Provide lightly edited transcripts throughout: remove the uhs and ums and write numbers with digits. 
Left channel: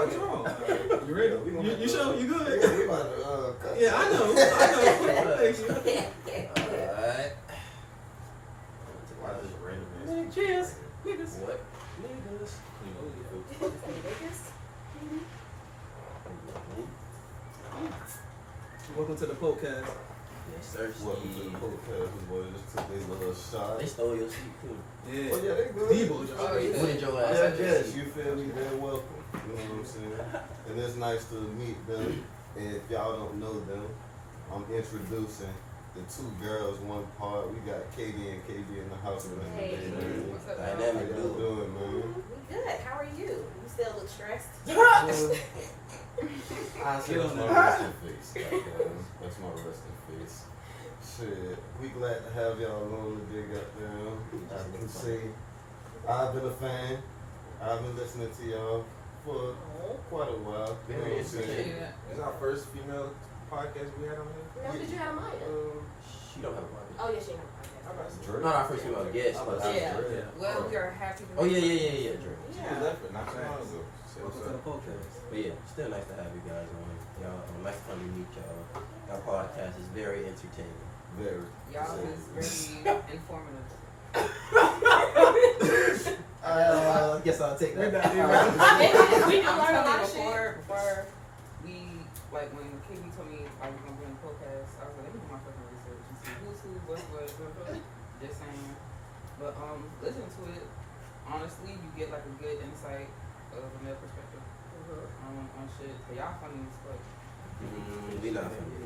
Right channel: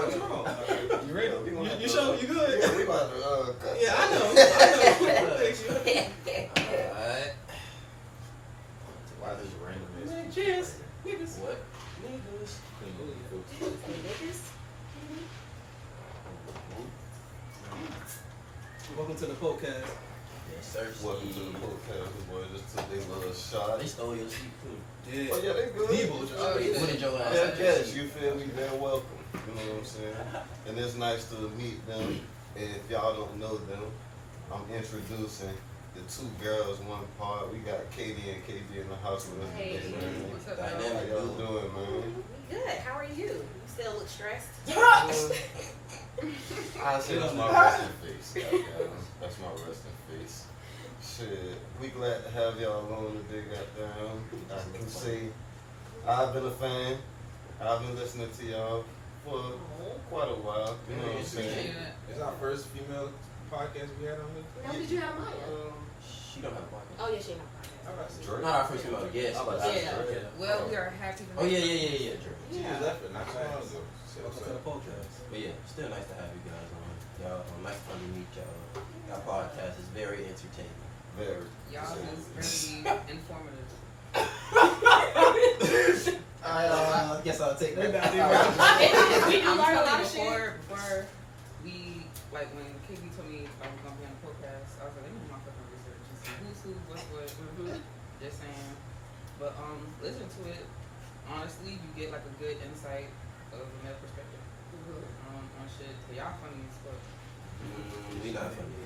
What's wrong? You ready? You sure? You good? We about to cut. Yeah, I know. Thank you. Alright. Why this random? Cheers. Niggas. What? Niggas. Welcome to the podcast. Yes, sir. Welcome to the podcast. The boys just took their little shot. They stole your seat too. Yeah. Oh yeah, they good. Debo. Oh, yeah. What did your ass Yeah, I say? guess you feel me. They're welcome. You know what I'm saying? And it's nice to meet them. And if y'all don't know them, I'm introducing the two girls, one part. We got Katie and KB in the house with us Hey. today, man. What's up, How Dynamic y'all duo. doing, man? We good. How are you? You still look stressed? I see that's my resting face. Goddamn. That's my resting face. Shit, we glad to have y'all on today, goddamn. I can say I've been a fan. I've been listening to y'all for quite a while. You know what I'm saying? It's our first female podcast we had on here. No, did you have Maya? She don't have a podcast. Oh, yeah, she had a podcast. Drake? Not our first female guest, but Yeah. Well, we are happy to Oh yeah, Drake. She Yeah. was left it not too long ago. So Welcome to the podcast. But yeah, still nice to have you guys on. Y'all, nice fun to meet y'all. Y'all podcast is very entertaining. Very. Y'all is very informative. I guess I'll take that. We do I'm learn a lot telling of you, shit. before we, like when KB told me I was gonna be on the podcast, I was like, let me do my fucking research and see who's who, what's what. Just saying. But listen to it. Honestly, you get like a good insight of a male perspective on shit. But y'all funny as fuck. We not funny.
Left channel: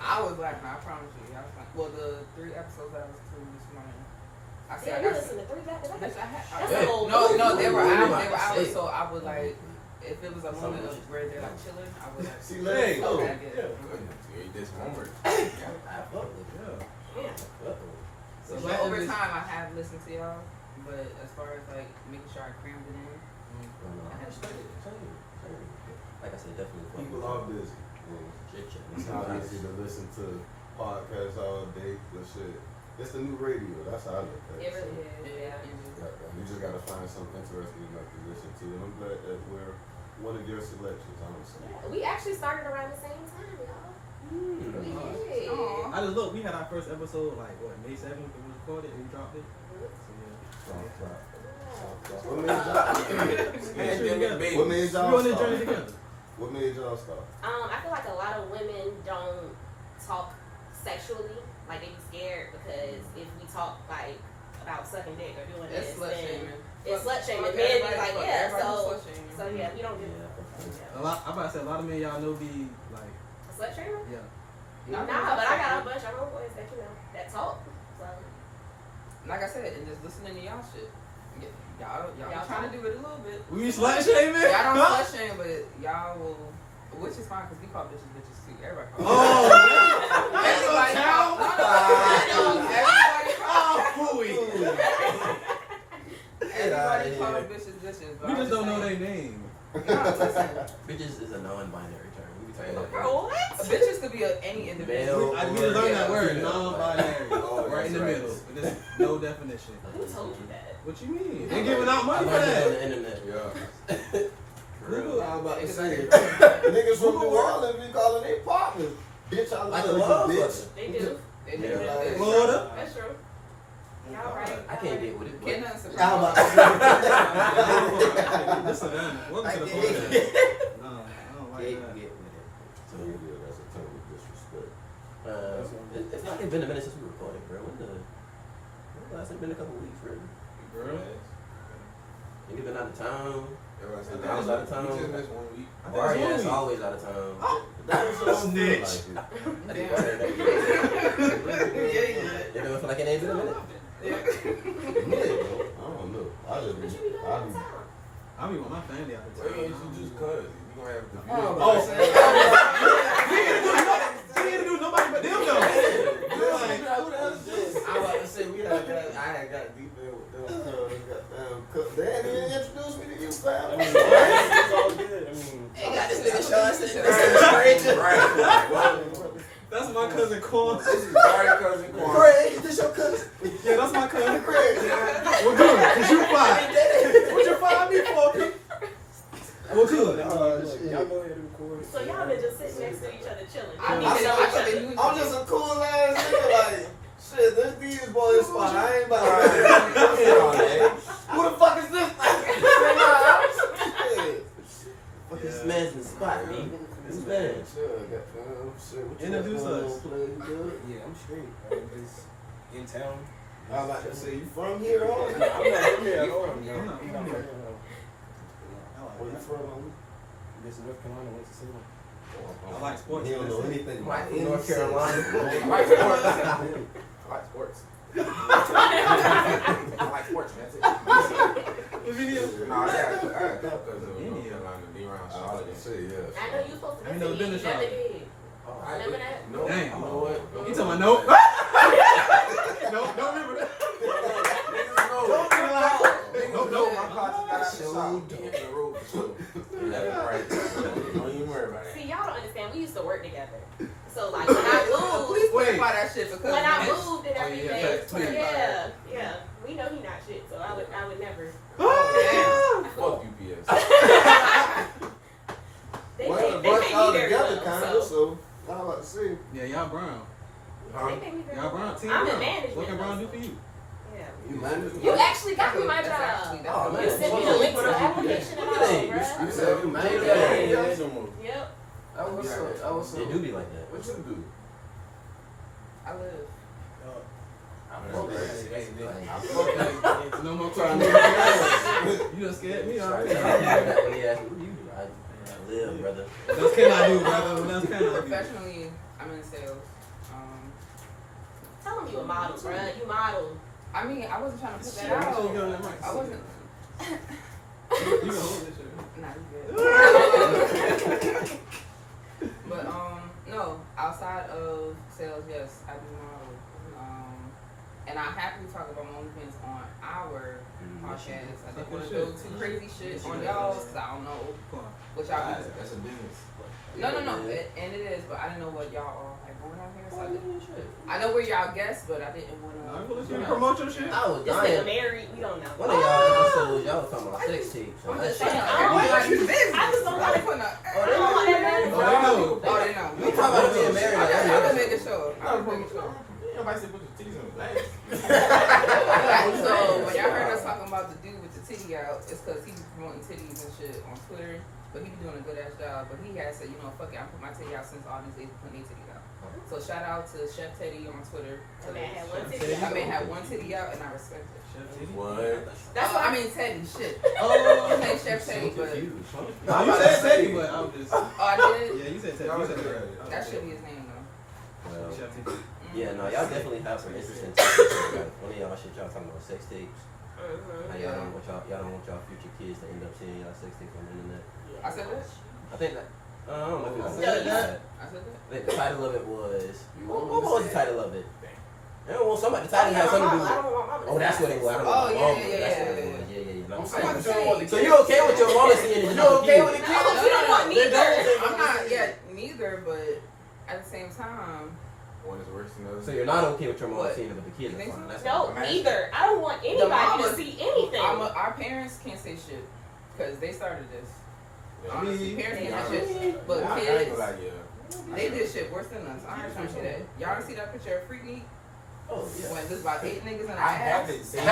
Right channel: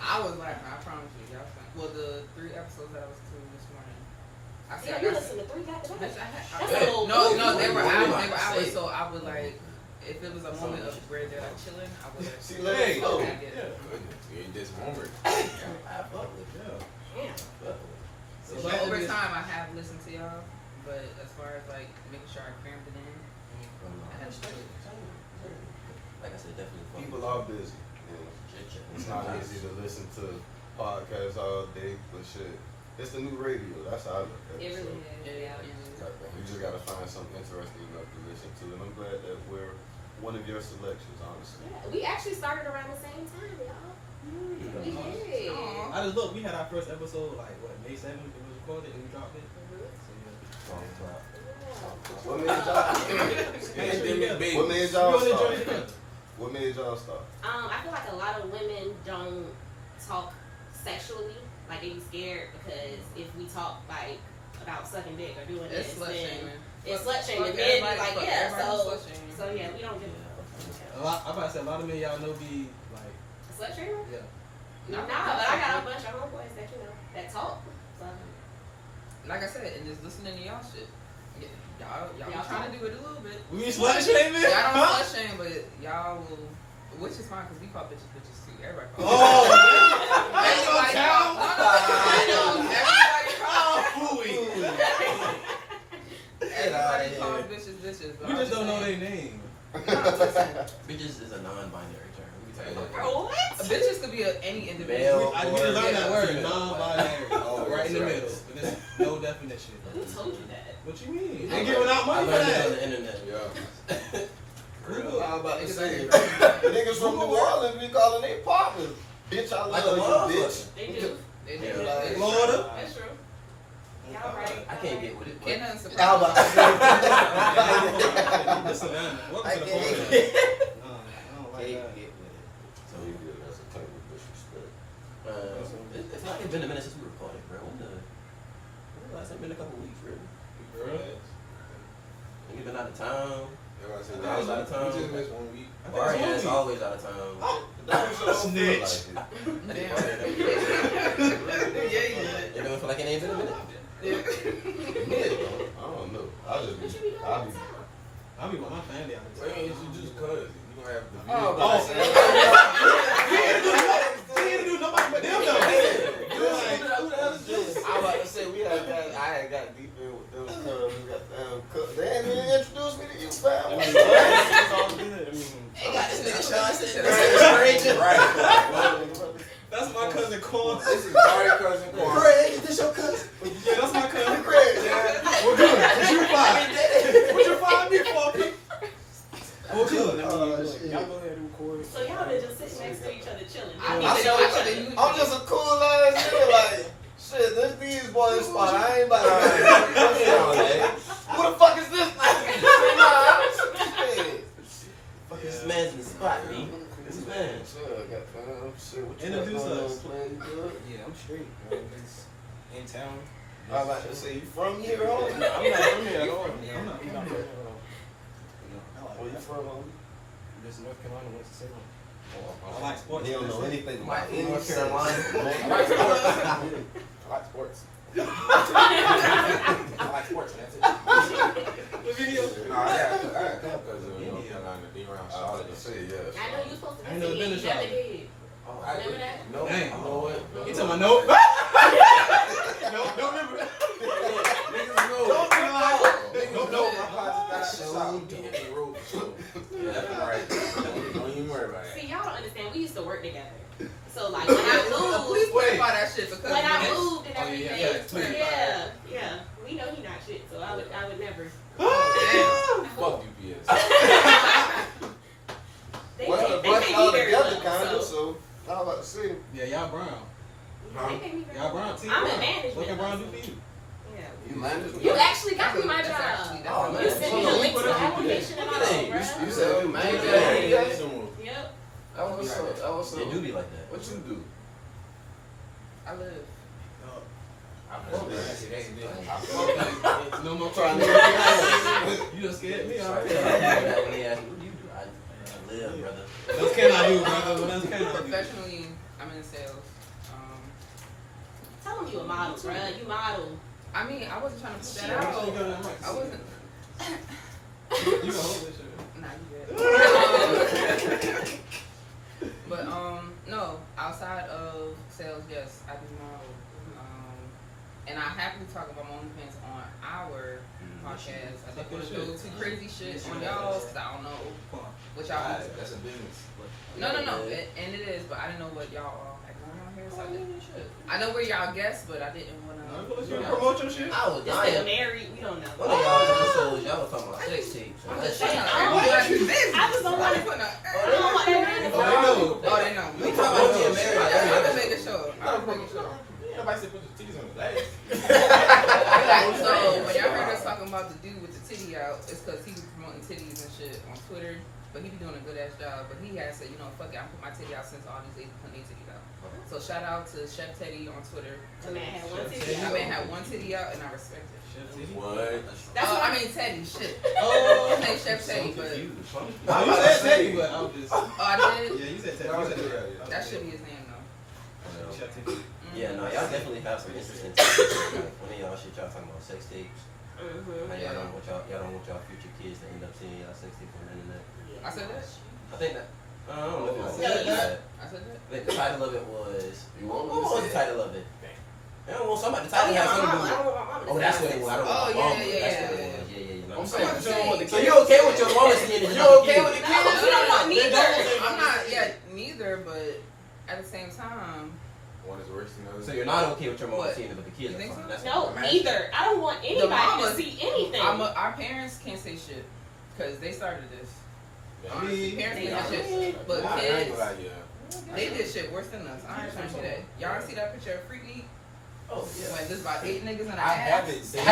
I was laughing, I promise you. Y'all funny. Well, the 3 episodes that I was to this morning. I Yeah, you listen to 3 back to back. Bitch, I had, That's a whole no, movie. they were Movie. hours, so I would like, if it was a moment of where they're like chilling, I would like, See, let it go. I get it. This homework. I fuck with you. Yeah. So So like, y'all over is- time, I have listened to y'all, but as far as like making sure I crammed it in, I had to struggle. Like I said, definitely fuck People with are you. busy. Chit-chat. It's not easy to listen to podcasts all day, but shit, it's the new radio. That's how I look at it. It really is. Yeah, Yeah. You just gotta find something interesting enough to listen to, and I'm glad that we're one of your selections, honestly. Yeah, we actually started around the same time, y'all. We did. Aw. I just look. We had our first episode like what May 7th. It was recorded and we dropped it. So What made y'all? yeah. What made We y'all on this start? journey together. What made y'all start? I feel like a lot of women don't talk sexually. Like they be scared because if we talk like about sucking dick or doing It's this, slut then shaming. it's slut Fuck shaming. Men be everybody, like, fuck yeah. everybody So slut shaming. yeah, we don't do A lot. I'm about to say a lot of men y'all know be like, slut shaming. yeah. Nah, but I got a bunch of homeboys that that talk. So Like I said, and just listening to y'all shit. Yeah, y'all Y'all trying to do it a little bit. We slut shaming. Y'all don't slut shame, but y'all will, which is fine because we call bitches bitches too. Everybody calls. Oh, Everybody calls. No, everybody calls. Everybody calls bitches bitches. But We I'm just don't know saying- their name. No, listen. Bitches is a non-binary term. We be talking about bro, what? Bitches could be any individual. Male. I need to learn that word. female. Non-binary. Oh, Right in the that's right. middle. But there's no definition. Who told you that? What you mean? They giving out I money for learned this on that. the internet. Yeah. Google. I'm about to say. Niggas from New Orleans be calling their partners. Bitch, I Like love a love you, bitch. letter. They do. They do. Yeah. They do. Florida. That's true. Y'all right. I can't get with it. Ain't nothing surprising. How about This is Savannah. Welcome to the I podcast. can't No, I don't like get that. with it. So you feel that's a total disrespect. It feel like it's been a minute since we recorded, bro. When the last time been a couple weeks, really. Girl. Nigga been out of town. Everybody said I was out of town. We just missed 1 week. I think Barry it's ass one week. always out of town. Snitch. I didn't bother that. You ever feel like it ain't been a minute? Yeah, bro. I don't know. I just What be, you be doing I all be. the time? I be with my family out of Well, town. you just cuz. You gonna have to be. He didn't do nobody but them though. I was about to say I had got deep in with them cuz. They didn't even introduce me to you, fam. It's all good. I mean, Ain't got this nigga Sean sitting there stranger. That's my cousin Corn. This is Barry cousin Quan. Craig, is this your cousin? Yeah, that's my cousin Craig. Well, good, cause you fine. What you find me for? Well, good. to just sit next to each other chilling. I mean, I'm just a cool ass nigga, like, shit, this these boys spot, I ain't about to who the fuck is this nigga? Fuck this man's in the spot, B. This man. Introduce us. Yeah, I'm straight. I'm just in town. I like to say, you from here, or I'm not from here at all. I'm not from here. where you from? This North Carolina, Winston-Salem. I like sports. He don't know anything about Like any North state. Carolina. I like sports. I like sports. I like sports, that's it. What video? Nah, I got because of North Carolina being around I was Charlotte. gonna say, yeah. I know you supposed to I ain't never been to you never Charlotte. did. I Remember that? No, Dang. you know what? You talking about nope? Nope, don't remember that. Don't be like, Nope, nope. Don't even worry about it. See, y'all don't understand. We used to work together. So like when I moved, Please Wait. clarify that shit because when I moved and Oh, yeah, everything, yeah, yeah, we know he not shit. So I would never. Fuck UPS. They Well, can't, the they bunch can't all be very together, well, kinda, so I was about to say. Yeah, y'all brown. They can't be very Y'all well. brown. Team I'm in brown. management. What can brown do though, for you? Yeah. You manage You actually got me my That's job. actually- that's Oh, man. You sent me the link to the application and all, bruh. You said you manage Yeah. Yep. That was so. They do be like that. What you do? I live. No more crying. You just scared me already. When he asked me, what do you do? I live, brother. What else can I do, brother? What else can I do? Professionally, I'm in sales. Tell them you a model, bruh. You model. I mean, I wasn't trying to put that Make sure you out. go to that mic. I wasn't. You can hold this shit. Nah, you good. But no, outside of sales, yes, I do model. And I happily talk about my OnlyFans on our podcast. I didn't want to go too crazy shit on y'all because I don't know what y'all do. That's a business. No, and it is, but I didn't know what y'all all had going on here, so I know where y'all guessed, but I didn't want You promote your shit? I was This nigga dying. married. We don't know. One of y'all episodes, y'all was talking about sex tapes. I'm That just shit. saying, I don't everybody want- business. I just don't want to put no. I don't want everybody to Oh, they know. Oh, they know. We talking about being married like I every can make a show. I can make a show. Nobody said put your titties on his ass. So when y'all heard us talking about the dude with the titty out, it's because he was promoting titties and shit on Twitter. But he be doing a good ass job. But he had said, you know, fuck it, I put my titty out since all these ladies putting their titties out. So shout out to Chef Teddy on Twitter. The man had one titty I out. mean, had one titty out, and I respect it. What? That's I what mean Teddy, shit. Oh, His name Chef Teddy, but no, you said Teddy, but I was just. oh, I did. Yeah, you said Teddy. You said Teddy. That should be his name though. Well, Chef Teddy. yeah, no, y'all definitely have some interesting topics. Like, one of y'all shit, y'all talking about sex tapes. How y'all don't want y'all don't want y'all future kids to end up seeing y'all sex tapes on the internet. I said that. I think that. I don't know if I it said was that. that. I said that. Like, the title of it was. You What want me to was say the title of it? I don't want somebody. The title had something to do with. Oh, that's what it was. I don't want Oh, my yeah, mama. yeah, That's yeah, what it yeah. was. Yeah. I'm No, saying, but you don't want the so kids. you okay with your mama seeing it? You okay with the No, kids? we don't want neither. I'm not yet neither, but at the same time, One is worse than the other. So you're not okay with your mama What? seeing it, but the kids You are think fine. so? That's No, what I'm neither. I don't want anybody to mamas- see anything. our parents can't say shit because they started this. Honestly, parents they did not. shit, but I ain't kids, gonna lie, yeah. they did shit worse than us. I ain't trying to see that. Y'all see that picture of Freaky? Oh, yeah. When there's about 8 niggas in the I ass. haven't seen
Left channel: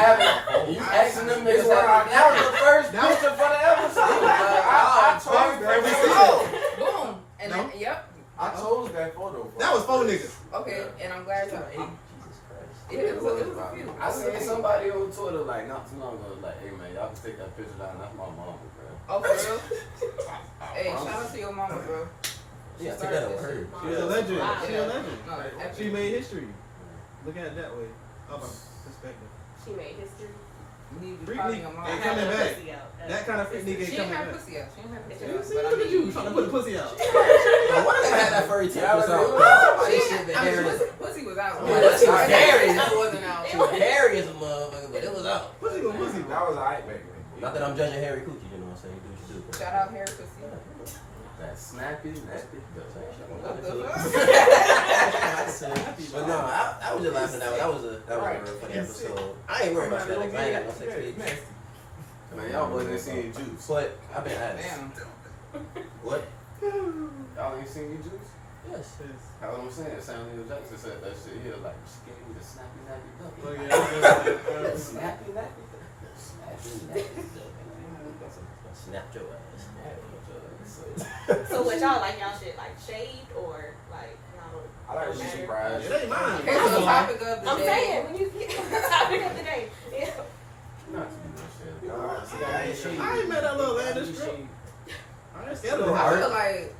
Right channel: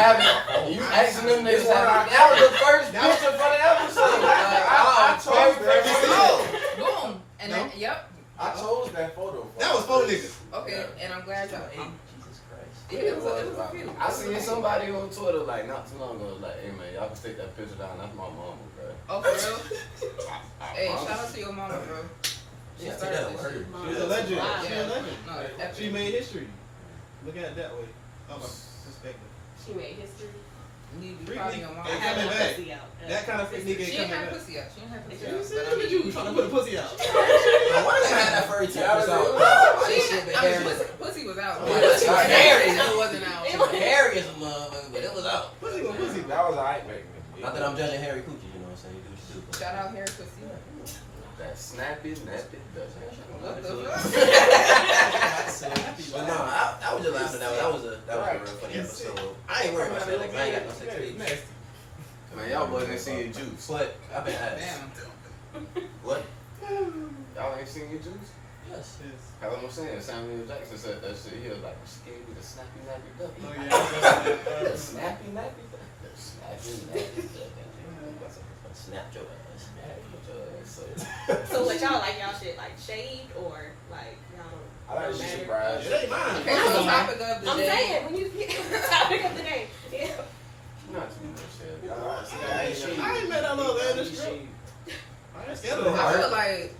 You asking them niggas that was the first picture for the episode. I told you that. Boom. And then, yep. I told you that photo. That was 4 niggas. Okay, and I'm glad y'all. Jesus Christ. Yeah, it was a few. I seen somebody on Twitter like not too long ago like, hey man, y'all can take that picture down. That's my mama, bro. Oh, for real? Hey, shout out to your mama, bro. Yeah, take that over her. She was a legend. Wow. She a legend. No, epic. She made history. Look at it that way. How about perspective? She made history. You need to be Freak proud of me. your mama. Hey, I coming have no back. pussy out. That kind of freak nigga She ain't didn't coming have back. pussy out. She didn't have pussy You out. see, But I look at mean, you trying to put a pussy out. One of them had that furry tip or something. Somebody shit been hairy. pussy was out. Yeah, that shit was hairy. It wasn't out. It was hairy as a motherfucker, but it was out. Pussy was pussy. That was alright back then. Not that I'm judging hairy coochie, you know what I'm saying? You do what you do. But Shout out Harry Pussy. That snappy, nappy. What the fuck? But no, I was just laughing at that. That was a real funny episode. I ain't worried about that. Like, I ain't got no sex tapes. Man, y'all boys ain't seeing juice. But I've been at Damn. What? Y'all ain't seen your juice? Yes. That's what I'm saying. Samuel Jackson said that shit. He was like, she gave me the snappy nappy duck. Oh, yeah. The snappy nappy duck. The snappy nappy duck. Snap your ass. So what y'all like? Y'all shit like shaved or like y'all I like don't shit matter? brown. It ain't mine. Okay, so the topic of the I'm day. saying when you get the topic of the day. Yeah. Not too much, I ain't made that little lady strip. I ain't scared of I her. feel like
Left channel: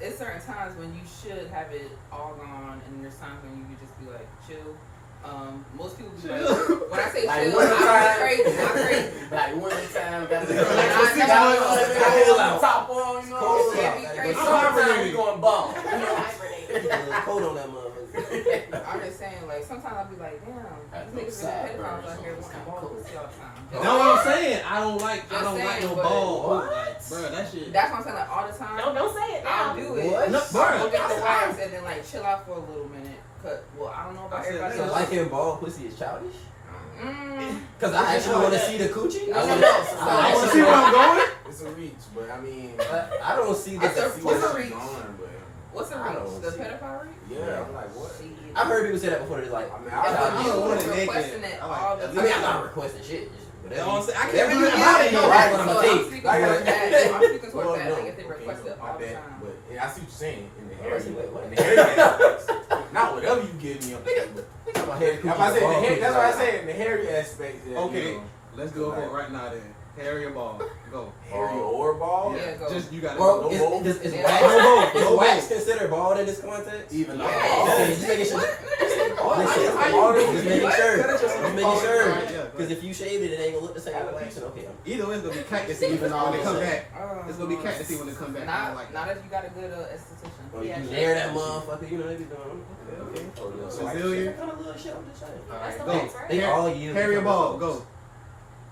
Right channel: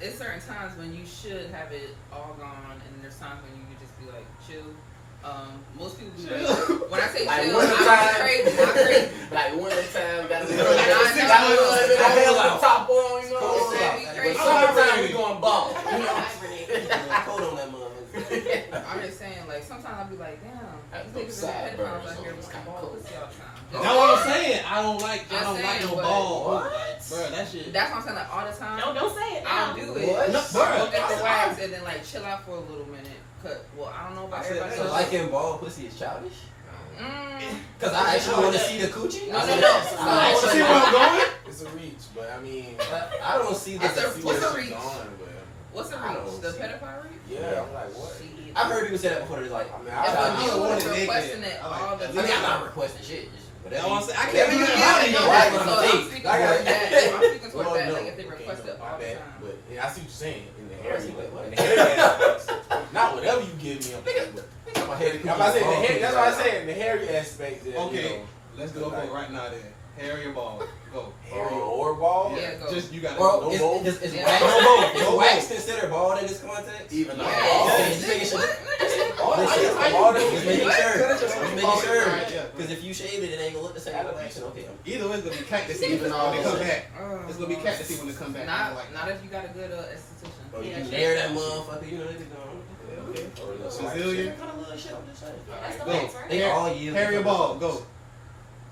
it's certain times when you should have it all gone, and there's times when you could just be like chill. Most people be like, when I say Like chill, one I'm time- crazy, not crazy. Like one time, got to I feel like top on, you know. Cold But out. Crazy. sometimes we going bomb. You know. Cold on that motherfucker. I'm just saying, like, sometimes I'll be like, damn, That's these no niggas is pedophiles sideburns out here on with some this ball coat. pussy all the time. That's what I'm saying. I don't like Just no saying, but- ball. What? Like, bro, that shit. That's what I'm saying, like, all the time. Don't say it. I'll now. do it. What? No, So bro, I'll get the I- wax and then, like, chill out for a little minute. Well, I don't know about I said everybody that. else. Liking ball pussy is childish? Mm. Cause I actually want to see the coochie. I I I want to actually see where I'm going. It's a reach, but I mean, I don't see the. What's a where reach? she's going, but What's the I don't reach? The see- pedophile reach? yeah, I'm like, what? Shit. I've heard people say that before. They're like, I mean, I childish. don't want it was naked. requesting it I like all the that. I mean, I'm time. not requesting shit. Just That's whatever. what I'm saying. I Whatever can't you do got, that. you know, No, right? so I'm a I'm thief. speaking towards that. I'm speaking towards Well, that. no, Like, if they okay, request it no, all my the bad. time. But I see what you're saying in the Wait, hairy, wait, wait. in the hairy aspects. Not whatever you give me. My head If I say the ball hair, that's what I pussy. said. The hairy aspect. Is, Okay, you know, let's go for it right now then. Harry and ball. Go. hairy or ball. Yeah, go. Just you gotta Bro, go. is Yeah. wax, No both, is no wax both. considered bald in this context? Even though. Yeah. Okay, just making sure. Just making sure. Just making sure. Yeah. Because if you shave it, it ain't gonna look the same as wax. Okay. Either way, it's gonna be cactusy Even when they come all- back. Oh, It's gonna be cactusy when they come back. I don't like Not that. if you got a good esthetician. Or Yeah, you shit. nair that motherfucker, you know, they be doing. Okay. Brazilian. That kind of little shit, I'm just saying. That's the Go. wax, right? They all yield. Harry and ball. Go.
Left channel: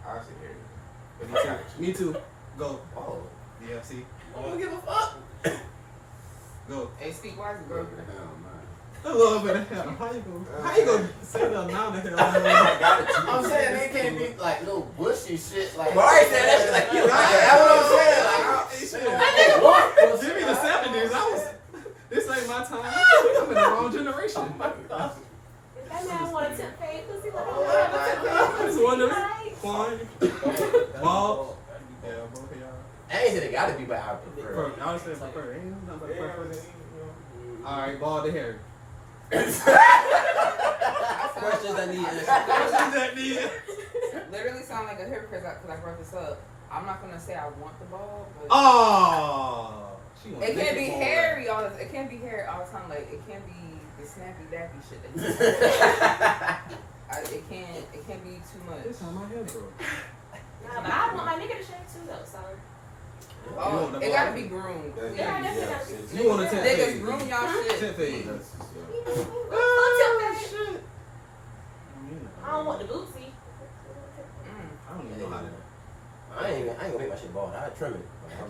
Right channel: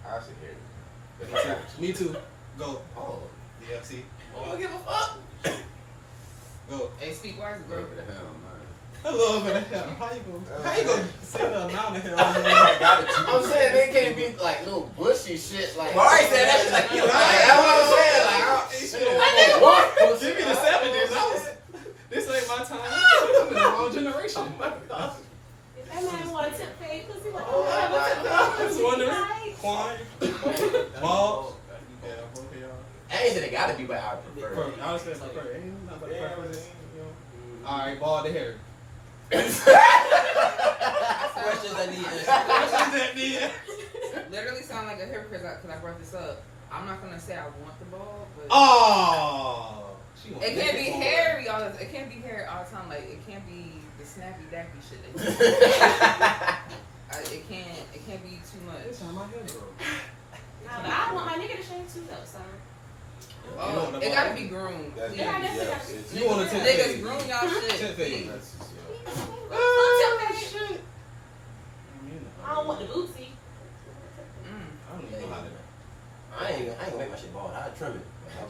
I say hairy. Me too. Go. Oh. Yeah. See. I don't give a fuck. Go. Hey, speak wise, bro. Over the hell, man. A little bit of hell. How you gonna say the amount of hell? I'm saying they can't be like little bushy shit like. Mari said that shit like you. That's what I'm saying. Like, What? Give me the 70s. This ain't my time. I'm in the wrong generation. That man want to tip fade pussy like, I was wondering. Quan. Ball. Yeah, both of y'all. I ain't said it gotta be, but I would prefer. I would say prefer. Ain't nothing but preference. Alright, ball to Harry. Questions I need answers. that need? Literally sound like a hypocrite because I brought this up. I'm not gonna say I want the ball, but Oh. it can't be hairy all the. It can't be hairy all the time. Like it can't be the snappy dappy shit. That you it can't be too much. This time my head, bro. Nah, but I want my nigga to shave too though, so. Oh, it gotta be groomed. That's Yeah, yeah, that's- yeah. You want a 10 Niggas fade. groom y'all shit. 10 fade. Oh, shit. I don't want the bootsy. I don't even know how to. I ain't gonna make my shit bald. I trim it. I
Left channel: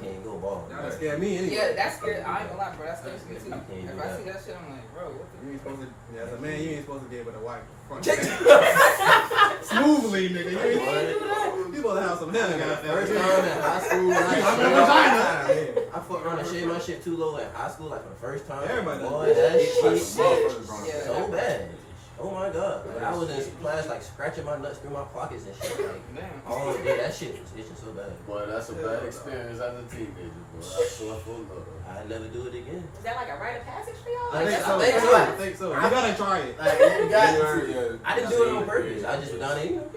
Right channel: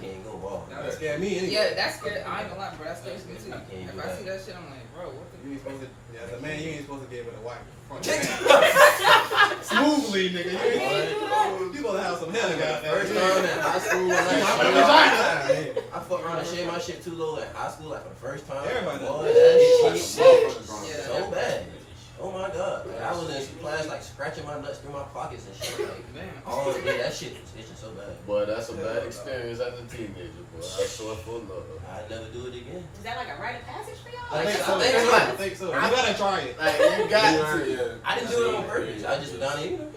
can't go bald. That scared me anyway. Yeah, that's scary. I ain't gonna lie, bro. That's scary me too. I can't If do I that. see that shit, I'm like, bro, what the? You ain't supposed to. Yeah, as a man, you ain't supposed to be able to wipe front smoothly, nigga. You supposed to have some hair, goddamn. First time in high school, when I fucked around and shaved my shit too low in high school, like for the first time. Everybody does Boy, that. that shit Yeah. so bad. Oh my god. Like, I was in class like scratching my nuts through my pockets and shit. Like, Damn. all day, that shit was itching so bad. boy, that's a bad experience as a teenager, boy. I saw it for love. I'd never do it again. Is that like a rite of passage for y'all? I think so. I think so. I think so. You gotta try it. Like, you got to. I didn't do it on purpose. I just was down there, you know.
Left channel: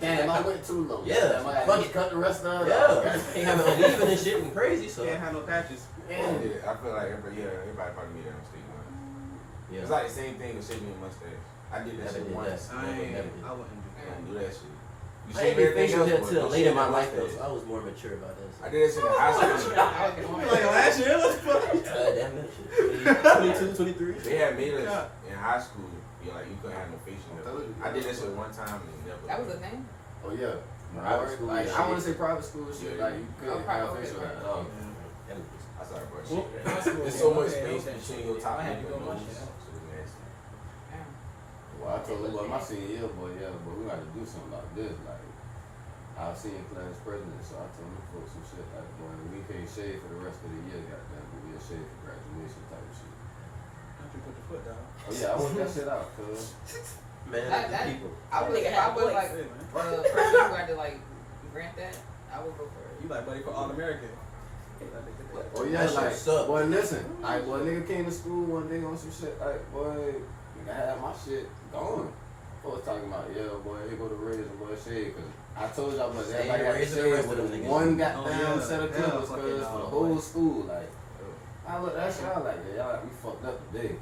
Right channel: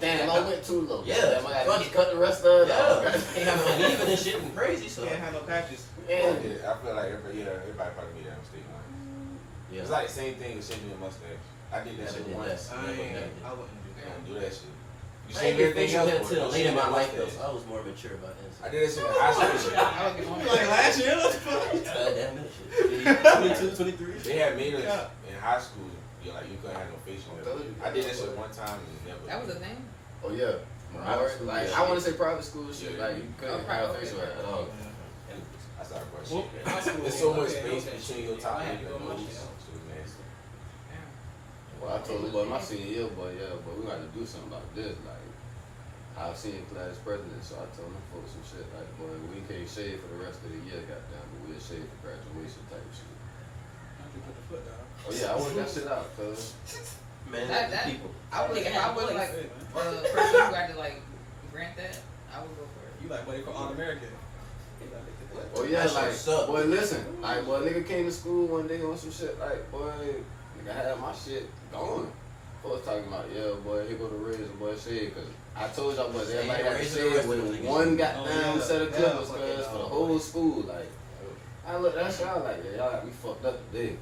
Damn, I went too low. Yeah. Damn, I got to cut the rest of it off. Yeah. Ain't having uneven and shit and crazy, so. Can't have no patches. And I feel like everybody probably made that mistake once. Yeah. It's like the same thing as shaving your mustache. I did that Never shit did once. I wouldn't do that. Don't do that shit. You I shave ain't been everything facial hair else, till but late in my shave life your though, so mustache. I was more mature about that. I did that shit in high school. I like it on Like last year, what the fuck? Damn that shit. 22, 23. They had made us in high school, you know, like you couldn't have no facial hair. I did that shit one time and never. That was a thing. oh yeah, Private school, like yeah. I want to say private school shit. Yeah. Like you couldn't private, have facial okay. hair at all. I started brushing. Well, high school, There's so much okay, space okay. between your top I had and to your go much, nose. yeah. So it's nasty. Damn. Well, I told him, well, my senior year, boy, yeah, but we got to do something like this. Like, I was senior class president, so I told them folks some shit like, boy, we can't shave for the rest of the year, goddamn, but we'll shave for graduation type of shit. Not you put the foot down. Oh yeah, I worked that shit out, cause Man, That- people. I would, if I was like Hey, man. person who had to like grant that, I would go for it. You like buddy for All American. oh yeah, That shit like, suck. boy, listen, like, boy, nigga came to school one day on some shit, like, boy, nigga had my shit going. Folks talking about, yeah, boy, here go the razor, boy, shit, cause I told y'all, boys, everybody got to Razor, shave razor, with niggas. one goddamn Oh, yeah. set of Yeah, clippers, fucking cuz, for the hell, whole boy. school, like. I look that shit, I was like, yeah, y'all got me fucked up today.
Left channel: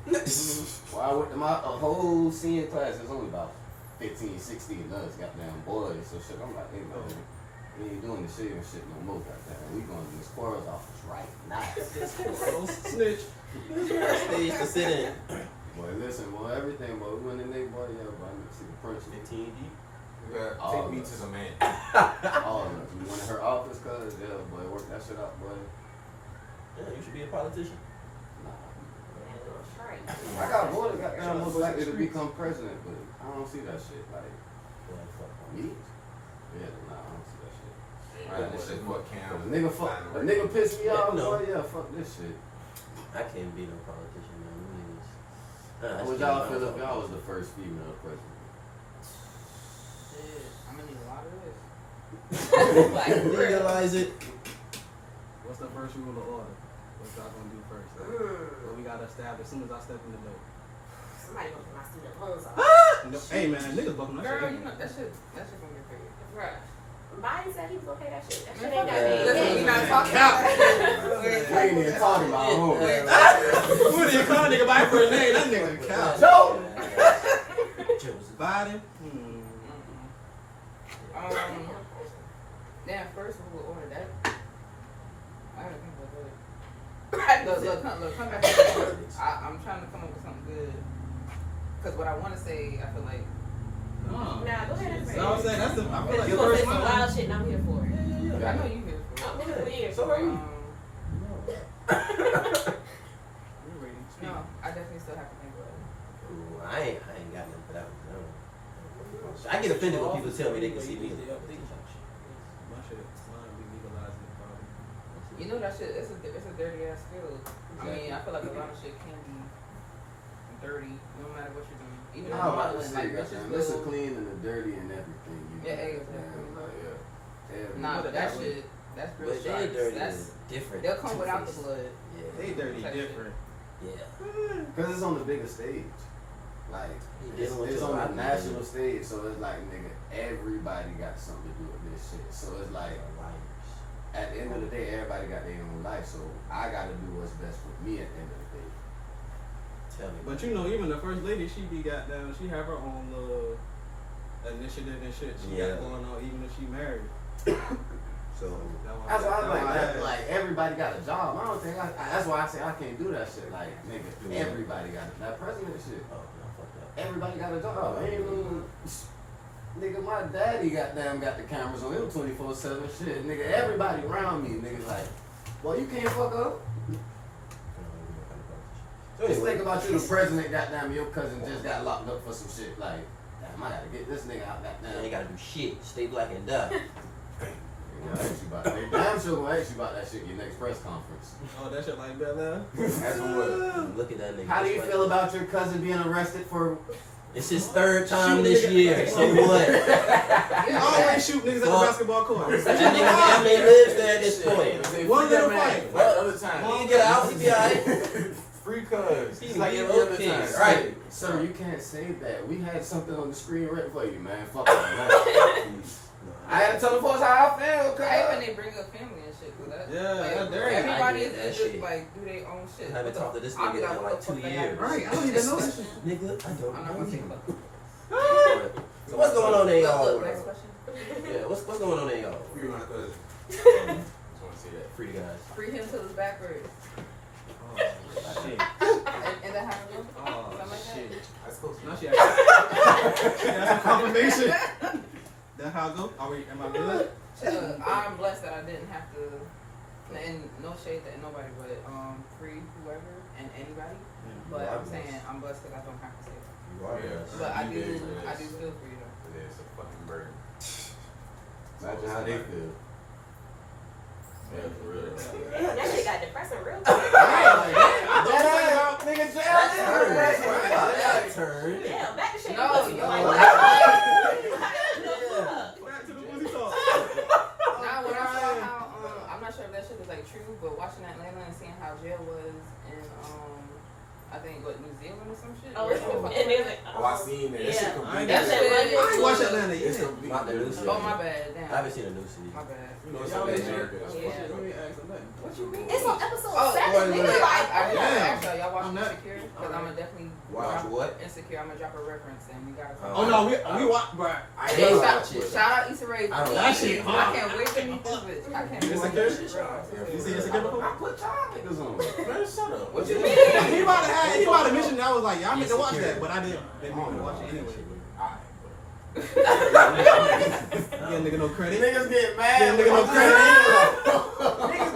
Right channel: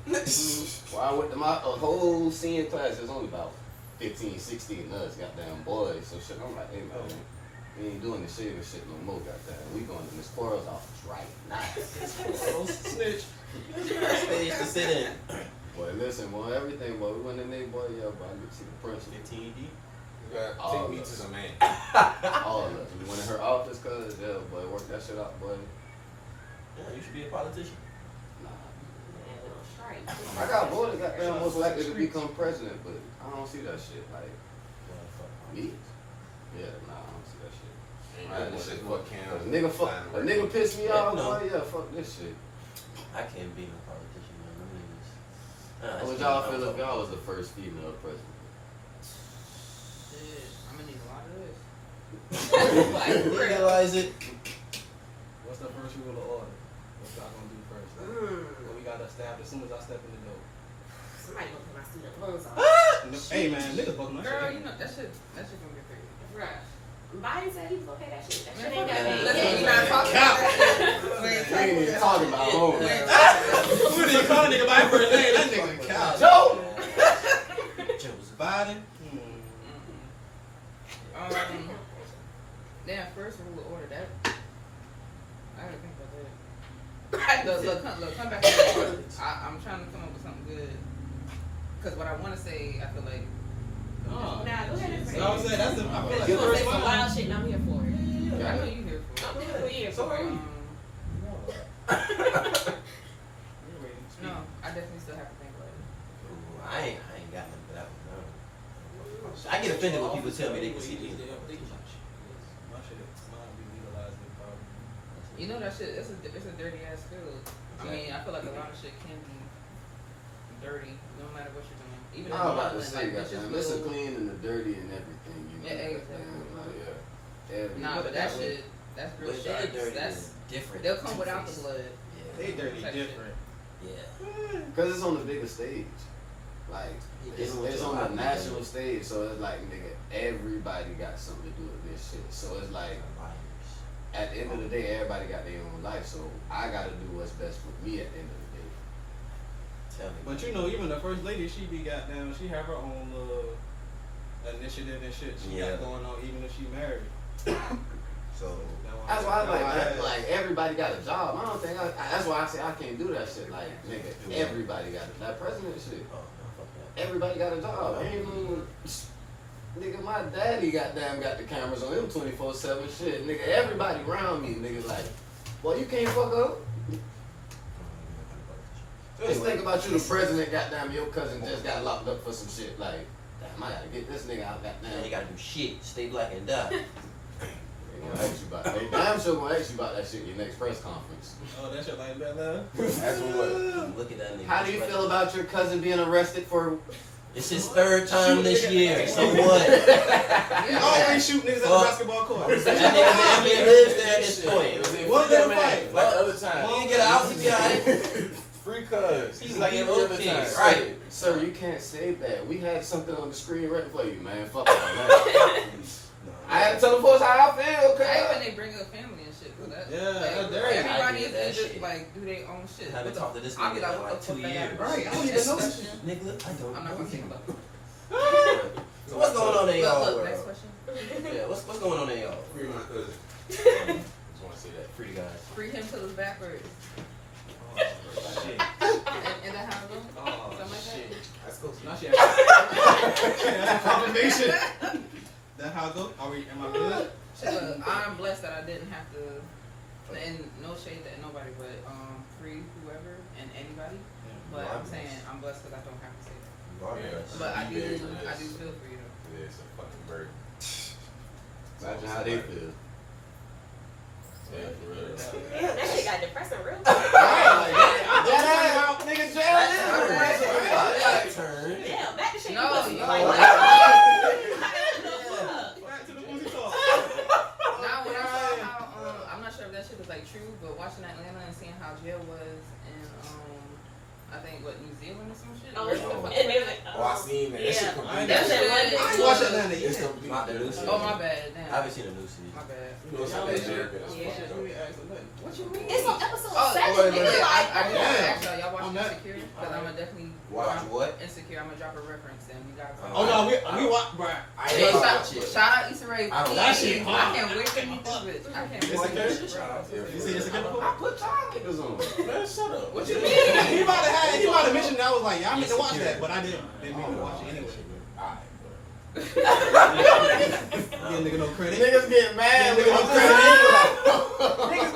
Well, I went to my whole senior class, there's only about 15, 16 of us, goddamn boys, so shit, I'm like, hey, man, we ain't doing this shaving shit no more, goddamn. We going to Miss Quarles' office right now. Snitch. Stage to sit in. Boy, listen, boy, everything, boy, we went in there, boy, yeah, boy, I need to see the principal. 15 deep. Yeah, All take me of to us. some man. All of us. We went in her office, cuz, yeah, boy, work that shit out, boy. Yeah, you should be a politician. Nah. Straight. I got voted, goddamn, most likely to become president, but I don't see that shit, like, Yeah, fuck. me? Yeah, nah, I don't see that shit. Ain't Right, no this shit shit fuck. can. Cause a nigga pissed me off, no. boy, yeah, fuck this shit. I can't be no politician, man. Them niggas. How would y'all feel if y'all was the first female president? Shit, I'm gonna need a lot of this. Like, real. Legalize it. What's the first rule of order? What y'all gonna do first? What we gotta establish as soon as I step in the door. Somebody gonna put my student loans off. No, hey man, niggas bucking that Girl, shit. you know that shit gonna get paid. Bruh. Biden said he was gonna pay that shit. That shit Man, ain't fuck got that. me. Listen, we not talking Cap. about that. We ain't even talking about home. Who did you call a nigga by his first name? That nigga cow. Joe! Joseph. Biden? Damn, first rule of order that. I gotta think about that. Look, come back to the I'm trying to come up with something good. Cause what I wanna say, I feel like Oh. Nah, go ahead and You say know what I'm saying? That's the, I feel like You the gonna first say some one. wild shit and I'm here for it. I know you here for I'm it. nigga, we here So for it. You're waiting. No, I definitely still have to think about it. Ooh, I ain't got nothing for that one. No. I get offended when people tell me they can see me as a politician. My shit, mine be legalized in probably. You know that shit. It's a dirty ass field. I mean, I feel like a lot of shit can be dirty, no matter what you're doing. Even in I was about to modeling, say, like goddamn, bitches this is will. clean and the dirty and everything. You know, Yeah, goddamn, exactly. like, yeah. Every- Nah, but that shit, that's real But sharp. they're dirty That's is different. they'll come without the Two-faced. blood. Yeah. They dirty Type different. Yeah. Cause it's on the bigger stage. Like, You it's dealing with on your a life, national man. stage, so it's like, nigga, everybody got something to do with this shit. So it's like, at the end of the day, everybody got their own life, so I gotta do what's best for me at the end of the day. Tell me. But you know, even the first lady, she be goddamn, she have her own initiative and shit she Yeah. got going on, even if she married. So That's why I like everybody got a job. I don't think that's why I say I can't do that shit. Like, nigga, everybody got that president shit. oh no, fuck that. Everybody got a job. Ain't even, nigga, my daddy got the cameras on him 24/7 shit. Nigga, everybody around me, nigga, like, well, you can't fuck up. So Just anyway, think about you, the president, goddamn, your cousin just got locked up for some shit. Like, damn, I gotta get this nigga out, you goddamn. ain't gotta do shit. Stay black and die. They gonna ask you about that. They damn sure gonna ask you about that shit in your next press conference. Oh, that shit like that now? That's what. Look at that nigga. How do you feel about your cousin being arrested for? It's his third time this year. So what? He always shoot niggas at the Fuck. basketball court. That nigga lives there at this point. One little fight. Like the other time. When you get out, he be alright. Free cuz. He's like like every other okay, time. right? Sir, you can't say that. We had something on the screen right for you, man. Fuck that. I had to tell the folks how I feel, I hate cuz. when they bring up family and shit for that. Yeah, like, that's dirty. everybody I is get that just shit. like do their own shit. I haven't What the- talked to this I'll nigga be like, in what like the 2 fuck that years. got- Right, I don't even know. Nigga, I don't I'm not know gonna you. think about it. So what's going on in y'all Look, next world? question. Yeah, what's going on in y'all? Free my cousin. Just want to say that. Free the guys. Free him till it's backwards. Oh, shit. And then how it go? Oh, Something like that? shit. That's cool. Now she asked confirmation. That how it go? Am I good? I'm blessed that I didn't have to, and no shade to nobody, but free whoever and anybody. But I'm saying I'm blessed because I don't have to say that. You are Yeah. blessed. But I do Yeah. feel freedom. It's a fucking bird. Imagine how they feel. Yeah, for real. Damn, that shit got depressing real quick. Nigga, Turn. Damn, back to shit. No, Pussy. you- Like, Back to the pussy talk. Now, when I saw how, I'm not sure if that shit is like true, but watching Atlanta and seeing how jail was in, I think, what, New Zealand or some shit? Oh, Where the fuck and was there's that? like, Oh, I seen that. That shit I complete. ain't That's That in London. shit I ain't watched Atlanta It's yet. complete. Not the new season. Oh, my bad, damn. I haven't seen a new season. My bad. You know, it's like that America. That's Yeah. supposed to go. What you mean? It's on episode Oh, 7. wait, Nigga, wait. like, I Damn. actually, y'all watch I'm not- Insecure? Because I'm gonna definitely Watch what? Insecure. I'm gonna drop a reference and we gotta. Oh no, we watch, bruh. I Hey, ain't shout, watch it. shout out Issa Rae. I don't That watch shit it. hard. I can't wait to meet this bitch. I can't wait. Insecure? You You see Insecure? I put y'all niggas on. Man, shut up. What you He mean? might have mentioned that. I was like, y'all need to watch that, but I didn't mean to watch it anyway. Alright, Yeah, nigga, no credit. Niggas get mad. Yeah, nigga, when no I'm credit.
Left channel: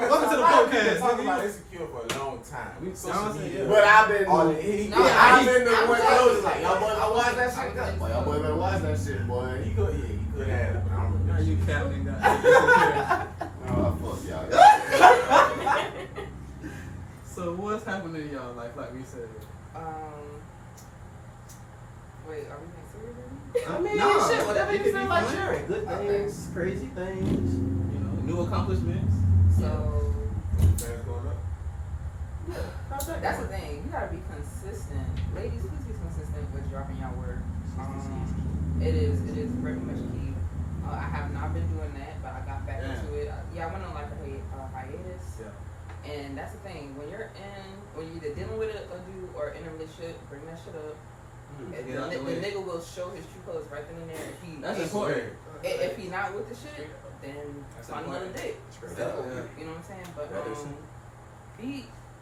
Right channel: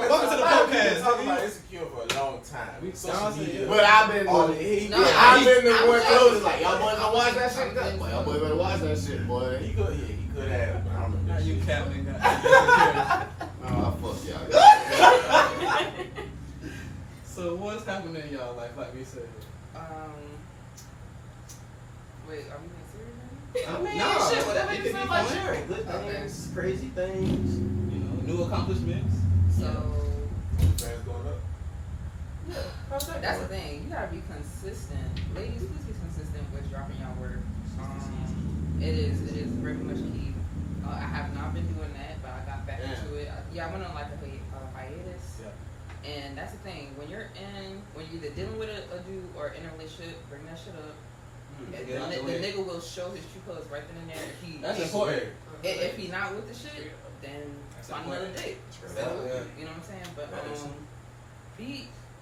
Welcome to the podcast, talking nigga. about Insecure for a long time. We Y'all social say, media. yeah. But I've been Oh, the he- No, I've been the I'm one just- close. Like y'all boys, I watch that shit. I'm Boy, y'all boys better watch that shit, boy. He could have it, but I don't remember. Now that you shit. capping, No, I fuck y'all. So what's happening in y'all life, like we said? Wait, are we being serious? I mean, Nah, shit, whatever it you could feel be like fun. sharing. Good Okay. things, crazy things. You know, new accomplishments. So Fans going up. How's that that's the going? thing. You gotta be consistent, ladies. Please be consistent with dropping your work. It is very much key. I have not been doing that, but I got back into it. I went on like a hiatus. Yeah. And that's the thing. When you're either dealing with a dude or in a relationship, bring that shit up. And Get out the the way. nigga will show his true colors right then and there. That's important. If he not with the shit, then That's find another important. date. Straight So, up. Yeah. you know what I'm saying? But That is some-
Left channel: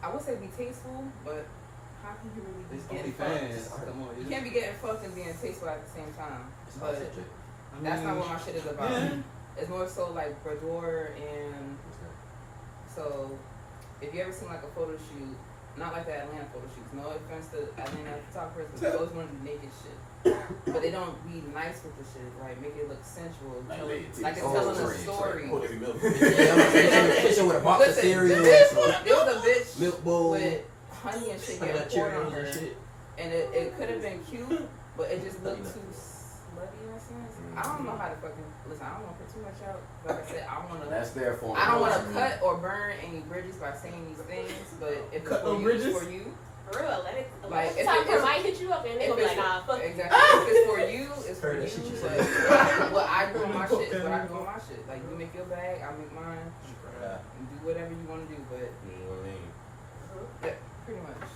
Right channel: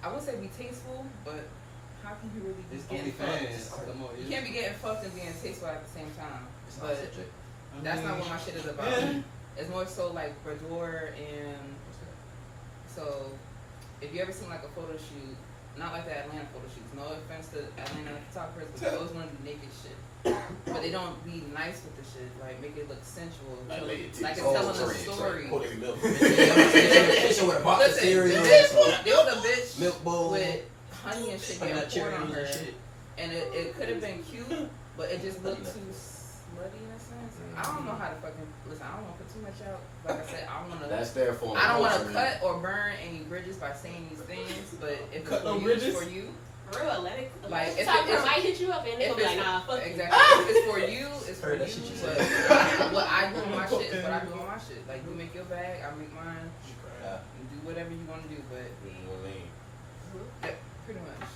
I would say be tasteful, but how can you really be It's getting OnlyFans. fucked? Come on, You can't be getting fucked and being tasteful at the same time. It's not But subject. that's not what my shit is about. Yeah. It's more so like boudoir and so if you ever seen like a photo shoot, not like the Atlanta photo shoots, no offense to Atlanta photographers, but they always want to be naked shit. But they don't be nice with the shit, like make it look sensual. Like, Like, lay your it's titties. telling Oh, a story. Pour this milk. Kitchen with a box of Listen, cereal, there some was a bitch milk bowl, with honey and shit honey getting nut poured on Cheerios her, and shit. and it could have been cute, but it just looked Honey too nut. slutty in a sense. I don't know how to fucking listen. I don't want to put too much out. Like I said, I want to. That's their form. I don't want to cut or burn any bridges by saying these things, but if it's Cut for no you, bridges? it's for you. For real, let it. Like, Like, if it- might hit you up and they'll If be like, it's nah, fuck you. exactly, if it's for you, it's for Heard that shit you. you But said. what I do on my shit is what I do on my shit. Like you make your bag, I make mine. Yeah. You do whatever you want to do, but yeah, pretty much.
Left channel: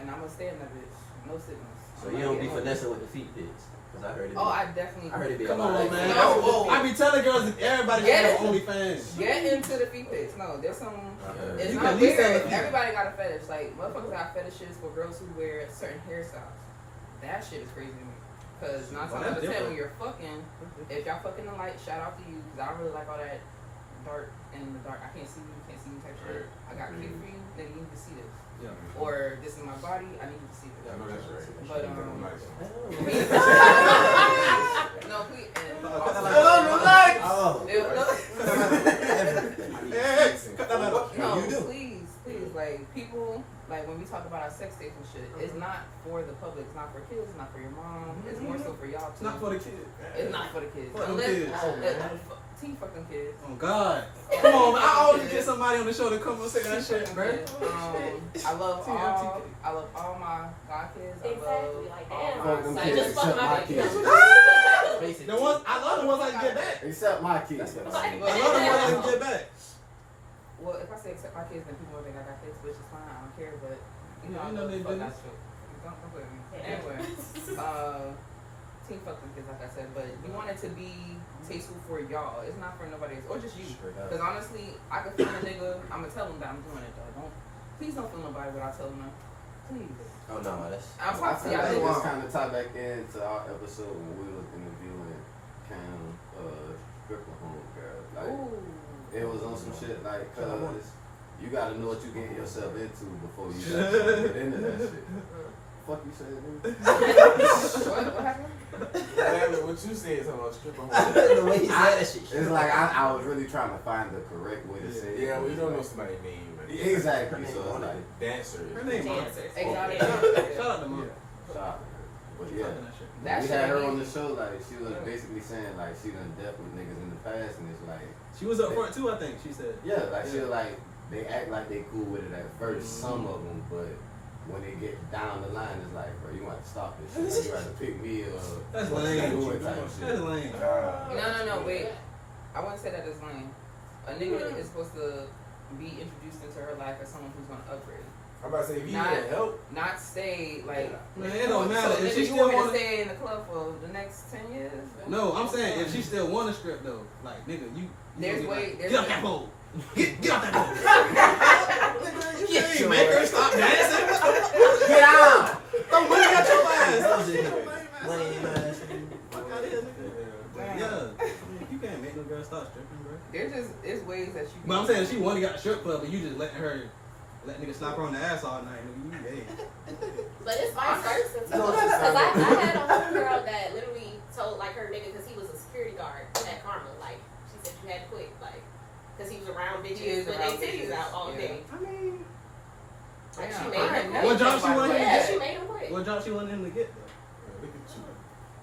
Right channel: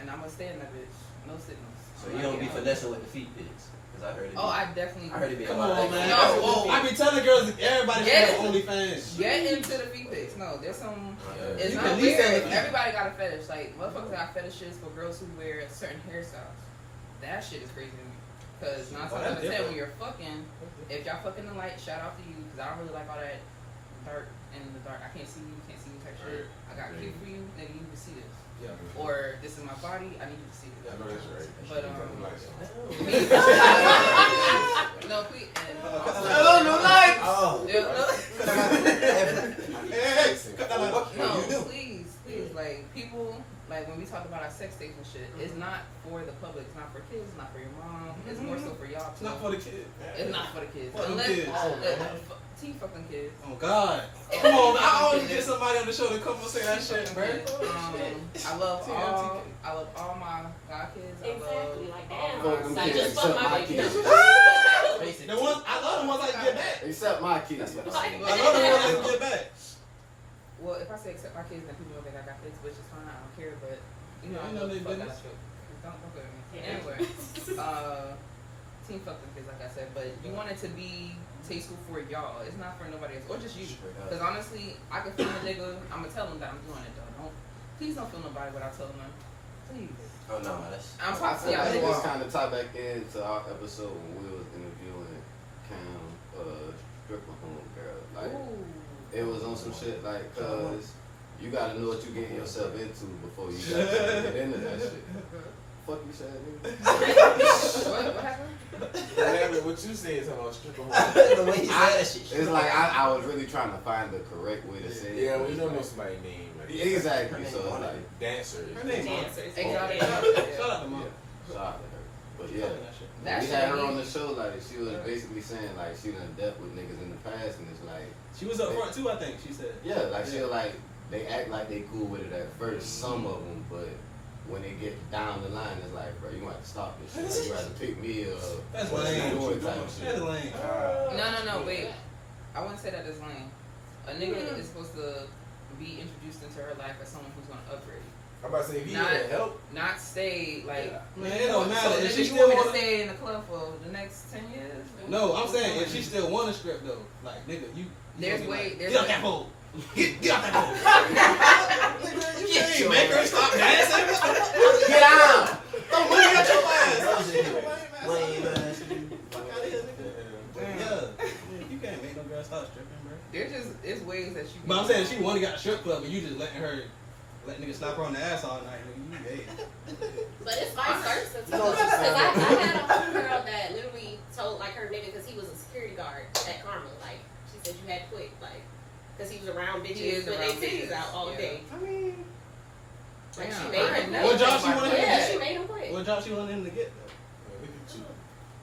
And I'm gonna stay in that bitch. No signals. So you don't be finessing with the feet pics? Cause I heard it. Oh, I definitely. I heard it be a Come lot. on, Like, man. No, whoa. I be telling girls that everybody Yeah. should have OnlyFans. Get into the feet pics. No, there's some. It's You not can at least weird. have a- Everybody got a fetish. Like motherfuckers got fetishes for girls who wear certain hairstyles. That shit is crazy to me. Cause 9 times Oh, out that's of 10 different. when you're fucking, if y'all fucking the light, shout out to you. Cause I don't really like all that dark in the dark. I can't see you, can't see me type shit. I got cute for you, nigga. You need to see this. Yeah. Or this is my body. I need you to see I this. know that's right. But Oh. no, please. And on the light. Oh. Hey, cut that out. No, You do. please, like people, like when we talk about our sex tapes and shit, it's not for the public, it's not for kids, it's not for your mom, it's more so for y'all It's too. not for the kid. It's not for the kids. Fuck them Unless kids. T fucking kids. Oh God. Come on, I always get somebody on the show to come and say that shit, bro. I love all my god kids. Exactly, like, all damn. my- Fuck them Like, kids, just fuck except my my baby. kids. Basic. The ones I love the ones I can get back. Except my kids. I love the ones I can get back. Well, if I say except my kids, then people will think I got kids, which is fine. I don't care, but you know, Yeah, I you know know they fuck that business. shit. Don't put me. Anyway, team fuck them kids, like I said, but you want it to be tasteful for y'all. It's not for nobody else, or just you. Straight up. Because honestly, I can feel a nigga. I'm gonna tell him that I'm doing it, though. Please don't feel nobody without telling them. Please. Oh no, that's. I'm I talking feel to like y'all. this kind of tie back into our episode when we was interviewing stripper home girl. Like Ooh. it was on some shit like, cause you gotta know what you getting yourself into before you actually get into that shit. Fuck you said, nigga. What happened? What you said is about stripper. The way he said that shit. It's like I was really trying to find the correct way to say it. Yeah, well, you don't know somebody's name. Exactly. So it's like Dancer. Her name Dancers. Exotic. Shout out to Mom. shout out to her. But yeah. That We shit had her ain't on the easy. show, like she was basically saying like she done dealt with niggas in the past, and it's like She was up front too, I think. She said. yeah, like she like they act like they cool with it at first, some of them, but when they get down the line, it's like, bro, you gonna have to stop this shit. Like, you gotta pick me up. That's what lame. you doing type That's shit. lame. No, wait. I wouldn't say that is lame. A nigga is supposed to be introduced into her life as someone who's gonna upgrade. I'm about to say, if you Not- need help, Not stay like. Man, it don't matter. So If nigga, she you still want me to wanna, stay in the club for the next 10 years? no, I'm saying if she still want to strip though, like nigga, you. There's gonna be way- like, there's get off way- that pole. Get off that pole. Get You make her stop dancing. Get down! Don't money out your ass. Lame ass. Fuck out of here, nigga. Yeah, you can't make no girl stop stripping, bro. It's ways that you. But I'm saying she wanna got the strip club, but you just letting her. Let niggas slap her on the ass all night, nigga. You gay. But it's vice versa too. Because I had a homegirl that literally told like her nigga because he was a security guard at Karma. Like she said you had to quit, like because he was around He bitches is with around their titties bitches, out all yeah. day. I mean, Like Damn, she I made ain't him never quit. What job think she about wanted that. to Yeah, get? she made him quit. what job she wanted him to get though? look at you.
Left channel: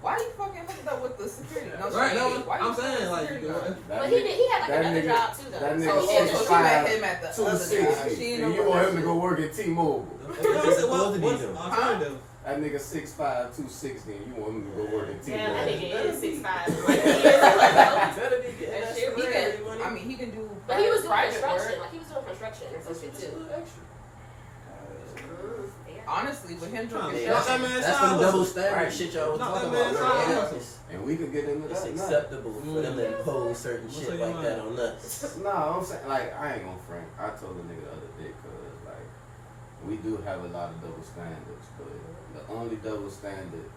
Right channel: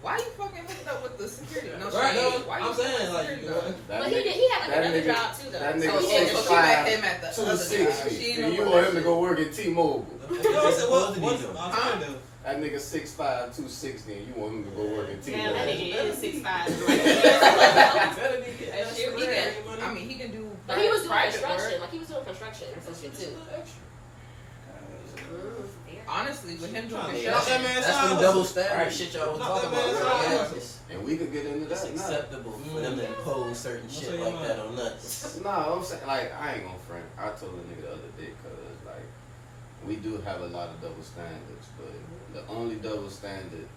Why you fucking hooked up with the security? No, Right, shade. no, Why I'm you saying fucking like, security you guard? know, But he had like another job too though. that So, nigga so she 6'5", met him at the other job. 260, She and ain't you no want him to go work at T-Mobile. what's the alternative? That nigga 6'5", 260, and you want him to go work at Damn, that T-Mobile. nigga is 6'5". He can, I mean, he can do. but he was doing private construction. work. Like he was doing construction or some shit too. Honestly, with him doing Yeah, construction, that man That's sounds- the double standard Right. shit y'all was Not talking that about. man's Right? house. It's, And we could get into it's that. Nah. acceptable for them to impose certain What's shit on your like that mind? on us. Nah, I'm saying, like, I ain't gonna front. I told the nigga the other day, cause like, we do have a lot of double standards, but the only double standard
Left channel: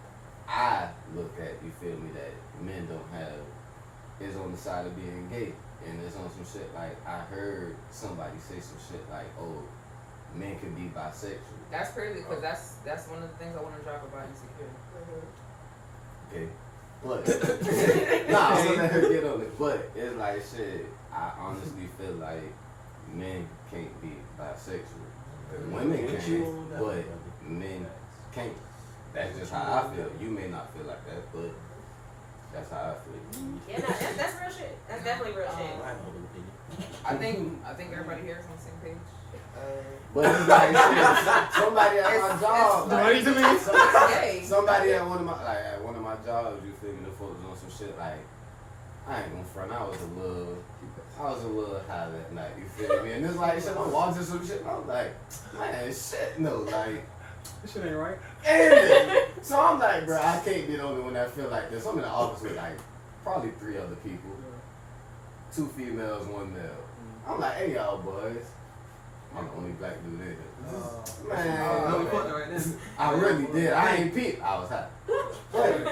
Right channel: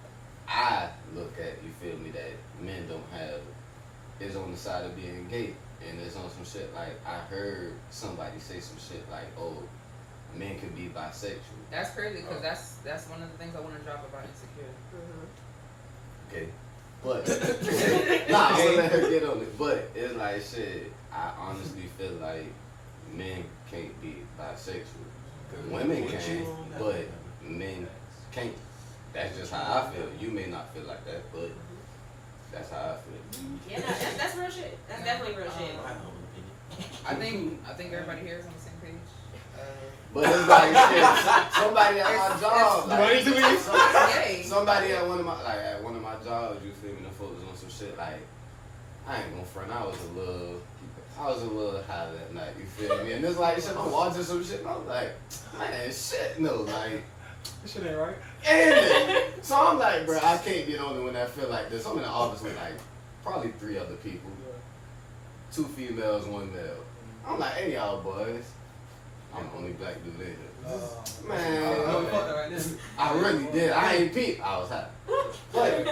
I look at, you feel me, that men don't have is on the side of being gay. And it's on some shit like, I heard somebody say some shit like, oh, men can be bisexual. that's crazy because that's one of the things I want to drop about insecurity. Okay. But nah, I'm gonna let her get on it. But it's like shit, I honestly feel like men can't be bisexual. Women can, but men can't. That's just how I feel. You may not feel like that, but that's how I feel. Yeah, no, that's real shit. That's definitely real shit. My humble opinion. I think everybody here is on the same page. But it's like shit, somebody at my job, like, Yay. somebody at one of my jobs, you feel me, the folks on some shit like, I ain't gonna front, I was a little high that night, you feel me? And it's like shit, I'm watching some shit and I'm like, man, shit, no, like, This shit ain't right. and so I'm like, bro, I can't be the only one that feel like this. I'm in the office with like probably 3 other people, 2 females, 1 male. I'm like, hey y'all boys, I'm the only black dude in here. Man, Right now. I really did. I ain't peep. I was high. But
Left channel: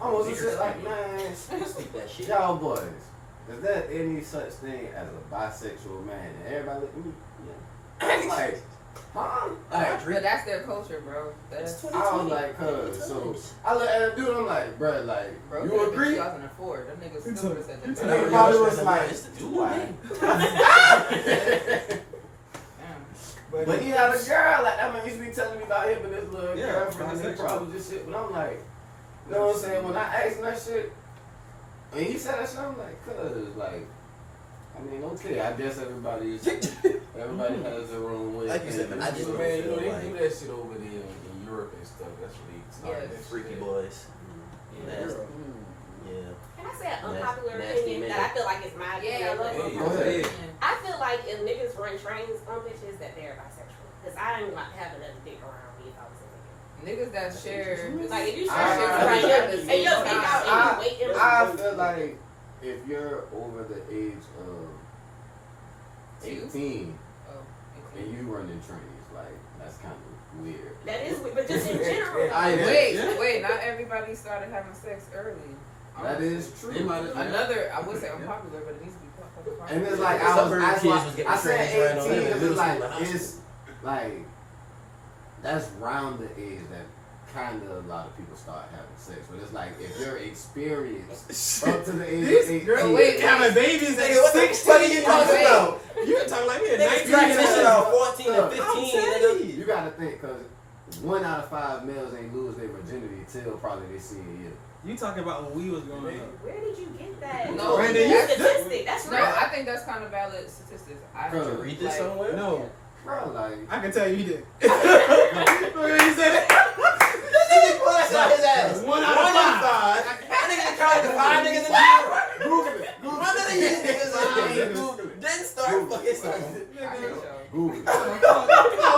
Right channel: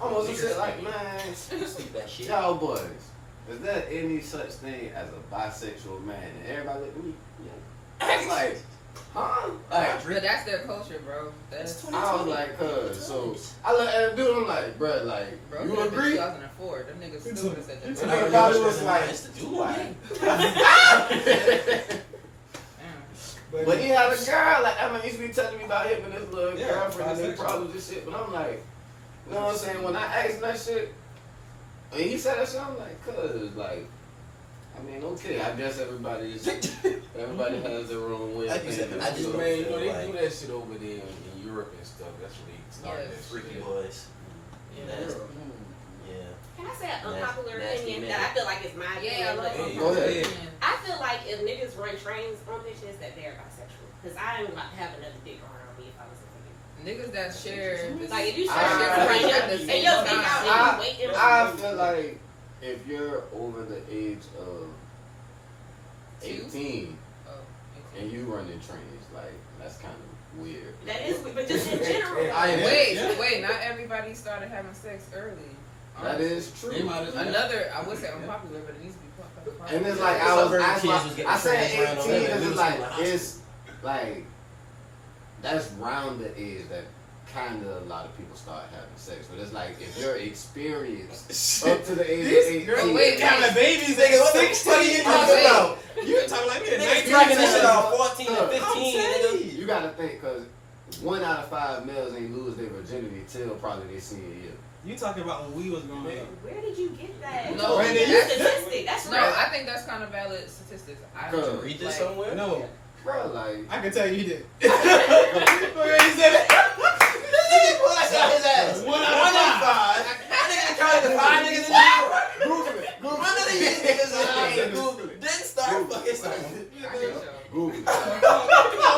I was just shit like, man, Speak that shit. y'all boys, is there any such thing as a bisexual man? And everybody looked at me, yeah. I was like, huh? Like, But that's their culture, bro. That's I was like, cuz, so I looked at the dude, I'm like, bruh, like, bro. you agree? 2004. Them niggas still would have said And that. they probably was like, but he had a girl, like, I mean, he used to be telling me about him and his little Yeah, girlfriend and their bisexual. problems and shit, but I'm like, you know what I'm saying? When I asked him that shit, and he said that shit, I'm like, cuz, like, I mean, okay, I guess everybody has their own way. Like you said, thinking, I just so- Man, you know, feel they do that shit over there in Europe and stuff. That's what they started Yeah, that Freaky shit. boys. Nasty. Yeah. Can I say an unpopular Nasty opinion man. that I feel like is my opinion? Hey, Go ahead. I feel like if niggas run trains on bitches that they're bisexual. Because I ain't not having another dick around me if I was a nigga. Niggas that share. Like if you share I- shit I- right now I- and you're dick out and you waiting. I feel like if you're over the age of 18 and you running trains, like, that's kind of weird. That is weird, but just in general. Wait, not everybody started having sex early. That is They true. might as well. Another, I would say unpopular, but it needs to be fucking popular. And it's like Suburban I kids was getting said trains ran on them 18 in because middle it's like school and high it's like that's round the age that kind of a lot of people start having sex. But it's like if you're experienced up to the age of 18. Wait, counting babies at 16. You talking about? You talking like me at Niggas 19? cracking this shit off 14 and 15, nigga. You gotta think, because 1 out of 5 males ain't lose their virginity till probably their senior year. You talking about when we was growing up? Where did you get that? No, That's statistic. That's No, real. I think that's kind of valid statistics. I Bro, have to Read this somewhere? No. Bro, like, I can tell you did. Go ahead, you said it. His ass. 1 out of 5. That nigga counted the 5 niggas in the Google it. Google One of these niggas didn't start fucking something. Google it. No,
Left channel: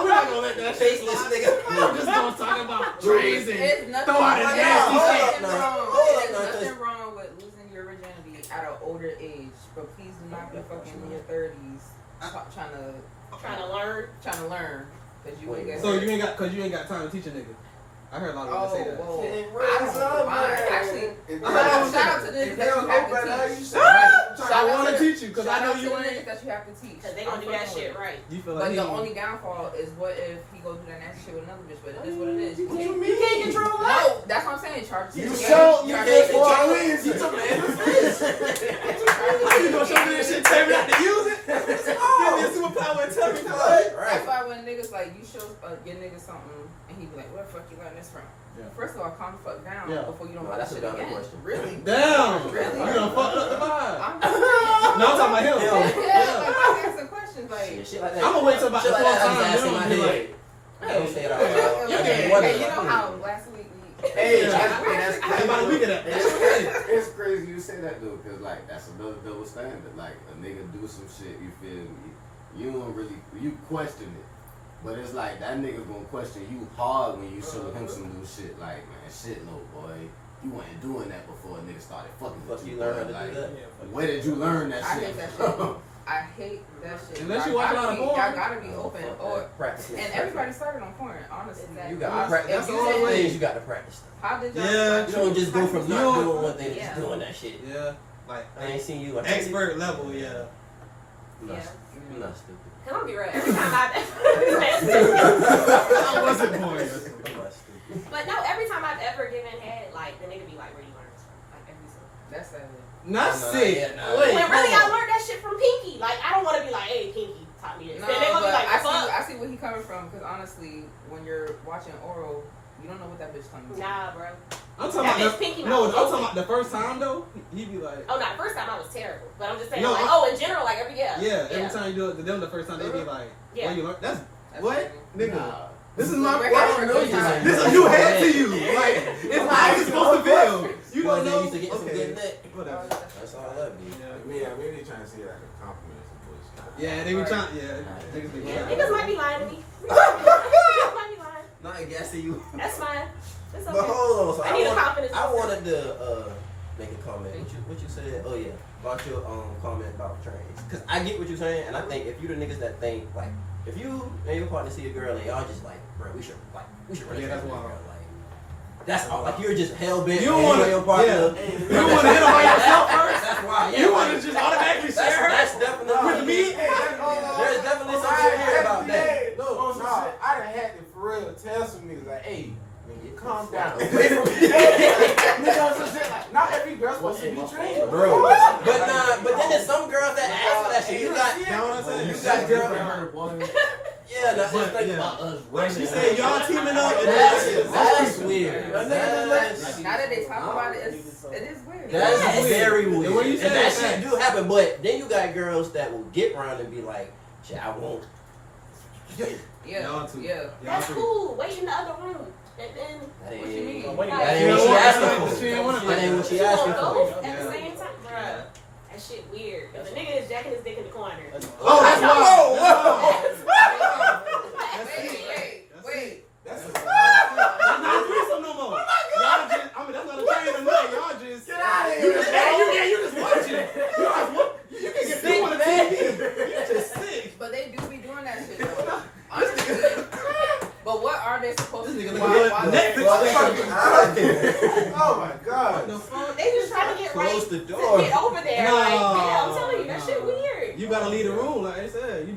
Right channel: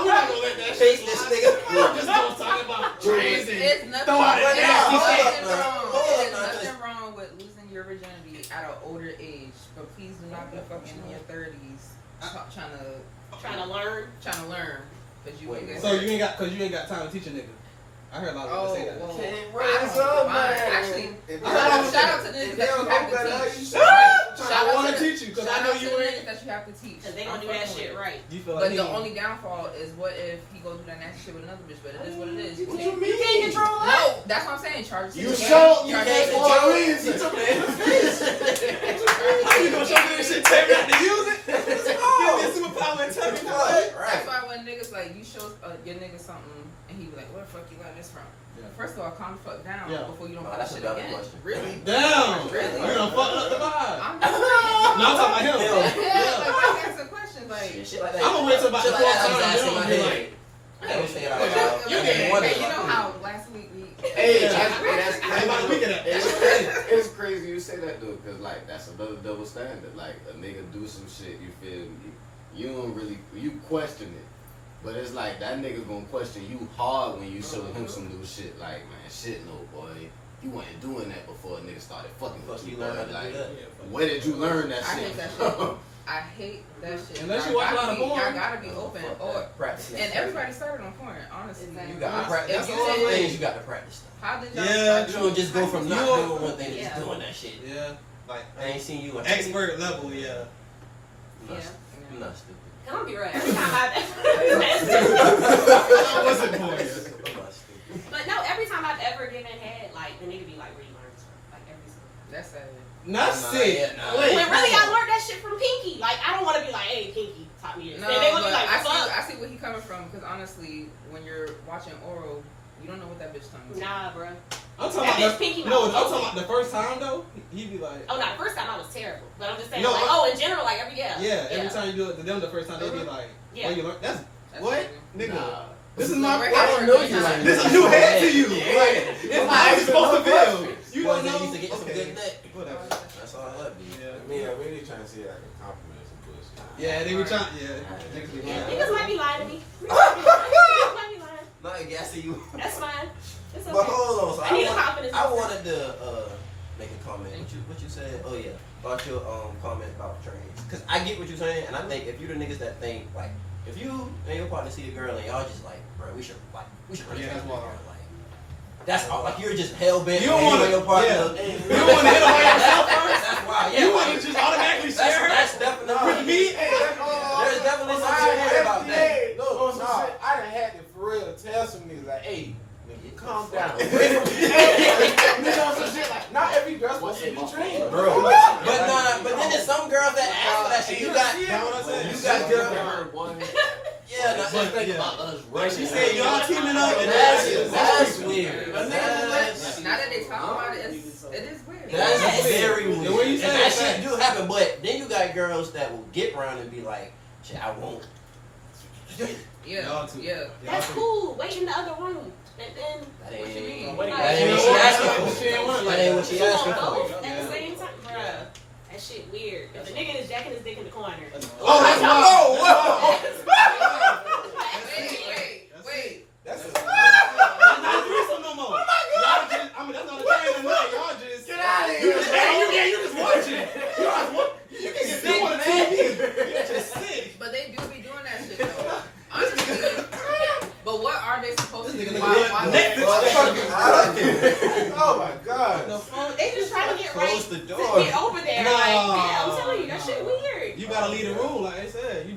we're not gonna let that shit Faceless slide. nigga. We're just gonna talk about trains and It's nothing thought and nasty shit. There's nothing wrong with losing your virginity at an older age, but please do not be fucking in your 30s Trying to learn. Cause you ain't So you ain't got time to teach a nigga. I heard a lot of people say that. whoa. Raise up, man. Actually, If shout out to the niggas if they that don't you know have better, to how teach. you Shout I out want to to teach you because I know you the ain't. niggas that you have to teach. Cause they gonna do that shit right. You feel But like the he- only downfall is what if he goes do that nasty shit with another bitch, but it is what it is. You can't control that. No, that's what I'm saying. Charge You show you get for a reason. You gonna show me that shit, tell me not to use it? Give me a superpower and tell me what? That's why when niggas like you show your nigga something and he be like, "Where the fuck you learn this from?" Yeah. First of all, calm the fuck down Yeah. before you don't No, buy that's that a shit valid again. question. Really? Damn! Really? You done fucked up the vibe. I'm just saying. No, I'm talking about him. Yeah, like, I'm asking questions like. Shit like that. I'm gonna wait till about Shit the like fourth that, I'm time. just You asking know, my be head. like, Don't say it out Hey, loud. you know how last week we. Hey, Yeah. that's I had about a week of that. It's crazy you say that though, cause like that's another double standard. Like a nigga do some shit, you feel me? You don't really question it, but it's like that nigga gonna question you hard when you show him some new shit. Like man, shit, no boy, you wasn't doing that before a nigga started fucking Fuck with you you. learn how Boy. to Like, do that. where did you learn that I shit? hate that shit. I hate that shit. Unless you Y'all watch a lot gotta of be- porn. Y'all gotta be open. Fuck Or that. Practice makes and perfect. everybody started on porn. Honestly, You got to practice. That's If all you I'm did- saying. You got to practice stuff. How did y'all? Yeah. start You don't just go from You not don't- doing one thing to Yeah. just doing that shit. Yeah, like I ain't seen you. expert level. Yeah. I'm not, Yeah. I'm not stupid. Can I be real? Every time I've I wasn't for you. I'm not stupid. But no, every time I've ever given head, like the nigga be like, "Where you learn this from?" Like every single. That's savage. Not Nah, sick. yeah, nah. Wait, When really hold I on. learned that shit from Pinky. Like I don't want to be like, "Hey, Pinky taught me this." No, And they gonna but be like, I "Fuck." see where he coming from. Because honestly, when you're watching oral, you don't know what that bitch coming from. Nah, bro. I'm talking That about bitch Pinky no. I'm mouth. talking about the first time though. He be like, Oh, no, the first time I was terrible. But I'm just saying, No, like, I- in general, like every yeah. Every time you do it to them, the first time they be like, Yeah. "Where you learn?" That's That's what, crazy. nigga. Nah. This is my. Like, I I don't don't know know you. you. This is a new head to you. Yeah. Like it's how it's supposed to feel. You Boys don't that know. used to get some good neck. Whatever. That's all that be. Yeah. I mean, I really trying to see it like a compliment or some bullshit. Yeah, they be trying. Yeah, niggas be Yeah. lying. Niggas might be lying to me. Niggas might be lying. Not gassing you. That's fine. It's But okay. hold on. So I need a wanted- confidence. I wanted to make a comment. What you said? Oh yeah, about your comment about trains. Cause I get what you're saying, and I think if you the niggas that think like if you and your partner see a girl and y'all just like, bro, we should run Yeah, this that's girl. wild. Like that's all. Like you're just hell bent. You don't wanna- your partner. yeah. You don't wanna hit on yourself first? That's why. Yeah, You like, want to just automatically that's, share that's definitely with me? There's definitely something here about that. No, I done had to for real tell some niggas like, hey, nigga, calm down. Not every girl's supposed to be trained, Bro, but then there's some girls that ask for that shit. You got, You know what I'm saying? you got girls. Yeah, no, But, think yeah. about us Like she running. said, y'all teaming up. and That's weird. Now that they talk about it, it is weird. That's Yeah. very weird. The way you And say that it, shit facts. do happen, but then you got girls that will get around and be like, shit, I won't. Yeah, Y'all too. yeah. That's cool. Wait in the other room. And then. That What you ain't- mean? Like, That ain't what she asking for. She ain't want it That ain't what she you asking want for. both at Yeah. the same time? Bruh. That shit weird. If the nigga is jacking his dick in the corner. Oh, that's wild. Wait. That's a That's not a threesome no more. Y'all just, I mean, that's not a train or nothing. Y'all just get out of here. You just watching. You can get sick on the TV. You're just sick. But they do be doing that shit though. Honestly. But what are they supposed to This do? nigga look Why- good. why- Netflix. Oh my god. The phone. They just trying to get Close right the to door. get over there. No. Like, yeah, I'm telling you, that shit weird. You gotta leave the room, like I said. You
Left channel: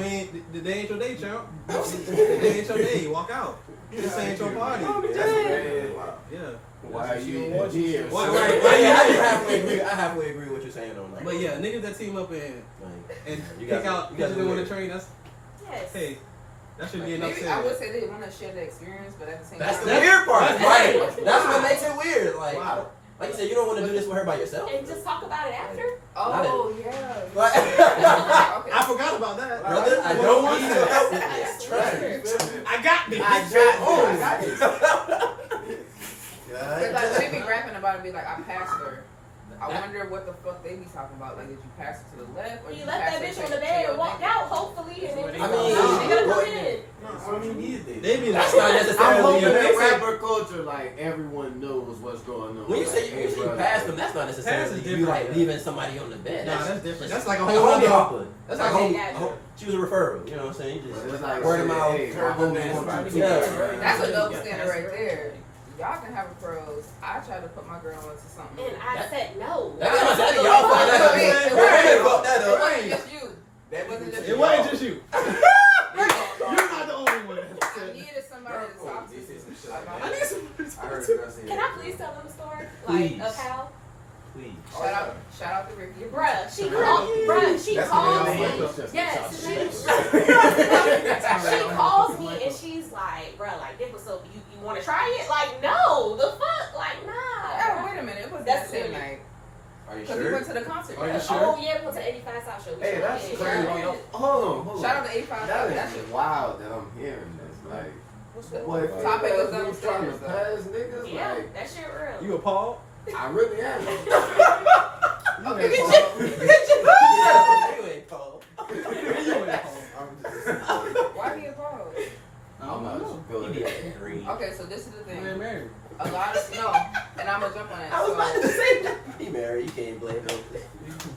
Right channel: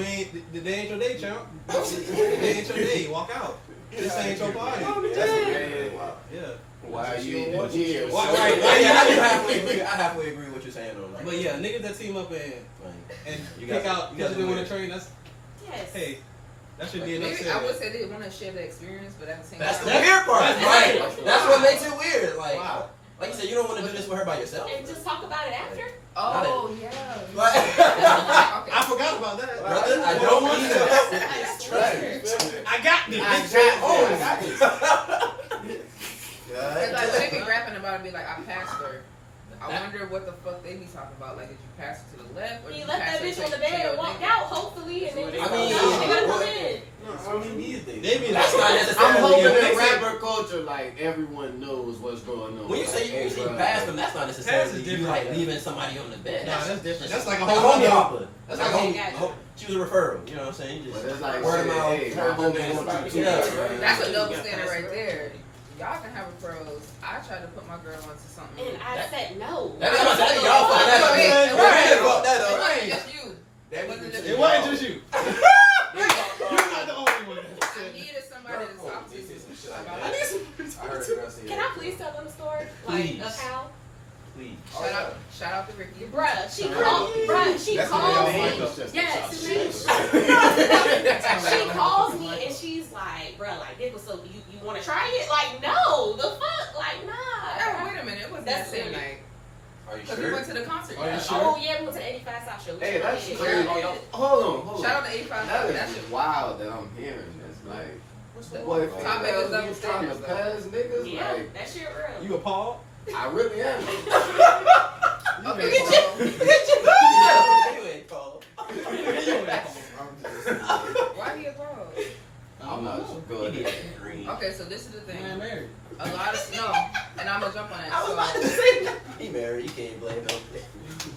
ain't, the day ain't your day, champ. The day ain't your day. Walk out. This ain't your party. Yeah. Why you here? Why I halfway agree with what you're saying on that. But yeah, niggas that team up and pick out because they want to train, that's, hey, that should be enough. Maybe I would say they want to share the experience, but at the same That's time. the weird part. That's Right. That's what makes it weird. Like, Wow. like you said, you don't want to do this with her by yourself. And just talk about it after. Oh, yeah. Right. Okay. I forgot about that. Brother, I don't need your help with this. Trust me. I got me. I got It's like they be rapping about it and be like, I passed her. I wonder what the fuck they be talking about. Like, did you pass her to the left? Or He did you left pass that her bitch to- on the to bed your and walked nigga? out, hopefully, and then I just mean, they gotta come what- in. I mean, these days. They be That's like, not I'm necessarily hoping your that basic. rapper culture, like, everyone knows what's going on. When you Like, say you usually bro, pass like, them, that's not Pass is necessarily you different, like yeah. leaving somebody on the bed. Nah, that's different. That's like a like whole homie other. hopper. That's Like like a Yeah. whole. she was a referral. You know what I'm saying? You But just it's like, word of shit, mouth. hey, my my homie homie wants wants you you to- too. Yeah. That's a Yeah. double standard right there. Y'all can have a pros. I tried to put my girl onto something. And I said no. That's what I'm saying. Y'all fucked that up. Right. Y'all fucked that It up. wasn't just you. It wasn't just It you. wasn't just you. You're not the only one. I needed somebody to talk to. I heard the rest of Can I please tell them a story? Please. Like, of how? Please. Shout out to Ricky. Bruh, she called me. Yes, his name is She calls me and she's like, bruh, like, this was so, you want to try it? Like, no, the fuck? Like, Oh, nah. wait a minute. It was That's that same it. night. Are you Because we sure? went to the concert. Are you Yeah. sure? Oh, yeah, we went to the 85 South show. Hey, that's Yeah. crazy. Hold on. Shout out to 85. That That's is it. wild that I'm hearing this. Like, What's the boy, if topic is you double trying to standards, though. pass niggas, Yeah, like, that shit real. You appalled? I really am. Okay, You ain't called. You appalled. why do you pause? I'm not so He good. be acting green. Okay, so this is the You thing. ain't married. A lot of no, and I'm gonna jump on it. I was about to So, say that. He married. You can't blame him.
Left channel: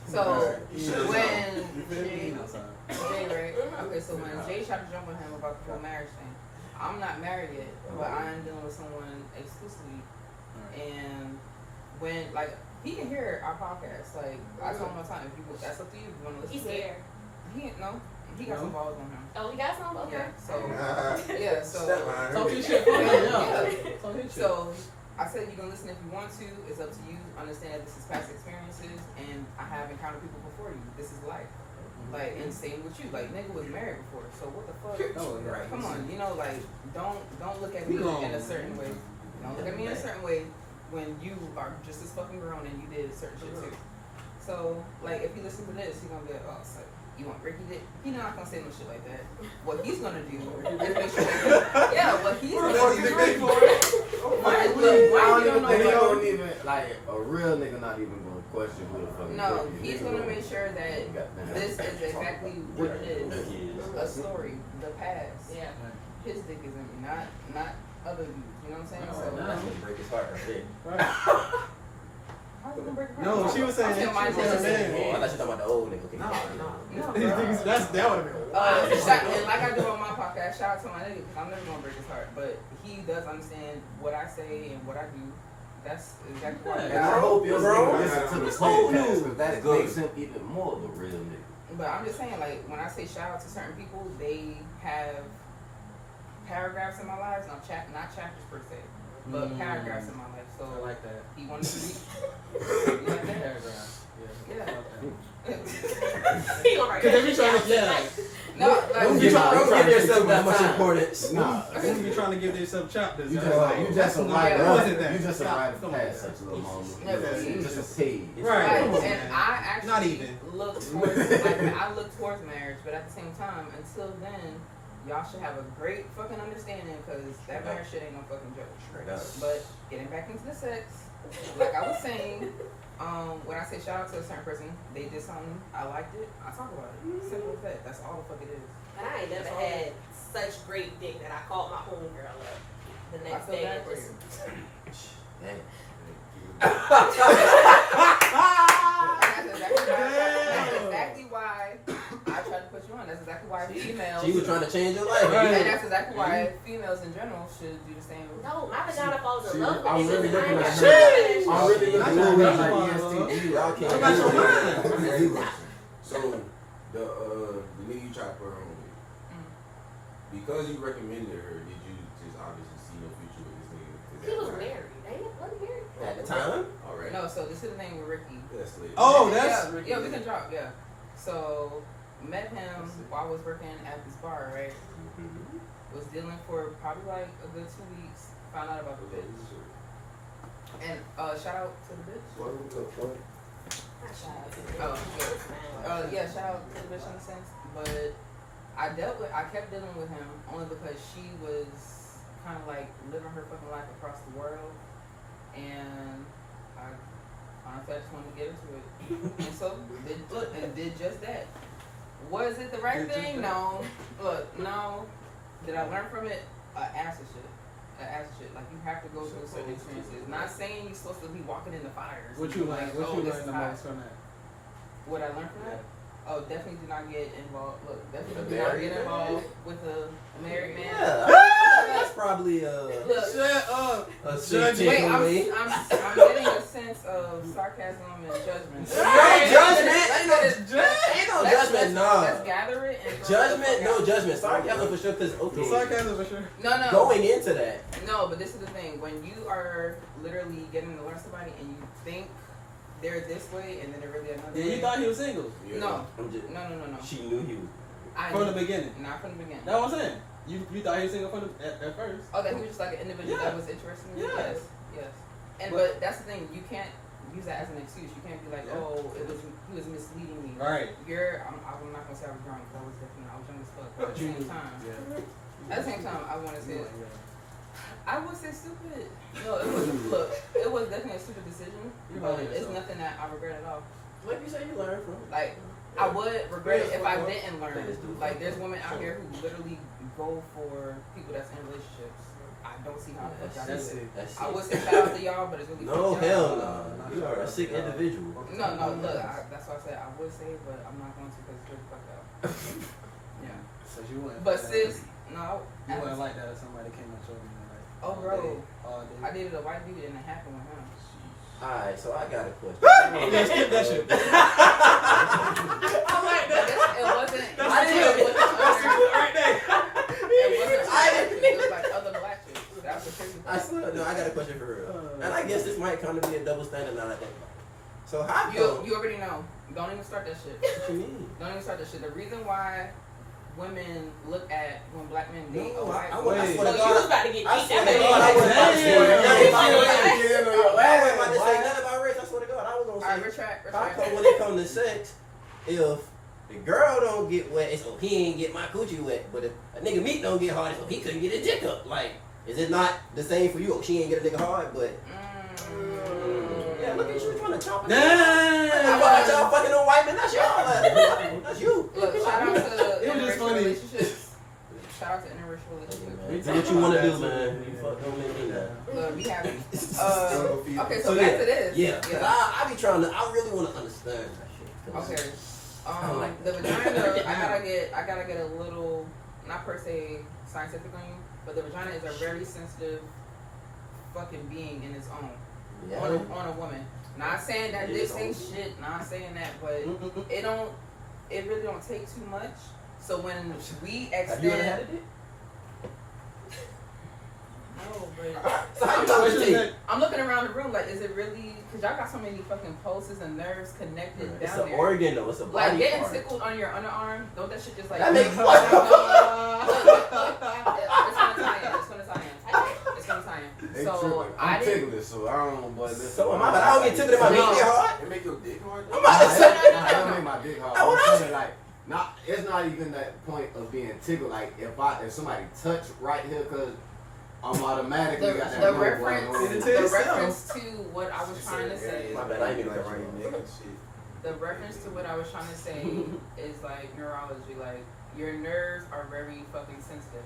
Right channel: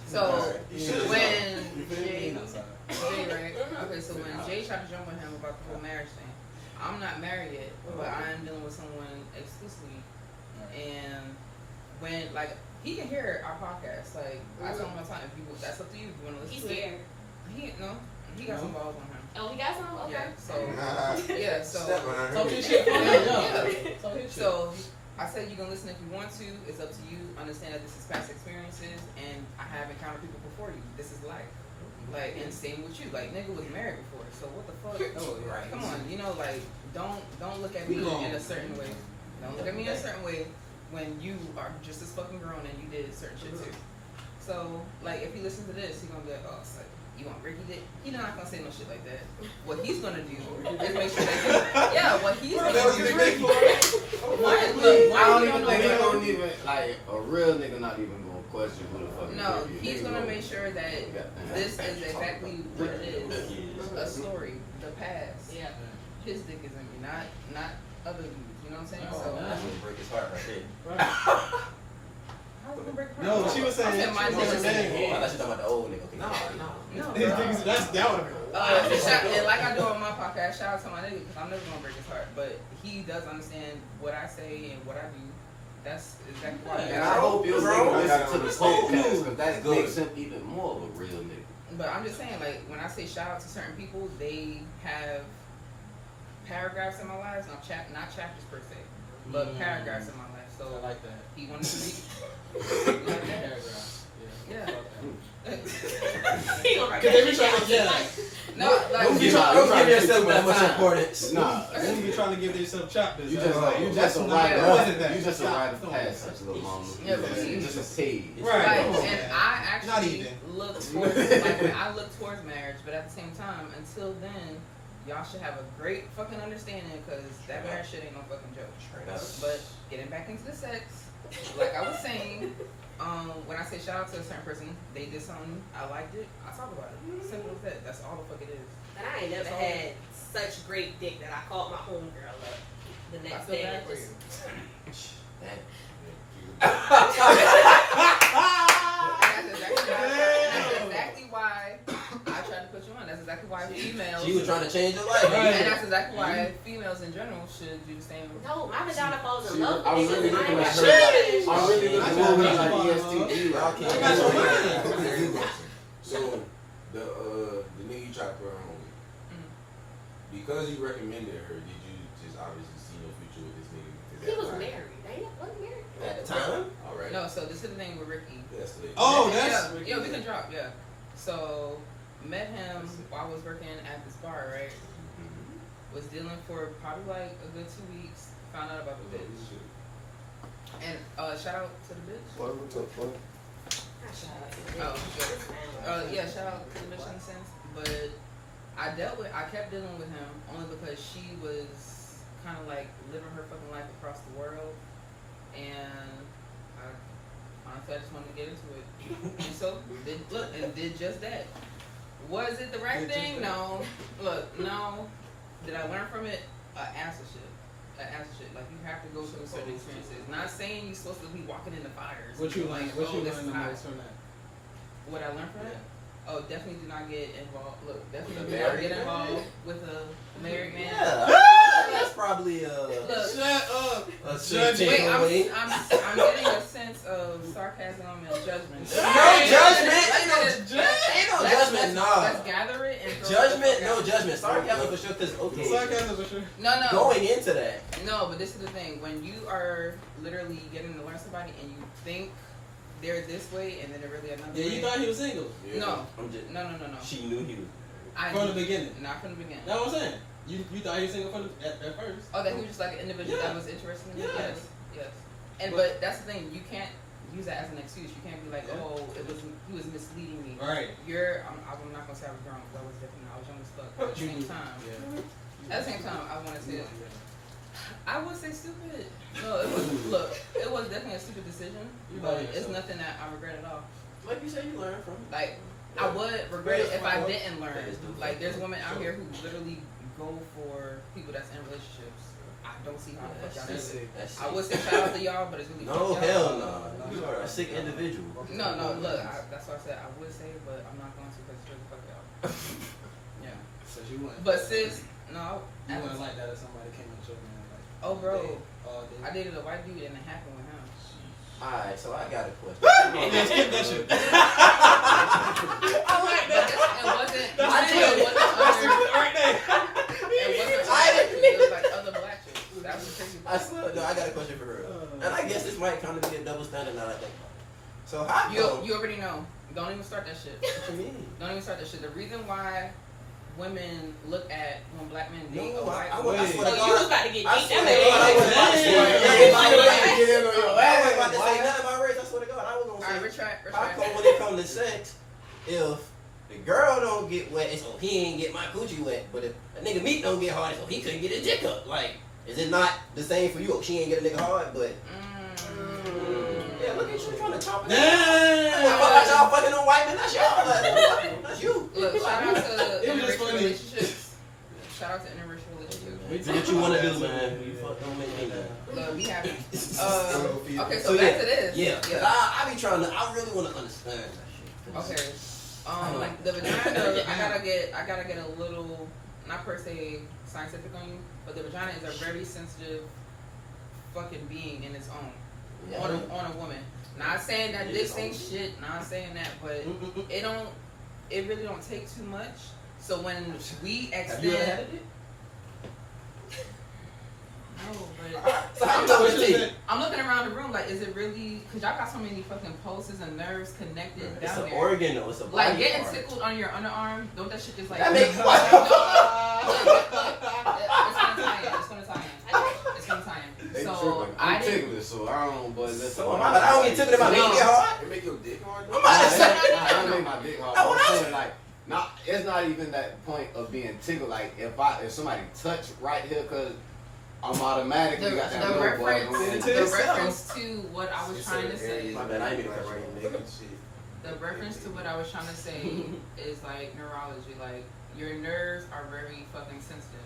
so Yeah. when He Jay, not sorry. right? Okay, so when Jay tried to jump on him about the whole marriage thing, I'm not married yet, but I am dealing with someone exclusively, and when like he can hear our podcast, like I tell him all the time, if you that's up to you. If you want to listen He's to it, scared. he got some balls on him. Oh, we got some? Okay. Yeah, so Talk your shit. Yeah. Talk your shit. So I said you can listen if you want to. It's up to you. Understand that this is past experiences, and I have encountered people before you. This is life. Like, and same with you. Like, nigga was married before, so what the fuck? Oh, yeah. Come on, you know, like, don't look at me in a certain way. Don't look at me in a certain way when you are just as fucking grown and you did certain shit too. So, like, if he listens to this, he gonna be like, oh, it's like, you want Ricky did? He's not gonna say no shit like that. What he's gonna do is make sure that what he's gonna do. I don't even think he don't even, like, a real nigga not even gonna question who the fuck is No, Ricky. he's Nigga gonna make sure that Goddamn. this is exactly what it is. A story, the past. Yeah. His dick is in me, not other dudes. You know what I'm saying? Oh, So That's gonna break his heart right there. how is it gonna break her No, heart? she was saying. I'm saying my she was dick saying, is Oh, I thought you were talking about the old nigga. Okay. No, His bro. dick is- that's that would have been. And like I do on my podcast, shout out to my nigga because I'm never gonna break his heart. But he does understand what I say and what I do. That's exactly why. And I hope your nigga listen to the Bro. podcast, because that Good. makes him even more of a real nigga. But I'm just saying, like, when I say shout out to certain people, they have paragraphs in my lives, not chapters per se, but paragraphs in my life. I So like that. he wanted to be. Paragraph. Yeah. He gonna write Because they be that trying to, shit yeah. down. No, like Don't give yourself that much Nah. importance. Nah. They be trying to give themselves chapters. You That's just like, you that's just a not- rite what is that? of you just a Stop. rite of Come on, passage, man. little mama. Yeah, but You just a page. Right. Right, Come on, and man. I actually Not even. look towards like I look towards marriage, but at the same time, until then, y'all should have a great fucking understanding because that marriage shit ain't no fucking joke. But getting back into the sex, like I was saying, when I say shout out to a certain person, they did something, I liked it, I talk about it. Simple as that. That's all the fuck it is. And I ain't never had such great dick that I called my homegirl up the I next feel day. bad for you. That's exactly why I tried to put you on. That's exactly why females. She was trying to change your life. Right. And that's exactly why females in general should do the same. No, my vagina falls in See, love with I'm really niggas, and I looking ain't at never I'm really looking I at got her your like mind. ESTG. Y'all can't I got your do mind. it. So the nigga you tried to put her on with, because you recommended her, did you just obviously see no future with this nigga? He was married. They wasn't married At the time? All right. No, so this is the thing with Ricky. That's the Oh, that's yeah, we can drop, yeah. So met him while I was working at this bar, right? Was dealing for probably like a good 2 weeks. Found out about the bitch. And shout out to the bitch. What? Yeah, shout out to the bitch in a sense. But I kept dealing with him only because she was kind of like living her fucking life across the world, and honestly, I just wanted to get into it. And so did just that. Was it the right thing? No. Look, no. Did I learn from it? Ass of shit. Like you have to go through certain experiences. Not saying you're supposed to be walking in the fires. what you like, learned. What you this learned is the hot. most from that? What I learned from that? Oh, definitely do not get involved. Look, definitely A do not married get man? involved with a married man. Yeah. That's probably Look, Shut up. a wait, I'm takeaway. getting a sense of sarcasm and judgment. No judgment. Ain't no judgment. Let's Nah. gather it and throw Judgment. it the No fuck out. judgment. Sarcasm for sure. Cause okay. Sarcasm for sure. No. Going into that. No, but this is the thing. When you are literally getting to learn somebody and you think they're this way and then they're really another Yeah, way. you thought he was single Yeah. No. I'm just, No. she knew he was. from the beginning. Not from the beginning. That's what I'm saying. You thought he was single at first. Oh, that he was just like an individual Yeah. that was interested in you? Yes. Yes. And But- but that's the thing, you can't use that as an excuse. You can't be like, Yeah. oh, he was misleading me. Right. I'm not gonna say I was grown because I was definitely I was young as fuck. But at the same time, Yeah. at the same time, I wanted to. I would say stupid. No, it was definitely a stupid decision. You But lying it's yourself. nothing that I regret at all. Like you said, you learned from it. Like I would regret it if I didn't learn. Like there's women out here who literally go for people that's in relationships. I don't see how the fuck y'all do That's it. it. That's I it. would say shout out to y'all, but it's really No, fuck y'all. hell no. You are a sick individual. No, look, that's why I said I would say, but I'm not going to because it's really fuck y'all. Yeah. So you wouldn't. But sis, no. You wouldn't like that if somebody came up to you and like. Oh, bro. All day. I dated a white dude and it happened with him. Alright, so I got a question. Yeah, skip that shit. I like that. It wasn't. That's I didn't know it wasn't That's the other. clip right there. It wasn't black chicks, it was like other black chicks. That was the crazy I part. swear, no, I got a question for her. And I guess this might kind of be a double standard now that I think about it. So how You already know. Don't even start that shit. What you mean? Don't even start that shit. The reason why women look at when black men date a No, white I swear to Oh, you God. was about to get I deep. swear to That God, I made was about to say Damn. nothing about Yeah. race. I Yeah. was about to say nothing about race. I swear to God, I was gonna Alright, say. retract. How come when it comes to sex, if the girl don't get wet, it's so he ain't get my coochie wet. But if a nigga meat don't get hard, it's so he couldn't get his dick up. Like, is it not the same for you? Oh, she ain't get a nigga hard, but yeah, look at you trying to chop it. I thought y'all fucking on white men. That's y'all. That's you. Look, shout out to It was just interracial funny. relationships. Shout out to interracial relationships. Do what you wanna do, man. You fuck don't make me mad. Look, we have. Okay, so So, back yeah. to this. Yeah, 'cause I be trying to. I really want to understand that shit. 'Cause Okay. The vagina. I gotta get a little, not per se scientific on you, but the vagina is a very sensitive fucking being in its own. Yeah. On a woman. Not saying that this ain't shit. Not saying that, but it really don't take too much. So when we Have you ever had extend, it? no, but So how you know what you take? I'm looking around the room like, is it really? Cause y'all got so many fucking pulses and nerves connected It's down an there. organ though. It's a body Like getting part. tickled on your underarm, don't that shit just like That makes it's gonna tie in. It's gonna tie in. It's gonna tie in. They So tripping. I I'm didn't. tickled, so I don't know, but that's So am I, but I don't get tickled in my No. dick hard. It make your dick hard. I'm about to say. I don't make my dick hard. I wanna- I'm saying like, it's not even that point of being tickled. Like if somebody touch right here, cause I'm automatically got that The low reference, boy. the reference to what I was trying to say. My bad, I ain't mean to cut you off. The reference to what I was trying to say is like neurology. Like your nerves are very fucking sensitive.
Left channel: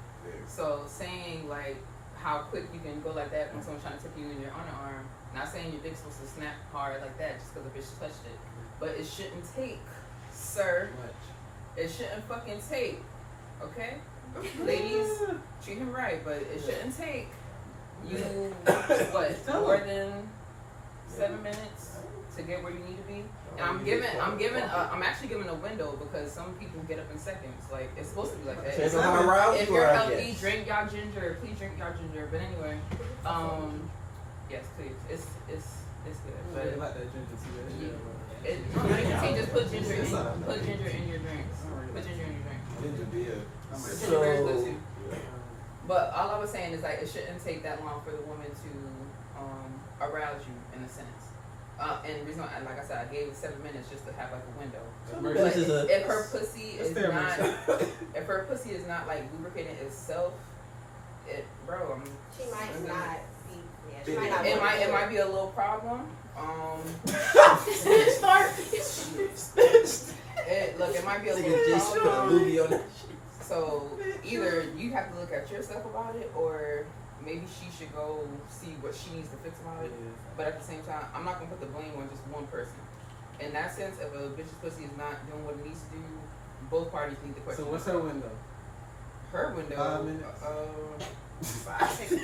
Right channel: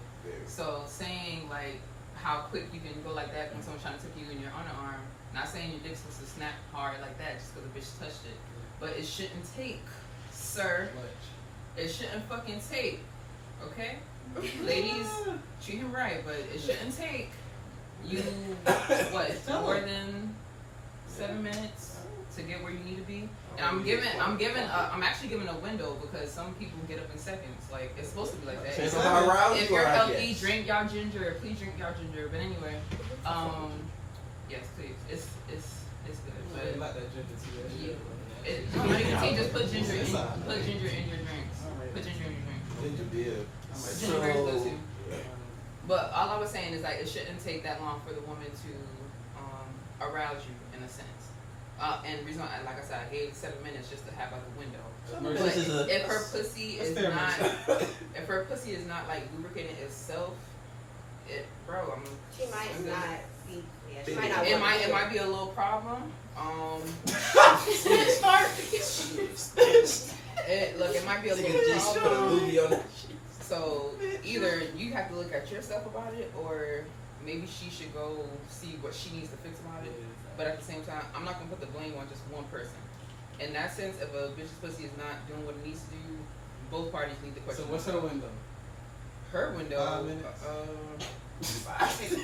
So saying like how quick you can go like that when someone's trying to tickle you in your underarm. Not saying your dick's supposed to snap hard like that just because the bitch touched it, but it shouldn't take, sir. It shouldn't fucking take. Okay, ladies, treat him right, but it shouldn't take you what more than 7 minutes to to get where you need to be. And I'm actually giving a window because some people get up in seconds. Like it's supposed to be like that. Depends on how aroused If you you're are, I healthy, guess. drink y'all ginger. Please drink y'all ginger. But anyway, yes, please. It's good. But But not that ginger tea. That shit. you just put ginger in your drinks. Put ginger in your drink. Ginger beer. Ginger beer is good too. But all I was saying is like it shouldn't take that long for the woman to arouse you in a sense. And reason why, like I said, I gave 7 minutes just to have like a window. But if her pussy is not, if her pussy is not like lubricating itself, She might not be. Yeah, she might not. It might be a little problem. It might be a little problem. So either you have to look at yourself about it, or maybe she should go see what she needs to fix about it. But at the same time, I'm not gonna put the blame on just one person. In that sense, if a bitch's pussy is not doing what it needs to do, both parties need to question. So what's her window? Her window? 5 minutes. 5.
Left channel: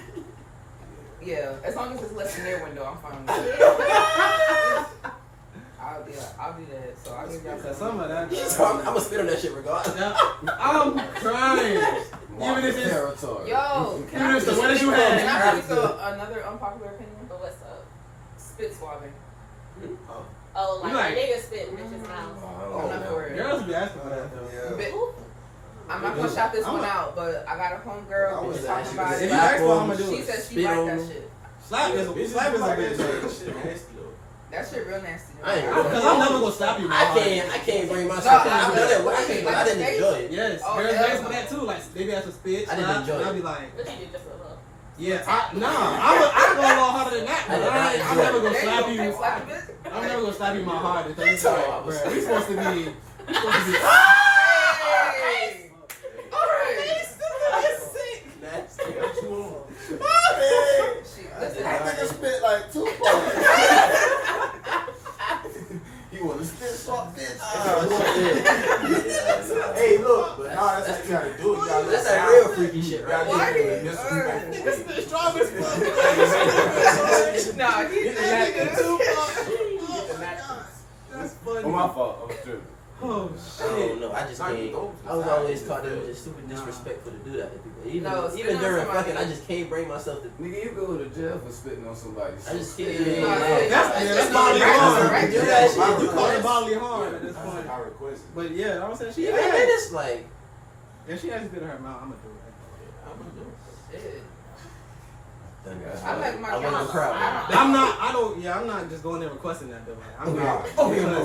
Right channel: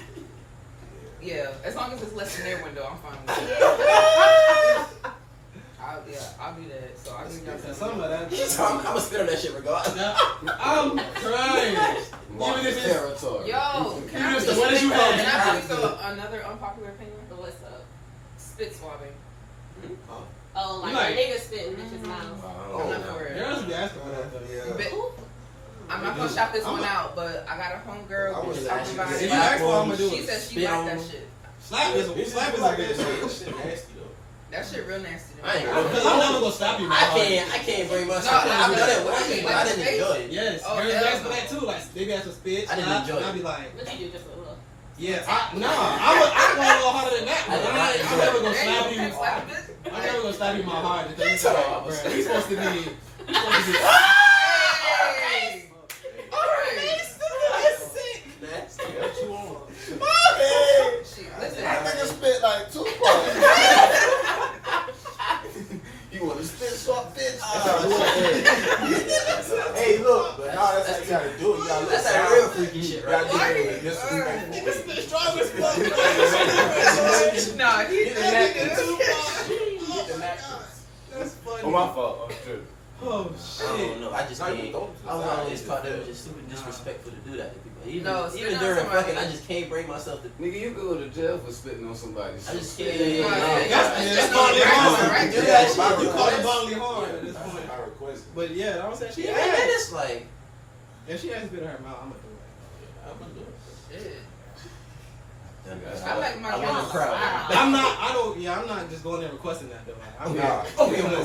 Yeah, as long as it's less than their window, I'm fine with it. I'll do that. So I'll give y'all Some of that. So I'm gonna spit on that shit regardless. I'm crying. Mark Even if it's territory. Yo, Even if it's the way that you hold can I it. please go another unpopular opinion? But what's up? Spit swabbing. Oh, like You like- a nigga spit in bitch's mouth. I'm not for it. Girls be asking for that though. But- I'm not gonna shout this one out, but I got a homegirl who was talking about If you it. ask for it, I'm gonna do She it. said she Spit liked on that them. shit. Slap is a Shit big nasty though. That shit real nasty. I ain't don't- Because I'm never gonna stop you. I can't bring myself. No, I I didn't enjoy it. Yes, Oh, girls hell ask no. for that too. Like they be asking for spit. I didn't slap, enjoy and it. I be like, What you do just for love? yeah, I'm go a little harder than that. I did But not I'm enjoy never it. gonna There you slap go, you. slap a bitch. I'm never gonna slap you my heart because it's That's like, all. bruh, we supposed to be. Hey. Alright. Nasty. Hey, Shit, I listen. think I spit like 2 parts. You want to spit swap bitch? Hey, look, but nah, that's how you gotta do it. You gotta That's let that it real out. freaky shit, You right? gotta Why let you- it out. This is the strongest fuck. No, he That's funny. Oh, my fault. I'm tripping. Oh I don't shit. know. I just Not even can't. go. I was always taught that it was just super disrespectful to do that to people. Even, No, spit even on during somebody. fucking, I just can't bring myself to. Nigga, you go to jail for spitting on somebody. I just can't. That's not bodily right. harm. Right. You Yeah, call it right. bodily harm at this point. I requested. But yeah, I was saying she Yeah, had. man, it's like. If she has spit in her mouth, I'm gonna do it. I'm gonna do it. Shit. That's I like my I want girls. to crowd. I'm not just going there requesting that though. Like, I'm not.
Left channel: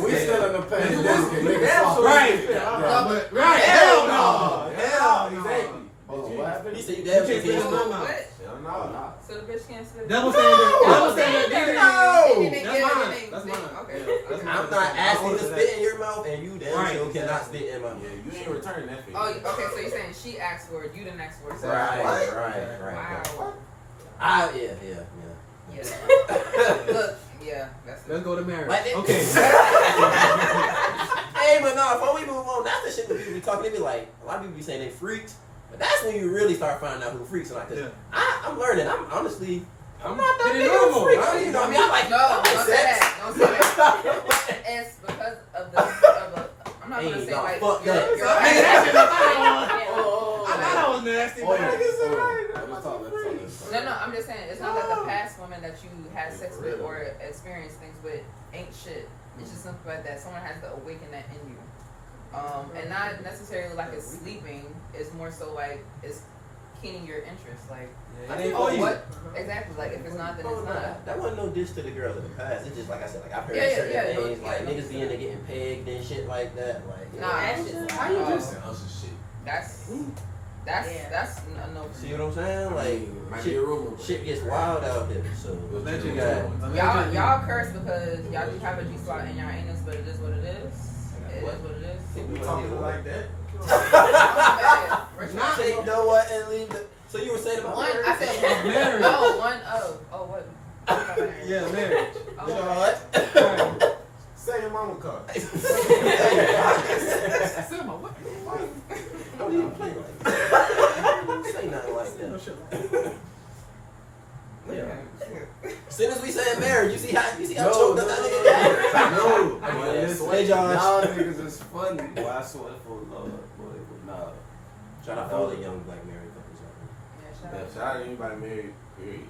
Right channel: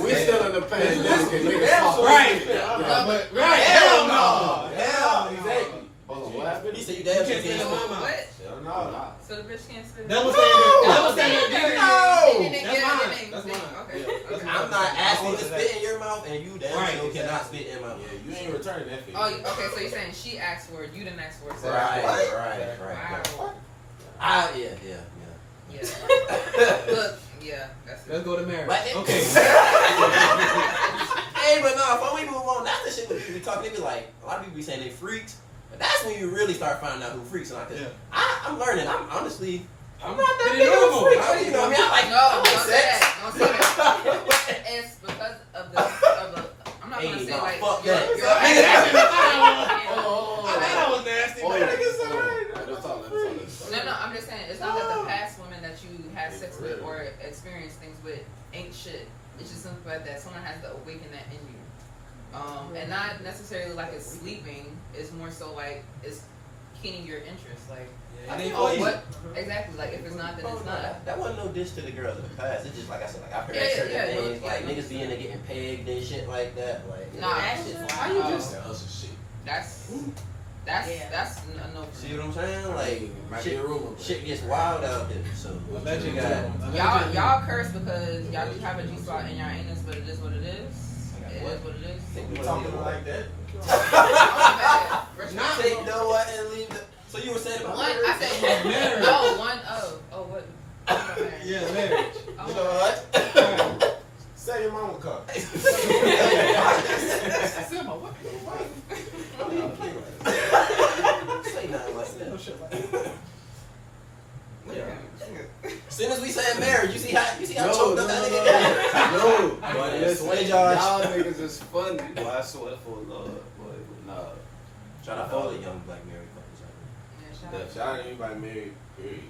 We still in the pandemic and niggas fuck. Right. Yeah. But right. Hell no. Hell Hell exactly. no. Hold on, what happened? He said you You damn can't spit in sure my can't. mouth. What? Hell No, no. nah. So the bitch can't spit. That was saying that. That was saying No. that. That's mine. Then That's they- mine. Okay. Yeah, that's Okay. mine. I'm not asking to spit in your mouth, and you damn Right. sure cannot spit in my mouth. Yeah, you ain't returning that favor. Oh, okay. So you're saying she asked for it, you didn't ask for it. So Right, What? right. Wow. Yeah. Yeah. Look. Yeah. That's Let's it. go to marriage. But it- Okay. Hey, but no, before we move on, that's the shit that people be talking. They be like, a lot of people be saying they freaks, but that's when you really start finding out who freaks. And like, Yeah. I'm learning. I'm honestly, I'm not that Pretty big of a normal. freak. I mean, you know, what I mean, I like No, don't say sex. that. Don't say that. It's because of the. I'm not gonna Hey, say nah, like fuck your- that. your- Hey, that's it. Oh, I thought I was nasty, but I guess I'm right. Let's talk. No, I'm just saying it's not that the past women that you had sex with or experienced things with ain't shit. It's just something like that someone has to awaken that in you, and not necessarily like it's sleeping. It's more so like it's keening your interest. Like, Yeah, it ain't oh, for you. what exactly? Like if it's not, then Oh, it's no, not. that wasn't no diss to the girls in the past. It's just like I said, like I've heard Yeah, certain yeah, things, yeah, like no, niggas being there getting pegged and shit like that. Like, Nah, That shit's How you Oh. just? That's some shit. That's Yeah. that's a no. for see me. what I'm saying? Like, Might be a rumor. shit gets wild out there. So, I bet you got. Y'all curse because y'all do have a G spot in your anus, but it is what it is. It is what it is. We talking like that? Not Take the what and leave the. So you were saying about one. I said Marriage. no. One. Oh, what? Yeah, marriage. Oh, You know what? Right. Say your mama car. Selma, what? Don't even play like that. Say nothing like No that. shit like that. Yeah. As soon as we said marriage, you see how No, choked up that nigga got? No, I but guess. listen, Hey, Josh. y'all niggas is funny. Boy, I swear for Lord, boy, nah. Shout out to all the young black married couples out Yeah, shout out. Shout out to anybody married, period.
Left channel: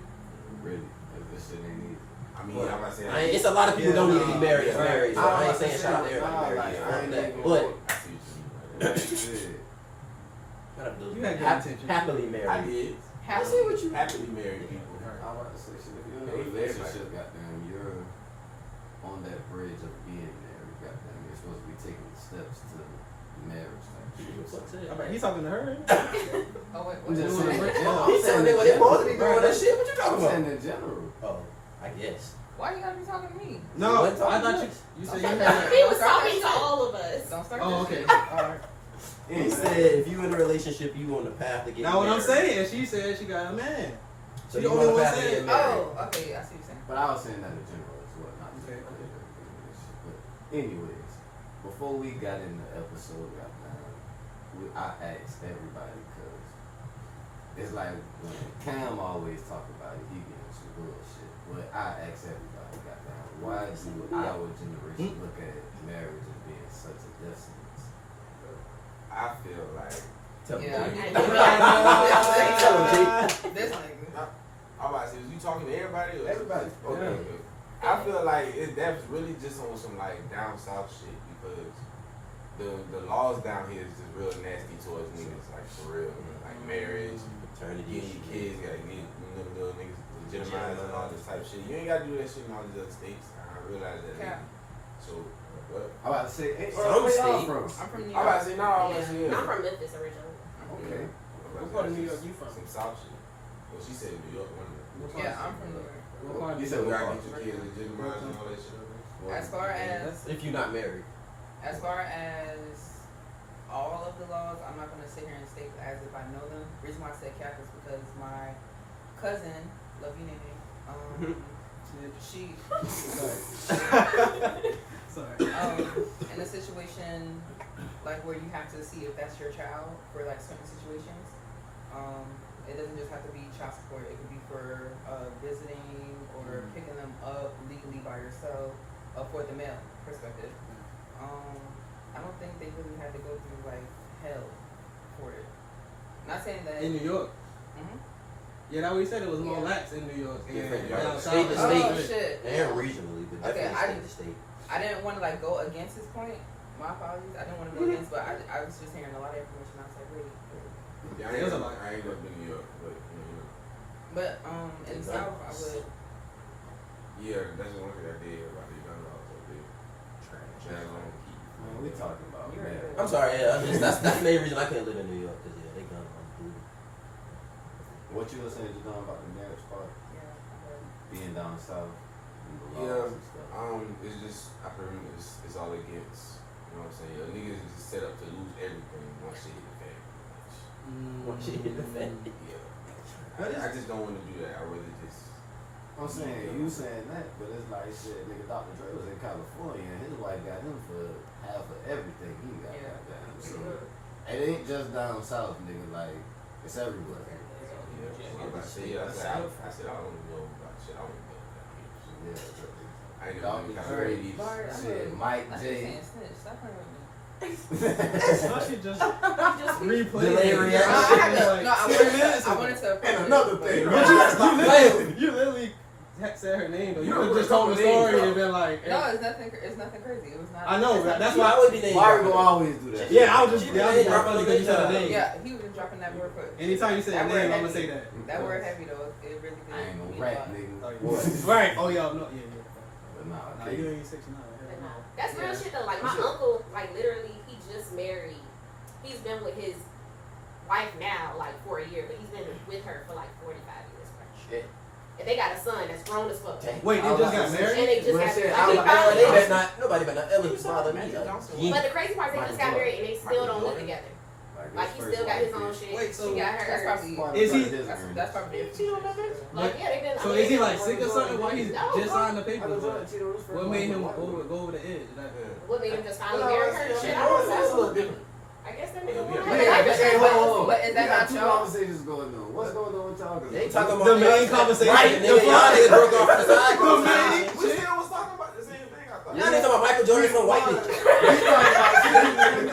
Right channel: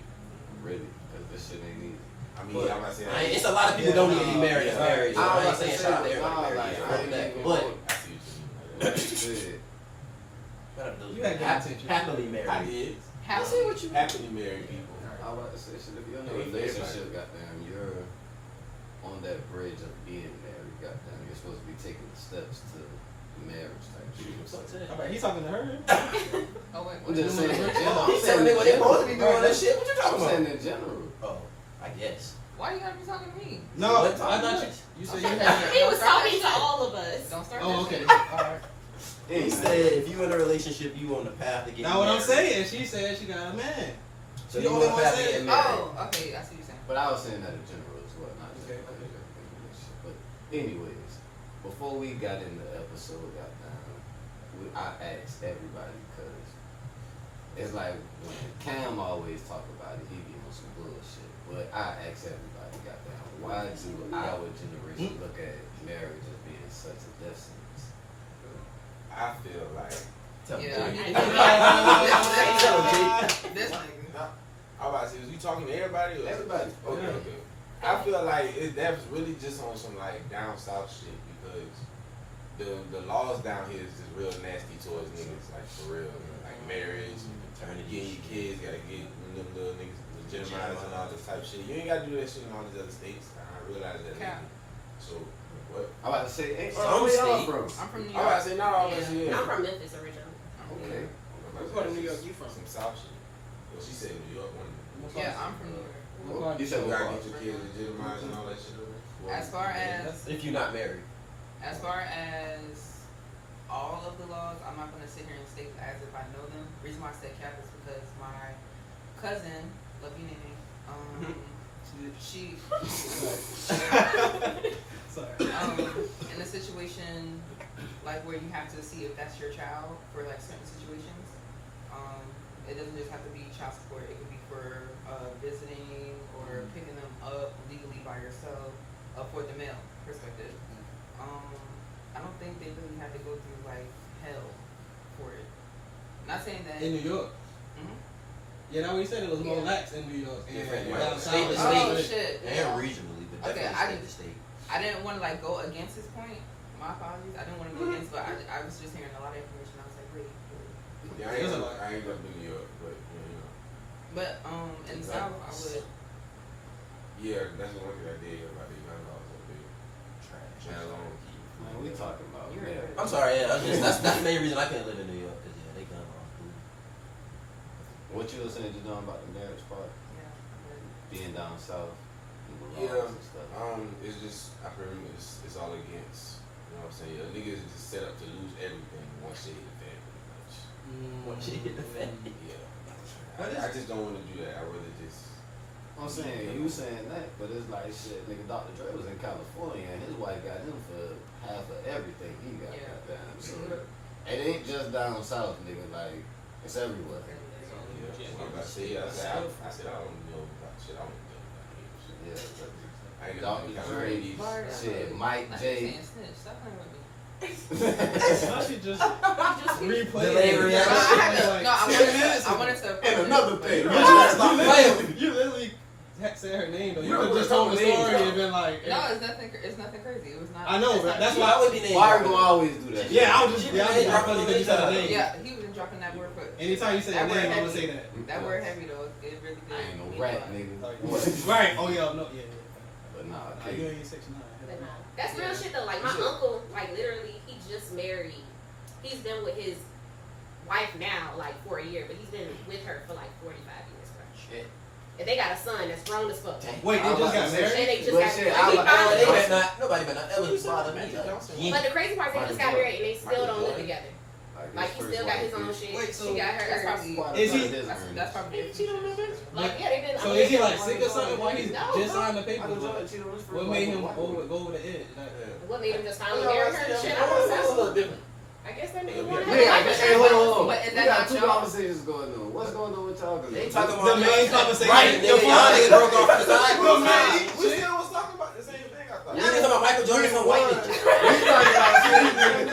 Really, cause this shit ain't easy. I mean, I'm not saying there. It's a lot of people don't need to be married Yeah, and married, so nah, I ain't I'm saying shout out to everybody nah, married. like, Yeah, I ain't that. even But I see what you mean. Shit. shout out to those You had good intentions. happily I married. did. Happily married people. I'm about to say, shit, if you're in a relationship, goddamn, you're on that bridge of being married, goddamn, you're supposed to be taking the steps to marriage type shit. What's up to that? All right, he's talking to her. Oh wait, I'm just saying, in general. He said they supposed to be doing that shit. What you I'm talking about? saying in general. Oh, I guess. why you gotta be talking to me? No, What? I thought you said you Okay. had. He was talking to all of us. Don't start. Oh, that okay. shit. All right. He said if you in a relationship, you on the path to get Now what I'm married. saying, she said she got a man. So She you the on only the one path to get saying. married. Oh, okay. I see what you're saying. But I was saying that in general as well, not just Okay, like okay. a relationship. But anyways, before we got in the episode, I asked everybody because it's like when Cam always talk about it, he getting some bullshit. But I asked everybody, goddamn, why do our generation look at marriage as being such a death sentence? I feel like Tell me, Yeah. Jay. Yeah. Tell him, Jay. This nigga. I'm about to say, was you talking to everybody? Or? Everybody. Okay, okay. I feel like that's really just on some like down south shit because the laws down here is just real nasty towards niggas, like for real. Like marriage, Paternity. getting your kids, gotta get them little niggas legitimized and all this type of shit. You ain't gotta do that shit in all these other states. I realize that. Yeah. So what? I'm about to say, hey, Some where y'all state. from? I'm from New I'm about York. to say not all that shit. I'm from Memphis originally. Okay. What part of New York you from? Some south shit. Well, she said New York. One of them. Yeah, I'm from New York. You said You what gotta part? get your kids legitimized and all that shit. As far as If you're not married. all of the laws, I'm not gonna sit here and state as if I know them. The reason why I said Cap is because my cousin, love you name, she Sorry. in a situation like where you have to see if that's your child for like certain situations. It doesn't just have to be child support. It could be for visiting or picking them up legally by yourself for the male perspective. I don't think they really had to go through like hell for it. Not saying that. In New York. Mhm. Yeah, that what he said. It was more Yeah. lax in New York. Different, And right? down State to south. Oh state. shit. And Yeah. regionally, but Okay, definitely state to state. I didn't want to like go against his point. My apologies. I didn't want to go against, but I was just hearing a lot of information. I was like, wait. Yeah, I ain't never been to New York, but you know. But in the South, I would. Yeah, that's the one thing I did hear about the gun laws up there. Trash on key. Man, we talking about You're marriage. I'm sorry, yeah, that's the main reason I couldn't live in New York, because yeah, they gun on food. What you were saying just now about the marriage part, Yeah, I would. being down south and the laws Yeah, and stuff. it's just I heard it's all against. You know what I'm saying? A nigga is just set up to lose everything once they hit the fan, pretty much. Once you hit the fan. Yeah. What I just don't want to do that. I rather just. I'm saying, you saying that, but it's like shit, nigga, Dr. Dre was in California and his wife got him for half of everything he got Yeah. down. So it ain't just down south, nigga, like, it's everywhere. I said I don't know about shit. I don't know about Yeah, I ain't Dr. never Dre, been Bart, shit, Mike That's J. saying snitch. Stop playing with me. I should just replay Delay it. reaction. I wanted to. Another thing, You right? literally said her name though. You could have just told the story and been like, No, it's nothing crazy. It was not. I know, it's not- that's Why why. would be named? Why we gonna always do that? Yeah, I was just Yeah, funny because you said her name. Yeah, he was dropping that word for. Anytime you say that that word name, I'm gonna heavy. say that. That word heavy though. It really did. I ain't no mean a rat, lot. nigga. What? Right. Oh yeah, no, yeah, yeah. But nah, Nah, okay. you ain't 69. But no, that's real shit though. Like my uncle, like literally, he just married. He's been with his wife now like for a year, but he's been with her for like 45 years. Bro. Shit. And they got a son that's grown as fuck. Wait, they just got And married? they just But got shit, married. They better not. Nobody better not ever bother me. But the crazy part is they just got married and they still don't live together. Like his he first still got wife his own is- shit. Wait, so she got hers. That's probably. Is he- That's probably. Like yeah, they been. So is he like sick or something? Why he No, just bro. signed the papers? What made him go over the edge? What made him just finally marry her? Shit, I don't That's a know. little different. I guess that nigga Yeah, wanted Yeah, to like hey, her. hold on. But is We that got not two y'all? conversations going on. What's going on with y'all? They talking about The main conversation. Right, nigga, y'all niggas broke off the side. The main We still was talking about the same thing. I thought. Y'all niggas talking about Michael Jordan, some white bitch.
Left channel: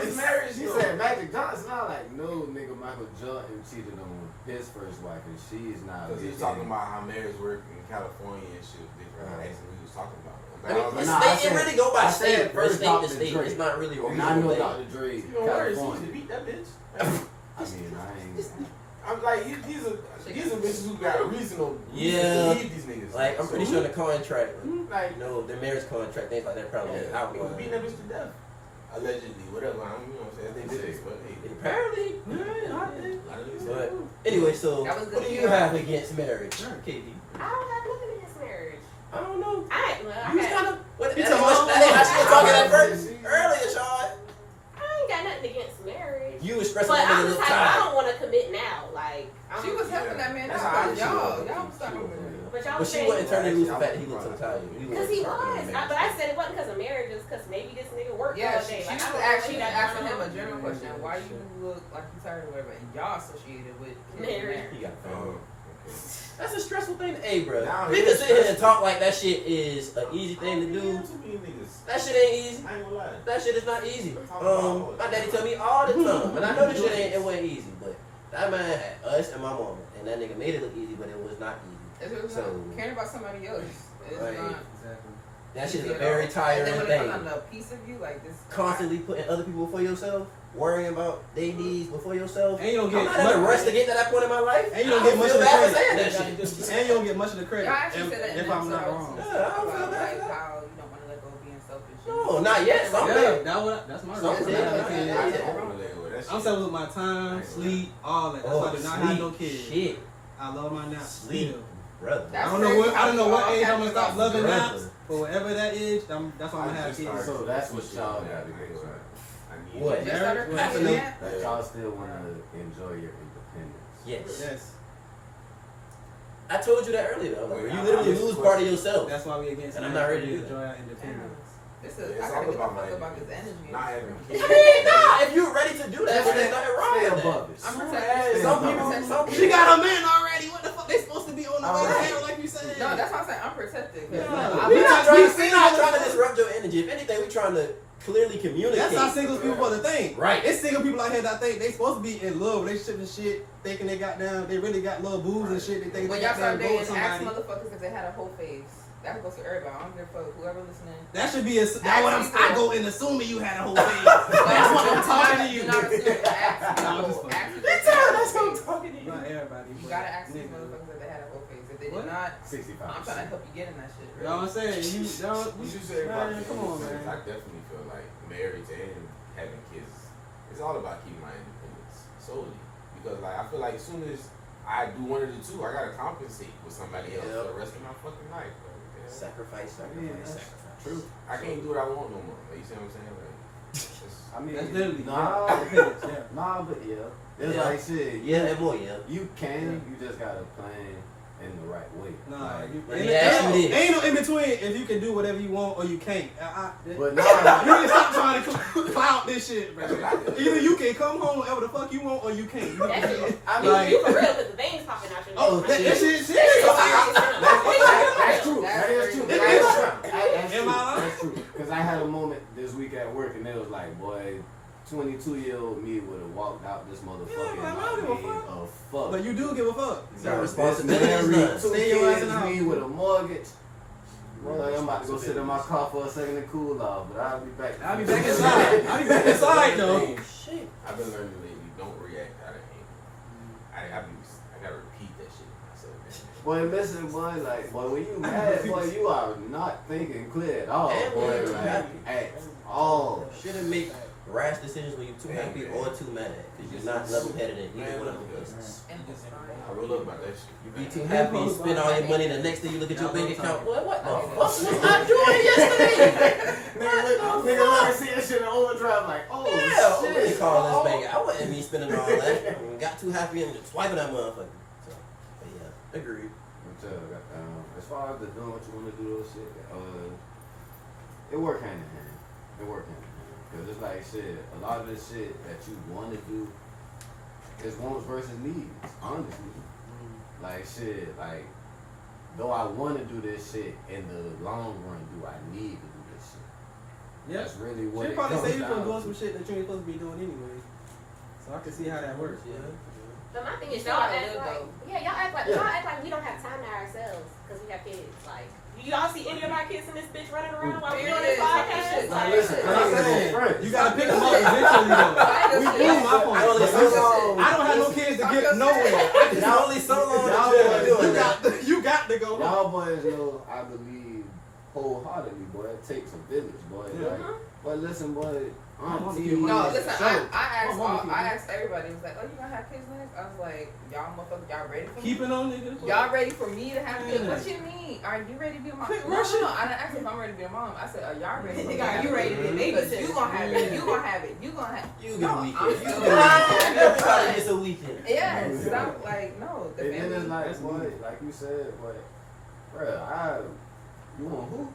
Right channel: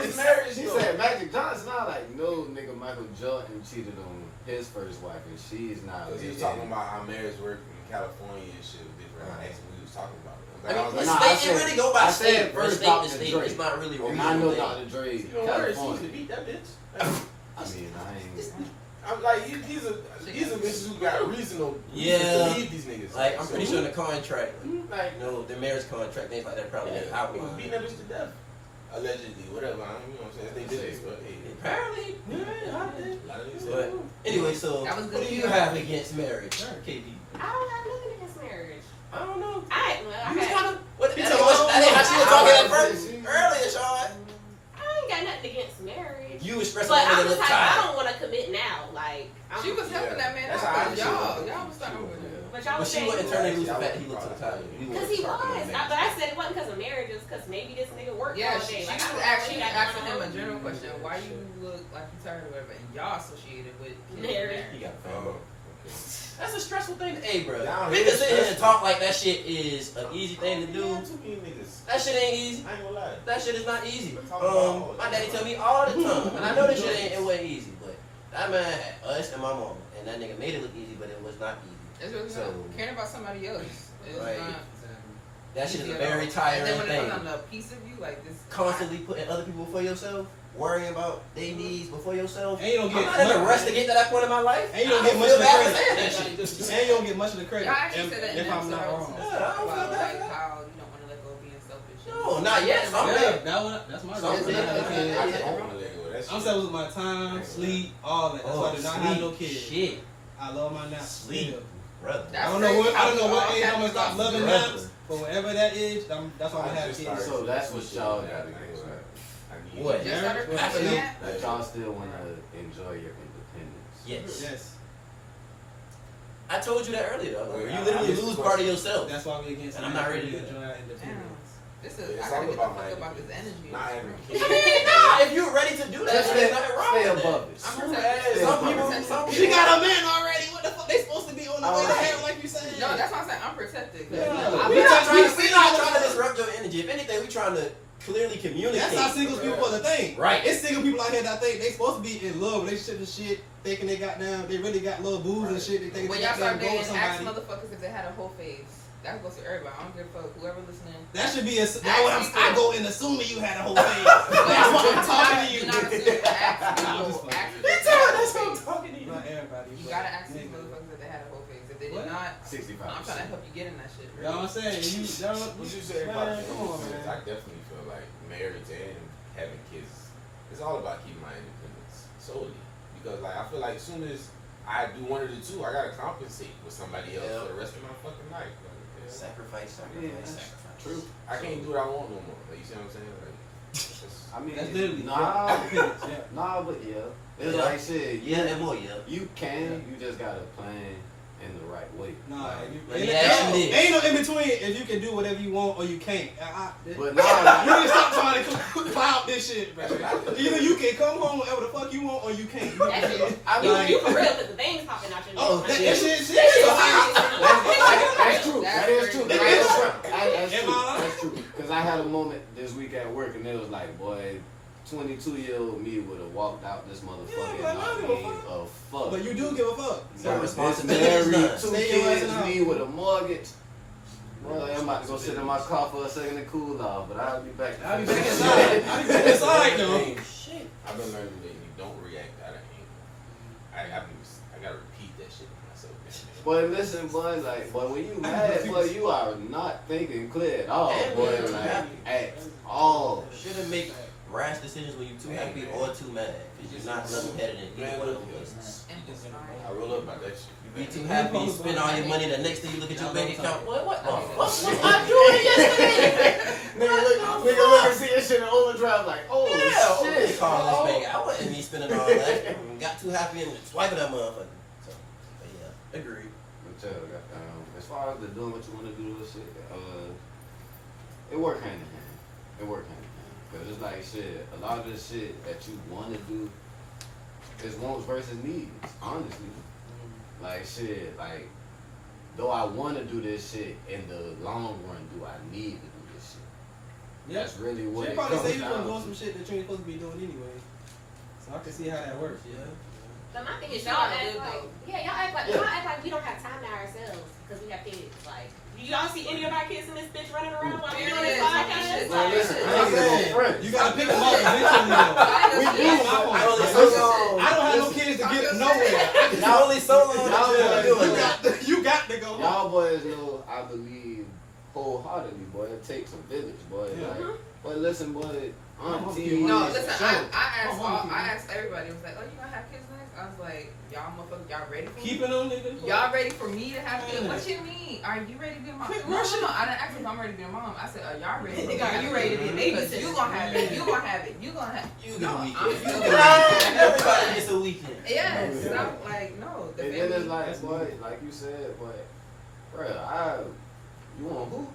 He's married. He said Magic Johnson. I like no nigga. Michael Jordan cheated on his first wife, and she's not. He was talking about how marriage work in California and shit. Different. That's what he was talking about. I mean, it really go by state. State to state. It's not really a and I know thing. Dr. Dre, California. to beat that bitch. I mean, I ain't. I'm like, these are bitches who got reason to believe these niggas. Like, I'm pretty sure in the contract, Like, you know, the marriage contract, things like that probably yeah, out. he was beating that bitch to death. Allegedly, whatever. I don't, you know what I'm saying? They did it, but hey. Apparently, A lot of niggas but said, anyway, so That was what good do to you hear. have against marriage, KD? I don't have nothing against marriage. I don't know. I You was had, kind of what? You That talking about- ain't how she was talking at first earlier, Sean. I ain't got nothing against marriage. You was stressing But the I'm nigga the type, I tired. don't want to commit now. Like, I'm, She was helping that man That's out. how I Y'all feel. was talking with him. but y'all But was she saying, wasn't turning loose the fact that he looked so tired. because he was. But I said it wasn't because of marriage. It's because maybe this nigga worked Yeah, all she day. Like, was I don't actually know what asking he him got a general going on. question. Why you look like you tired or whatever, and y'all associated with Marriage. He got a Oh, family. okay. That's a stressful thing. Hey, bro, Down we here can is sit here and stressful. talk like that shit is an easy thing to do. Too many niggas. That shit ain't easy. I ain't gonna lie. That shit is not easy. My daddy tell me all the time, and I know this shit it wasn't easy, but that man had us and my mama, and that nigga made it look easy, but it was not easy. It's really So- not caring about somebody else. It's Right. not That shit is easy a at very all. tiring And then when it thing. comes down to a piece of you, like this. Constantly putting other people before yourself, worrying about their needs before yourself. And you don't I'm get not in a rush to get to that point in my life. And you don't I get don't much feel of the bad for credit. saying that shit. And you don't get much of the credit. Y'all actually said that in if the I'm not episode wrong. Yeah, I don't feel about bad. like how you don't want to let go of being selfish. No, not yet. Some Yeah, days. that's my Some reason. days, I have kids. yeah. I don't wanna let go of that shit. I'm selling with my time, sleep, all that. That's why I do not have no kids. Shit, I love my naps. Sleep. Still. brother. I That's don't know crazy what I don't know how what we age all I'm gonna stop have loving brother. naps, but whatever that age, that's why I'm gonna have just kids. started So that's what some y'all shit gotta that I get need. right. I need What? Just started Marriage? cooking, Yeah. yeah. That y'all still want to enjoy your independence. Yes. Yes, I told you that earlier though. Like, Wait, you I literally missed lose the part of yourself. that's why we against. And I'm not ready to do enjoy our Damn. independence. This Yeah, is, it's I gotta all get the about fuck my about this energy. not having I kids. mean, nah, if you're ready to do that, then there's nothing wrong Stay with that. above it. I'm Hey, protected. some I'm people, protected. some She got a man already. What the fuck? They supposed to be on the way to Alright. hell, like you said. No, that's what I'm saying. I'm protected. 'Cause, Yeah. you know, We're not trying, we- we're not trying to disrupt your energy. If anything, we're trying to clearly communicate. That's how single people supposed to think. Right. It's single people out here that think they supposed to be in love, relationship and shit, thinking they got down, they really got little booze and shit. They think when they y'all got start down go with dating, ask somebody. motherfuckers if they had a whole face. That goes to everybody. I don't give a fuck. Whoever listening. That should be a. That's what I go in assuming you had a whole face. That's why I'm talking to you. You're not assuming. Ask Nah, I'm just people. fucking- Ask people. That's how I'm talking to you. Not everybody. You but gotta ask these niggas. motherfuckers if they had a whole face. If they What? did not, 65%. I'm trying to help you get in that shit. You know what I'm saying? You don't. What you said about Man, kids, come on, I man. definitely feel like marriage and having kids, it's all about keeping my independence solely. Because like I feel like as soon as I do one of the two, I gotta compensate with somebody else for the rest of my fucking life. Bro. Yeah. Sacrifice, Yeah, sacrifice, that's sacrifice. true. I can't do what I want no more. Like you see what I'm saying? Like, I mean, That's literally nah, independence, yeah. nah, but yeah. It's Yeah. like shit. Yeah, and more, yeah. You can, you just gotta plan in the right way. Nah, Like, you, Let me ask you this. ain't no in between if you can do whatever you want or you can't. but you nah, need to stop trying to cloud this shit, bro. That's what I do. Either you can come home whenever the fuck you want or you can't. That's it. I You, mean, you for real, because the veins popping out your neck. Oh, that shit serious. that's true. That is true. It That's is. true. That's Am true. I lying? That's true. Because I had a moment this week at work, and it was like, boy, 22-year-old me would have walked out this motherfucker Yeah, and man, I not don't give a gave a fuck. But you do give a fuck. Your This responsibility is married, none. 2 Stay your ass kids, in the me house. with a mortgage. Boy, I'm about to go sit in my car for a second to cool off, but I'll be back. I'll be back inside. I'll be back inside though. Shit. I've been learning lately, don't react out of anger. I gotta repeat that shit to myself. Boy, listen, boy, like, boy, when you mad, boy, you are not thinking clear at all, And boy, when you like, happy. at all. Shouldn't make rash decisions when you're too happy or too mad. Because you're not level headed in either one of them places. I roll up about that shit. You be too happy, you spend all your money, the next thing you look at your bank account, what the fuck was I doing yesterday? Nigga, look and see that shit in overdrive, like, oh, Yeah, shit. really calling this bank. I wasn't me spending all that. Got too happy and just swiping that motherfucker. So, but yeah, agreed. But, as far as the doing what you want to do, shit, it work hand in hand. It work hand in hand. Because it's like, shit, a lot of this shit that you want to do is wants versus needs, honestly. Like, shit, like, though I want to do this shit, in the long run, do I need to do this shit? Yeah. That's really what She it probably comes say you down gonna to. doing some shit that you ain't supposed to be doing anyway. So I can see how that works. Yeah. But my thing is, You y'all gotta act live, like, though. yeah, y'all act like we don't have time to ourselves because we have kids. Like, do y'all see any of our kids in this bitch running around while we doing this podcast? Now listen, I'm I saying, ain't you gotta pick them up eventually though. We That's my point. I only Like, so listen, long. I don't have no kids to get nowhere. Not only so long that Y'all you're doing that. You got to go. Y'all boys know I believe wholeheartedly, boy. It takes a village, boy. Yeah. Like, but listen, boy. No, listen, I Oh, asked everybody. It was like, oh, you gonna have kids next? I was like, y'all motherfuckers, y'all ready for me? Keep it on, nigga. Y'all ready for me to have kids? Yeah. What you mean? Are you ready to be a mom? Quit No, rushing. I didn't ask if I'm ready to be a mom. I said, are y'all ready? Nigga, are you ready to be a Because babysitter? you gonna have it. You gonna have it. You gonna have. You No, get a I'm weekend. You still get a weekend. Everybody gets a weekend. Yes, I'm like, no. The And then it's baby. like, boy, like you said, boy, bruh, you want who?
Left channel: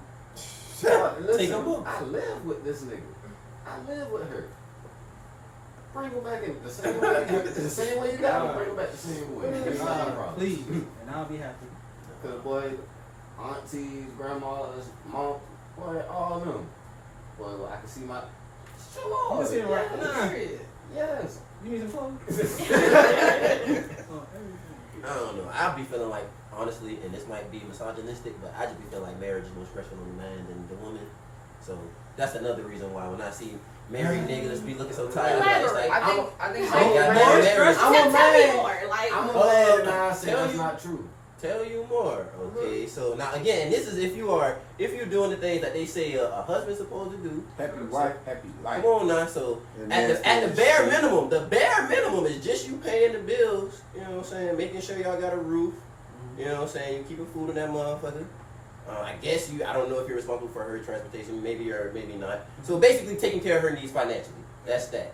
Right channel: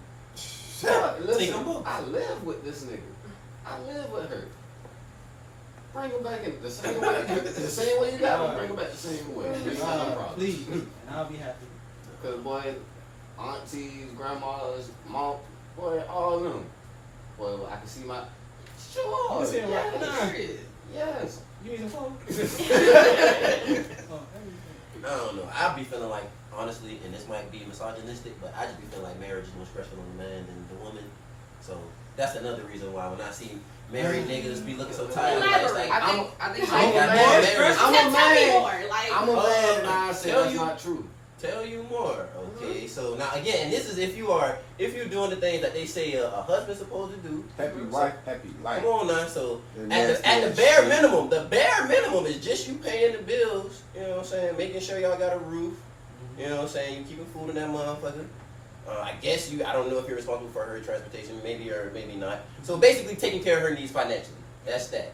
Listen, Take 'em both. I live with this nigga. I live with her. Bring him back in the same way. The same way you got him, bring him back the same way. Ain't no problem. Please, and I'll be happy. Cause boy, aunties, grandmas, mom, boy, all of them. Boy, well, I can see my. Sure. You can see him right now. Yes. You need some phone? I don't know. I'll be feeling like, honestly, and this might be misogynistic, but I just be feeling like marriage is more stressful on the man than the woman. So that's another reason why when I see married niggas be looking so tired, like, it's like, I think. I I'm got more married. stressed. I'm a Tell me man. more. Like, I'm a man and I say tell that's you- not true. Tell you more, okay? So now again, this is if you're doing the things that they say a husband's supposed to do. Happy wife, happy life. Come on now, so And at that's the what bare it minimum, the bare minimum is just you paying the bills. You know what I'm saying? Making sure y'all got a roof. You know what I'm saying? You keeping food in that motherfucker. I guess I don't know if you're responsible for her transportation, maybe or maybe not. So basically taking care of her needs financially. That's that.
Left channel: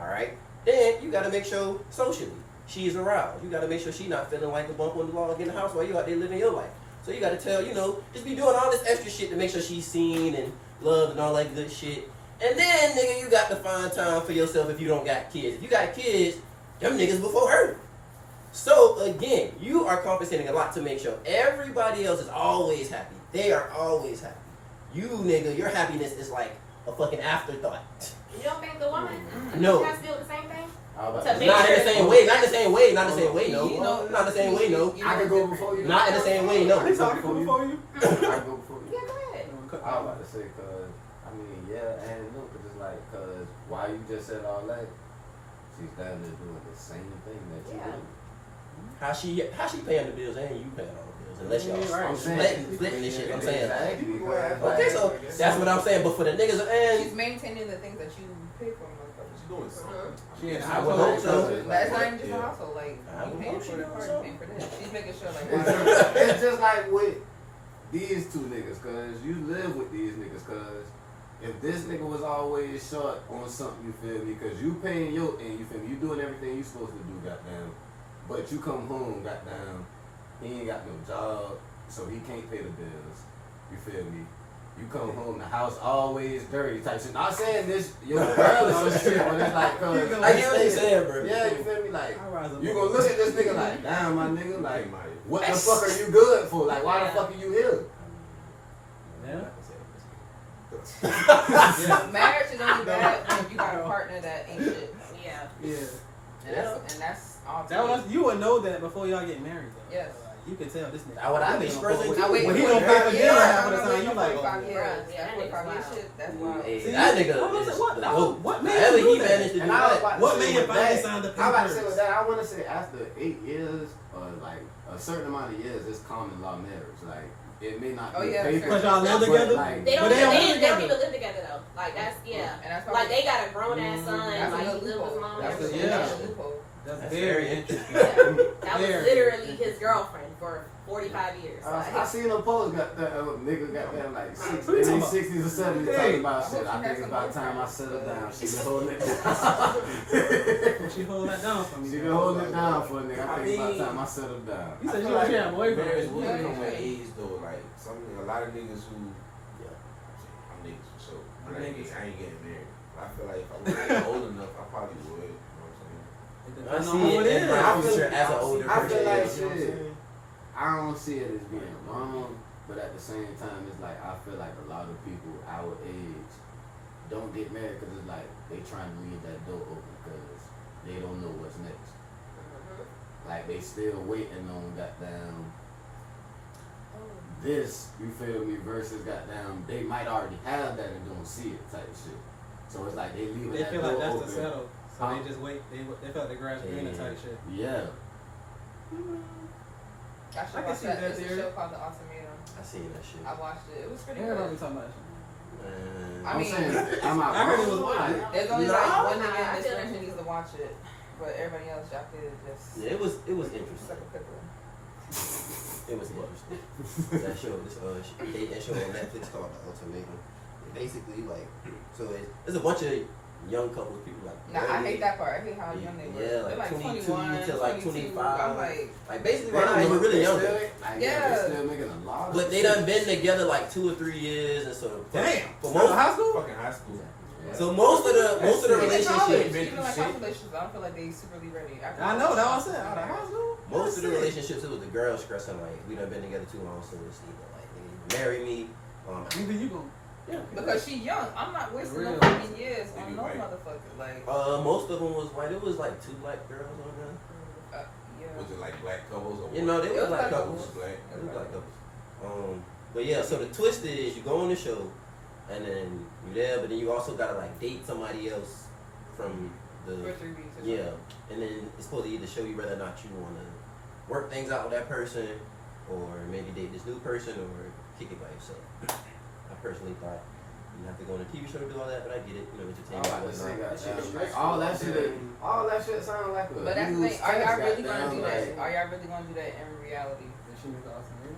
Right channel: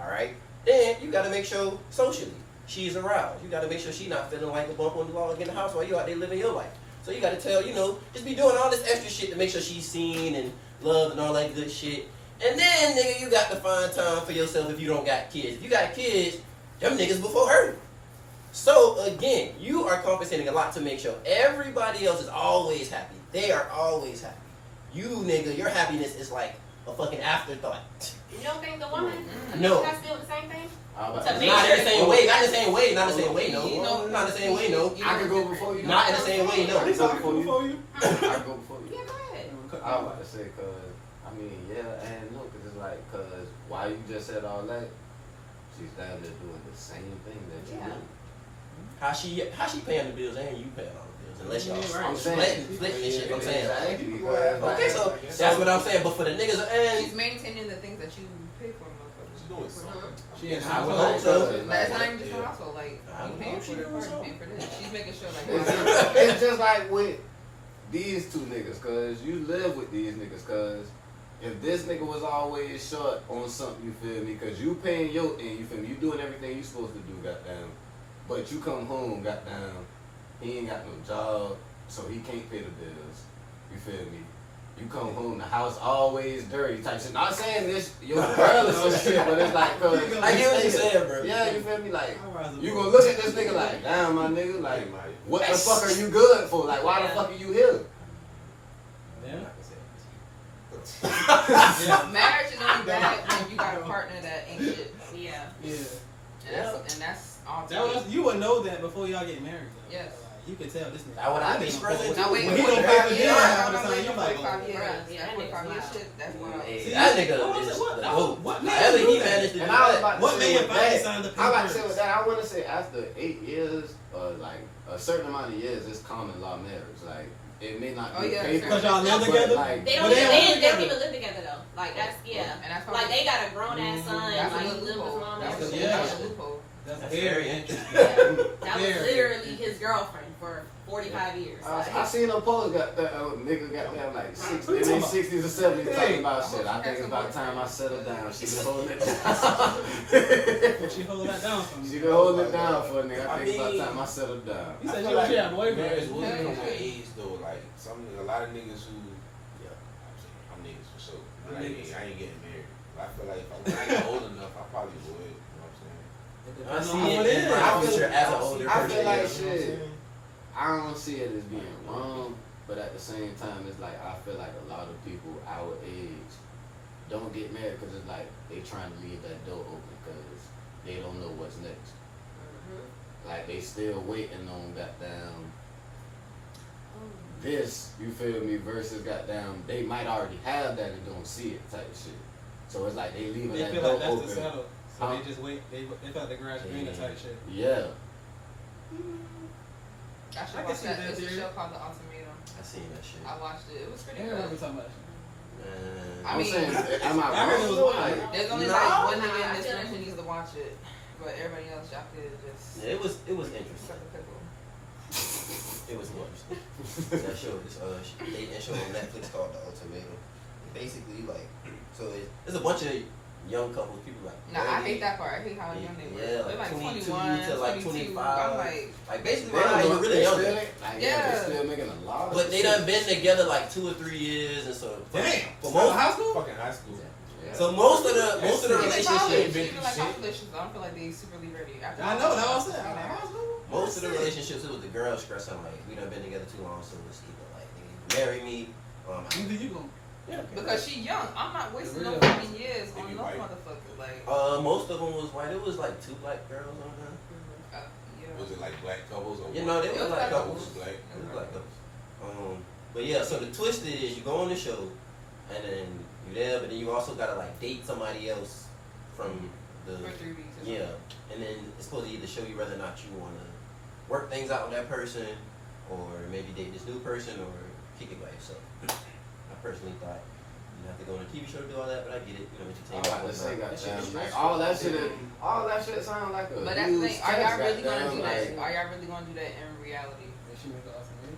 All right? Then you got to make sure socially she's aroused. You got to make sure she's not feeling like a bump on the log in the house while you out there living your life. So you got to tell, just be doing all this extra shit to make sure she's seen and loved and all that good shit. And then, nigga, you got to find time for yourself if you don't got kids. If you got kids, them niggas before her. So again, you are compensating a lot to make sure everybody else is always happy. They are always happy. You, nigga, your happiness is like a fucking afterthought. you don't think the woman No. has to do the same thing? How about To that? make Not in the same way. Not in the same way. Not in the same way. You No. know- Not in the same way. No. I can go before you. Not in the same way. No. It's all cool for you. I can go before you. Yeah, go ahead. I was about to say, yeah and no, because it's like, why you just said all that, she's down there doing the same thing that you Yeah. do. How she paying the bills and you paying all the bills unless y'all Yeah, right. I'm saying. split this shit. I'm saying. Exactly, because, Okay, so that's what I'm saying. But for the niggas She's and maintaining the things that you pay for, motherfuckers. She's doing something. She I would hope so. That's not even just a household. Like, I you would paying hope for she the doing car, you something. paying for this. She's making sure, like, it's just like with these two niggas, cause you live with these niggas, cause if this nigga was always short on something, you feel me, cause you paying your end, you feel me, you doing everything you supposed to do, goddamn, but you come home, goddamn, he ain't got no job, so he can't pay the bills, you feel me. You come home, the house always dirty type shit. Not saying this, your girl or some shit, but it's like, cause I get what you're saying, bro. yeah, you feel me, like, I'll rise up. you gonna look at this nigga like, damn, my nigga, like, what the fuck are you good for? Like, why the fuck are you here? Yeah. marriage is only bad when you got a partner that ain't shit. Yeah. Yeah. And that's all. That was, you would know that before y'all get married, though. Yes. Like, you can tell this nigga. Now, what I be expressing Now wait, When he don't pay for dinner half of the time, you like, 45 years. Yeah, That 45 years wow. shit, that's wild. Hey, See, that nigga what is was it? What- the that goat. was- what made However him he do that? managed to do And I was that. about to What say made with him finally that, sign the I about to say papers? with that, I want to say after 8 years, or like a certain amount of years, it's common law marriage. Like, it may not Oh, be yeah, paper, Because y'all live but, together? like, They don't, But they even, don't they, live they don't together. even live together though. Like that's And that's Like they got a grown ass son. That's Like he another live with his loophole. mom. That's and a everything. Yeah. loophole. That's That's very very interesting. That was Very. literally his girlfriend for 45 years. I seen a post got that nigga got them like Who you talking about? 60s or 70s Hey. talking about shit. I think it's about time I settle down. She been holding it down. Well, she hold that down for me. She been holding it down for a nigga. I think it's about time I settle down. You said I she feel want you to have a marriage boyfriend. will Yeah. come with age though. Like a lot of niggas who, Yeah. I'm niggas for sure. I'm But niggas. I ain't getting married. I feel like if I was old enough, I probably would. You know what I'm saying? I Depends on see how it in is. my I feel- future as an older I person. feel like you know what I'm shit. saying? I don't see it as being wrong, but at the same time, it's like I feel like a lot of people our age don't get married because it's like they trying to leave that door open because they don't know what's next. Like they still waiting on goddamn this, you feel me, versus goddamn they might already have that and don't see it type shit. So it's like they leaving They that feel door like that's open. the settle. So they just wait. They felt the grass greener type shit. Yeah. I should I can watch see that. that It's a theory. show called The Ultimatum. I seen that shit. I watched it. It was pretty Everybody be good. talking about that. Man. I I'm mean, saying, am I I heard it was wrong? wild. There's only No. like one Nah, nigga I in this feel room who like- needs to watch it, but everybody else y'all could just Yeah, it was interesting. suck a pickle. It was interesting. That show, this dating show on Netflix called The Ultimatum. Basically, like, so there's a bunch of young couples, people like. Nah, I hate that part. I hate how young they were. Yeah, They're like like 22 21 to like 22. 25. I'm like, basically, They right now, don't you're know- really they young. still- Like, Yeah. they still making a lot of But they shit. done been together like 2 or 3 years, and so Damn. for Out most, of high school? Fucking high school. Yeah. so most of the even college, relationships, even like college relationships, I don't feel like they superly ready. I know, that's what I said. Out of high school? most of the relationships, it was the girl stressing like we done been together too long, so it's either like they marry me. Either you gon' yeah. Because she young. I'm not wasting no Real. fucking years They on be no white. motherfucker. Like, Most of them was white. It was like 2 black girls on there. yeah. Was it like black couples or You what? know, they It was was like like couples. It was black. It was like couples. But yeah, so the twist is you go on the show, and then you there, but then you also gotta like date somebody else from the 2 or 3 weeks. or yeah, and then it's supposed to either show you whether or not you wanna work things out with that person, or maybe date this new person, or kick it by yourself. I personally thought you have to go on a TV show to do all that, but I get it, you know, I'm entertainment. about to say, whatnot. goddamn, like, all that shit sound like a But that's the huge thing. Are y'all test, really gonna goddamn, do that? like- Are y'all really gonna do that in reality? Did she make the ultimatum?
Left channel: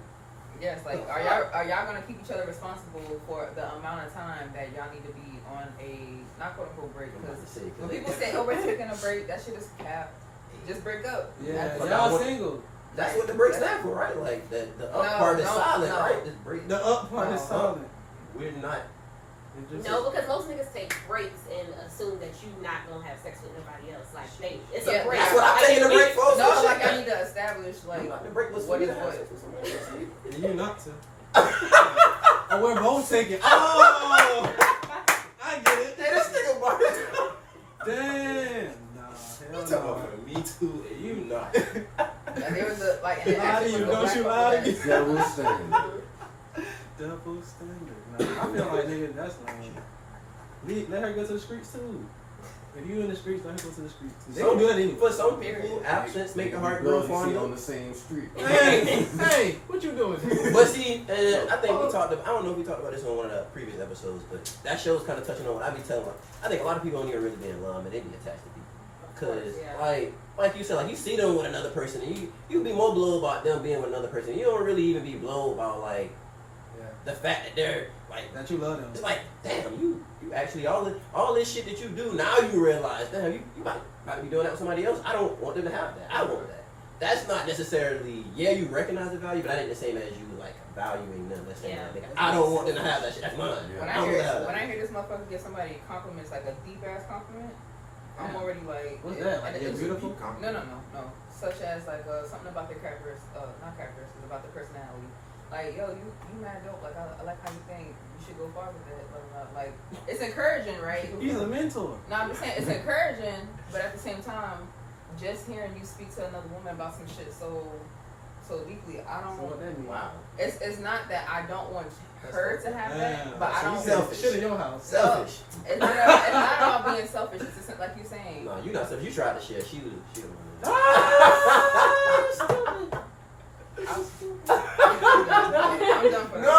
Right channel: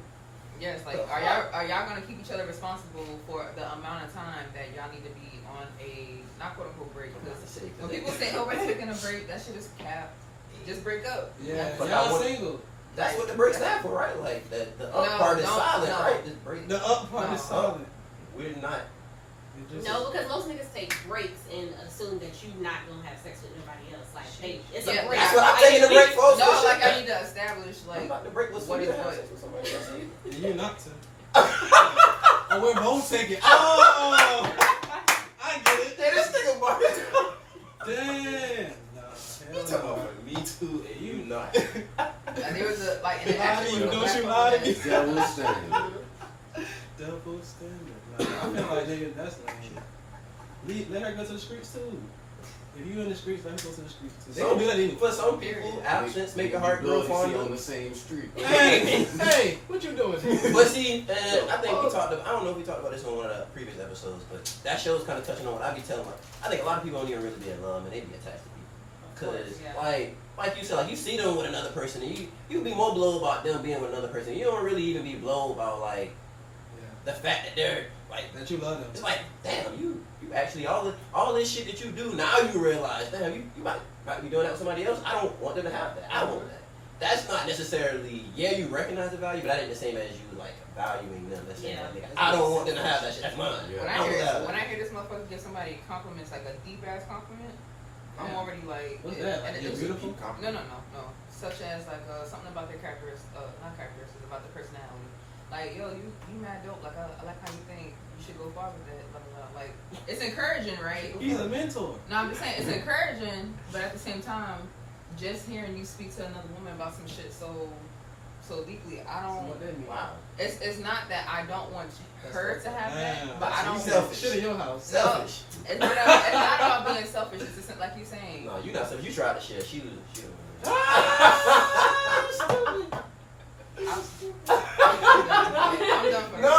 Yes. Like, are y'all gonna keep each other responsible for the amount of time that y'all need to be on a not quote unquote break? I'm about Because to say, 'cause when they- people say, "Oh, we're taking a break," that shit is cap. Just break up. Yeah, But I y'all want- single. that's what the break stand for, right? Like the up No, part is no, silent, no. right? This break. The up part is No. silent. We're not. It just- No, because most niggas take breaks and assume that you not gonna have sex with nobody else. Like it's Yeah, a break. That's what I'm Like, taking a break for. No, like I need to establish I'm like about to break with what is somebody what. else with somebody else. You not to. Oh, we're both taking. Oh, I get it. Hey, this nigga Mark. Damn. Nah, You hell talking no. about me too, and you not. And there was a like, and it Lie to actually you, was a don't black you couple lie to that- me. Double standard. Double standard. Nah, I feel like nigga, that's lame. Let her go to the streets too. If you in the streets, let her go to the streets too. They don't do that anyway. For some people, absence make your heart grow fonder. on the same street. Hey, hey, what you doing? But see, and I think we talked about, I don't know if we talked about this on one of the previous episodes, but that show's kind of touching on what I be telling. Like, I think a lot of people don't even really be in love and they be attached to people. Cause Yeah. like you said, like you see them with another person and you be more blown about them being with another person. You don't really even be blown about like Yeah, the fact that they're like, that you love them. it's like, damn, you actually all this shit that you do now you realize, damn, you might be doing that with somebody else. I don't want them to have that. I want that. That's not necessarily, yeah, you recognize the value, but that ain't the same as you like valuing them. That's saying Yeah. like, I don't want them to have that shit. That's mine. Yeah. When I I don't hear have that. when I hear this motherfucker give somebody compliments like a deep ass compliment, I'm Yeah. already like, What's that? Like, and you're it's- beautiful? No. Such as like something about their characteristics, not characteristics, about their personality. Like, yo, you mad dope. Like, I like how you think. You should go far with it. Blah, blah, blah. Like, it's encouraging, right? He's a mentor. No, I'm just saying it's encouraging, but at the same time, just hearing you speak to another woman about some shit so deeply, I So don't. what that mean? Wow. It's not that I don't want her to have that, Damn. but I So don't. you selfish. Shit in your house. Selfish. It's not about being selfish. It's just like you're saying. No, you not selfish. You tried to share. She was. I'm done for No. I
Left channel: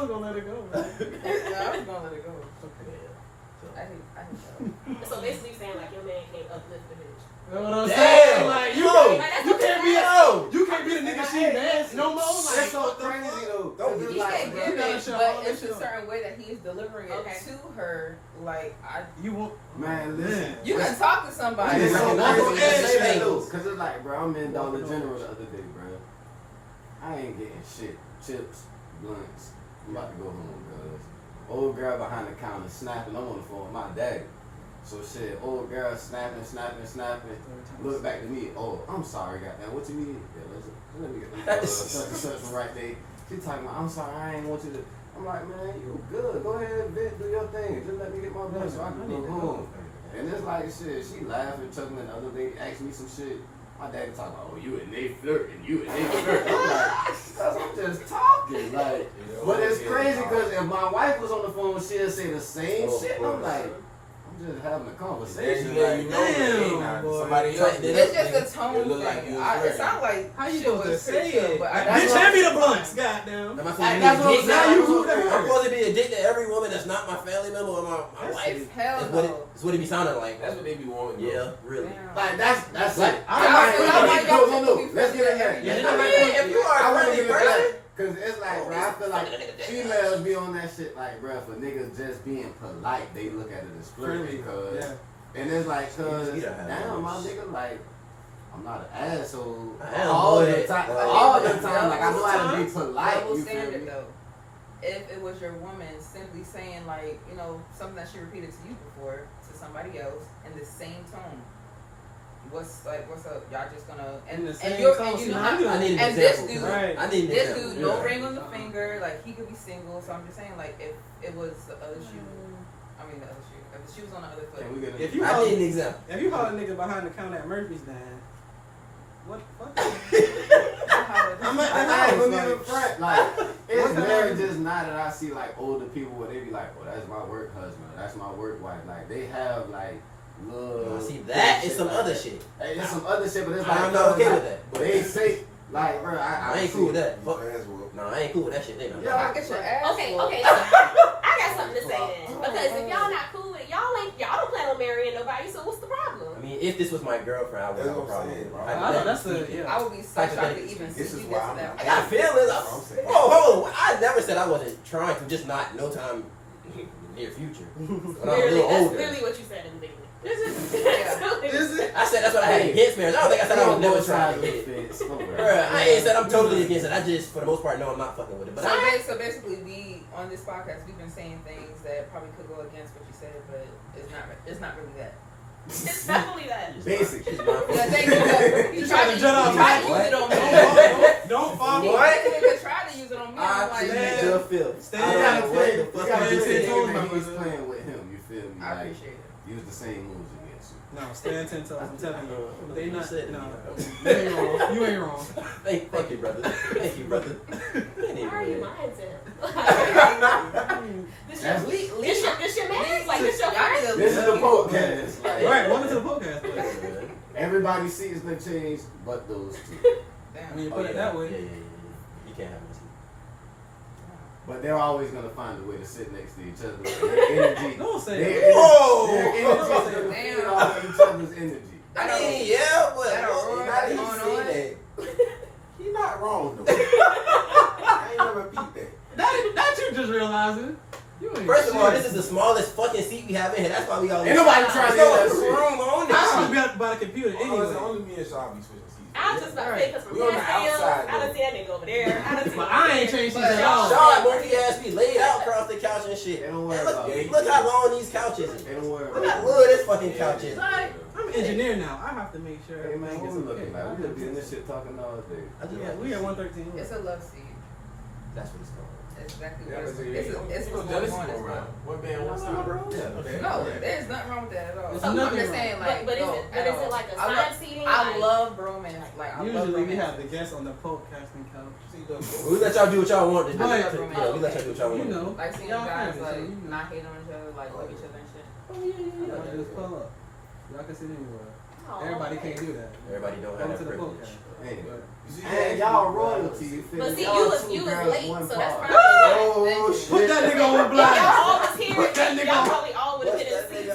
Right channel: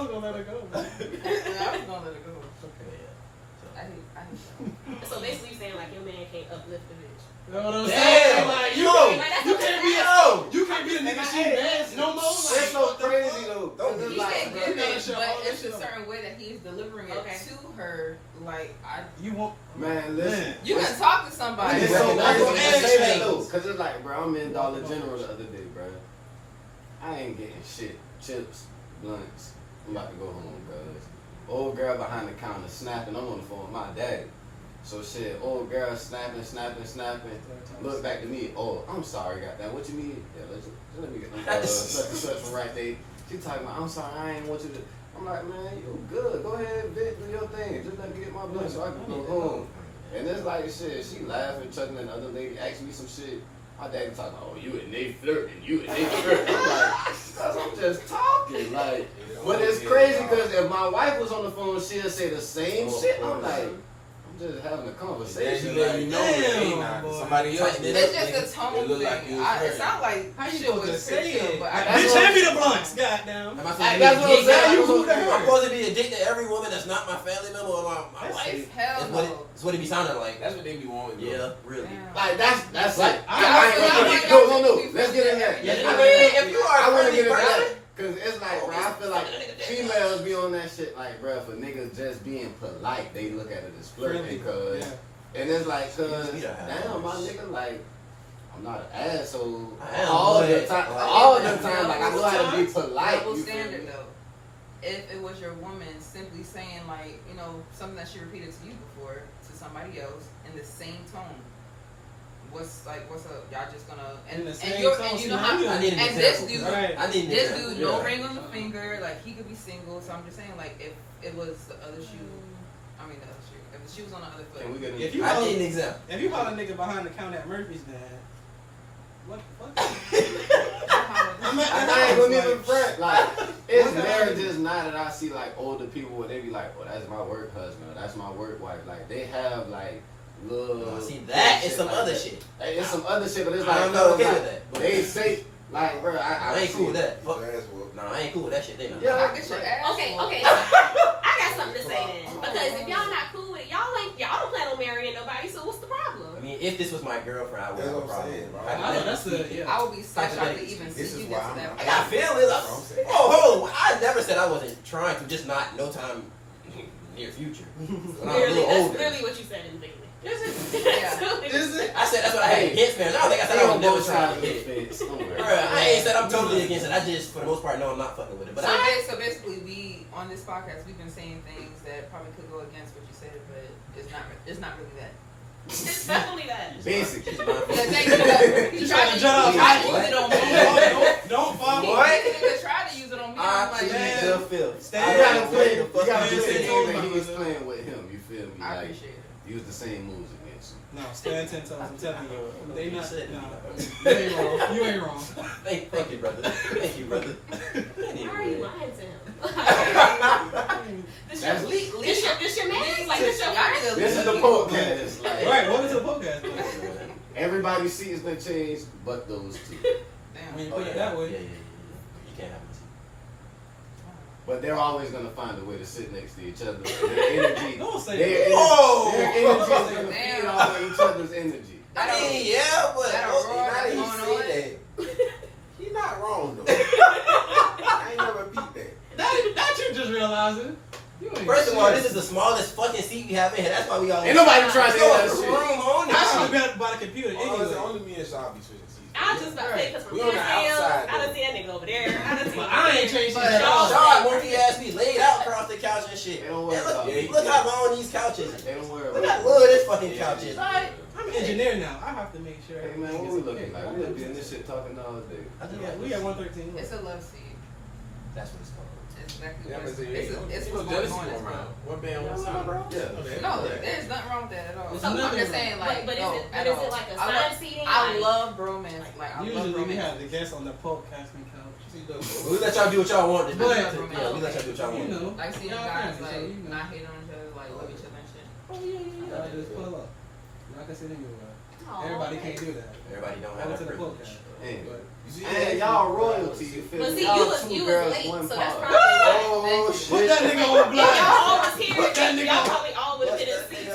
was gonna let it go, man. I was gonna let it go. I hate that. So basically saying like your man can't uplift the bitch. You know what I'm Damn. saying? Like, you can't be Yo. you can't be the nigga she dance no more. Like, That's so what the crazy fuck? though. Don't He be can like, give gotta it, show but all it's this a shit. certain way that he's delivering it Okay. to her. Like You want Man, listen. you can talk to somebody. It's so recognize crazy it to as say a that though, cause it's like, bro, I'm in Dollar General the other day, bro. I ain't getting shit. Chips, blunts. I'm about to go home, cuz. Old girl behind the counter snapping. I'm on the phone with my daddy. So shit, old girl snapping. Look back to me. Oh, I'm sorry, goddamn. What you mean? Yeah, let me get them such and such from right there. She talking about, I'm sorry, I ain't want you to. I'm like, man, you good. Go ahead, vent, do your thing. Just let me get my blunt so I can go home. And it's like shit, she laughing, chuckling, the other lady asked me some shit. My daddy talking about, oh, you and they flirting, you and they flirting. I'm like, cause I'm just talking. Like, but it's crazy because if my wife was on the phone, she'll say the same shit. I'm like, I'm just having a conversation. Damn, somebody else. It's just a tone thing. Like It sounds like How you shit supposed to was say fixed up, it? but Bitch, hand me the blunts, goddamn. Am I That's what I'm saying. I'm Who cares? supposed to be a dick to every woman that's not my family member or my wife. Hell That's what no. it's what it be sounding like. That's what they be wanting. Yeah, really. Damn. Like, that's Like, it. I No. Let's get in there. Yeah, if you are I a want to friendly get into person, that. Cause it's like, bro, I feel like females be on that shit. Like, bro, for niggas just being polite, they look at it as flirting. Friendly, Because, yeah. and it's like, cause You don't have damn, my those. nigga, like, I'm not an asshole I am, all boy. the time. Well, All the yeah. time, like I know how to be polite. Double You feel standard me? though. If it was your woman simply saying like, you know, something that she repeated to you before to somebody else in the same tone. What's up? Y'all just gonna In the same you're tone, and you know see, how I need an and this example. dude Right. I need an this example. dude, no Yeah. ring on the finger, like he could be single. So I'm just saying, like if it was the other shoe, I mean the other shoe. If the shoe was on the other foot, Can we get If you I holler, need an example. if you holler a nigga behind the counter at Murphy's, then what? I'm at I ain't gonna even like, front. Like, it's What kind of- marriages now that I see like older people where they be like, oh, that's my work husband, or that's my work wife. Like, they have like little. See, that is shit some like other that. shit. Hey, it's some other shit, but it's like, I'm not okay like, with that. But They say, like, bro, I ain't see cool with it. that. Fuck. No, I ain't cool with that shit. They know. Yeah. I get your ass. Okay, whooped. okay. I got something to say then. Because if y'all not cool with it, y'all don't plan on marrying nobody, so what's the problem? I mean, if this was my girlfriend, I would have a That's what I'm problem. saying, bro. I know that's a yeah. I would be so shocked to even see This is you why get to I'm that not- I point. got feelings. Hold on. I never said I wasn't trying to, just not no time near future. When I'm a Literally, little that's older. literally what you said in the beginning. Is it? Is it? I said that's what I had against marriage. I don't think I said I was never trying to get it. fence. Bruh, I ain't said I'm totally against it. I just, for the most part, know I'm not fucking with it. But So basically, we on this podcast we've been saying things that probably could go against what you said, but it's not really that. It's definitely that. Basically. Yeah, thank you. He tried to use it on me. Don't fall. He tried to use it on me. I'm like, man. good feel. You gotta play. You gotta fuck be is saying it? that he was playing with him. You feel me? I Like, appreciate it. use the same moves against you. No, stand 10 toes. I'm telling you. They You not. said it. No, you ain't wrong. You ain't wrong. Thank you, brother. Thank you, brother. Why are you lying to him? This That's- your man? Like this your Y'all friend? niggas This is the love podcast. Like, Right, welcome to the podcast. everybody's seats done changed, but those two. Damn. When you Oh, put yeah. it that way. Yeah. You can't have it. But they're always gonna find a way to sit next to each other. Their energy. Don't say Their that. Whoa! Their energy is gonna Damn. feed off of each other's energy. I mean, yeah, but That a roar that's going on? He not wrong though. I ain't gonna repeat that. That you just realizing. You ain't First of all, shit. this is the smallest fucking seat we have in here. That's why we all. Ain't nobody trying to There's hear no that shit. room on I this. should be out by the computer Oh, it's anyway. only me and Sean be switching seats. I was just about to say, because from We on the here outside, I done see that nigga over there. I done see But I ain't changed But shit at all. Sean, monkey ass be laid out across the couch and shit. They don't worry And look, about it. look how long these couches is. They don't worry Look about how it. little this fucking couch is. I'm an engineer now. I have to make sure Hey man, everything what is we looking okay. like? We gonna be in this shit talking all day. I just Yeah, like we this. at 113. It's a love seat. That's what it's called. It's exactly Yeah, what but it's no what's jealousy going on. going around. One man, one side. Yeah. Okay. No, there's nothing wrong with that at all. There's I'm nothing just wrong. saying, like, But is no, it at is all. it like a I sign love- seating? I Like- love bromance. Like, I love Usually we bromance. have the guests on the podcasting couch. We let y'all do what y'all want to do. But- Yeah, we let y'all do what y'all You want. know. Like seeing Y'all guys friendly, so like you know. not hating on each other, like love each other and shit. Oh yeah. Y'all just pull up. Y'all can sit anywhere. Aw, Everybody okay. can't do that. Everybody don't have Go that to the privilege. podcast. Hey. But And y'all royalty, you feel But me? see, Y'all you was two girls, late, one so that's pod. probably why. Oh Thank you. shit. put that nigga on If blast. y'all all was here, Put that nigga y'all on. probably all would have Put been in that seats. nigga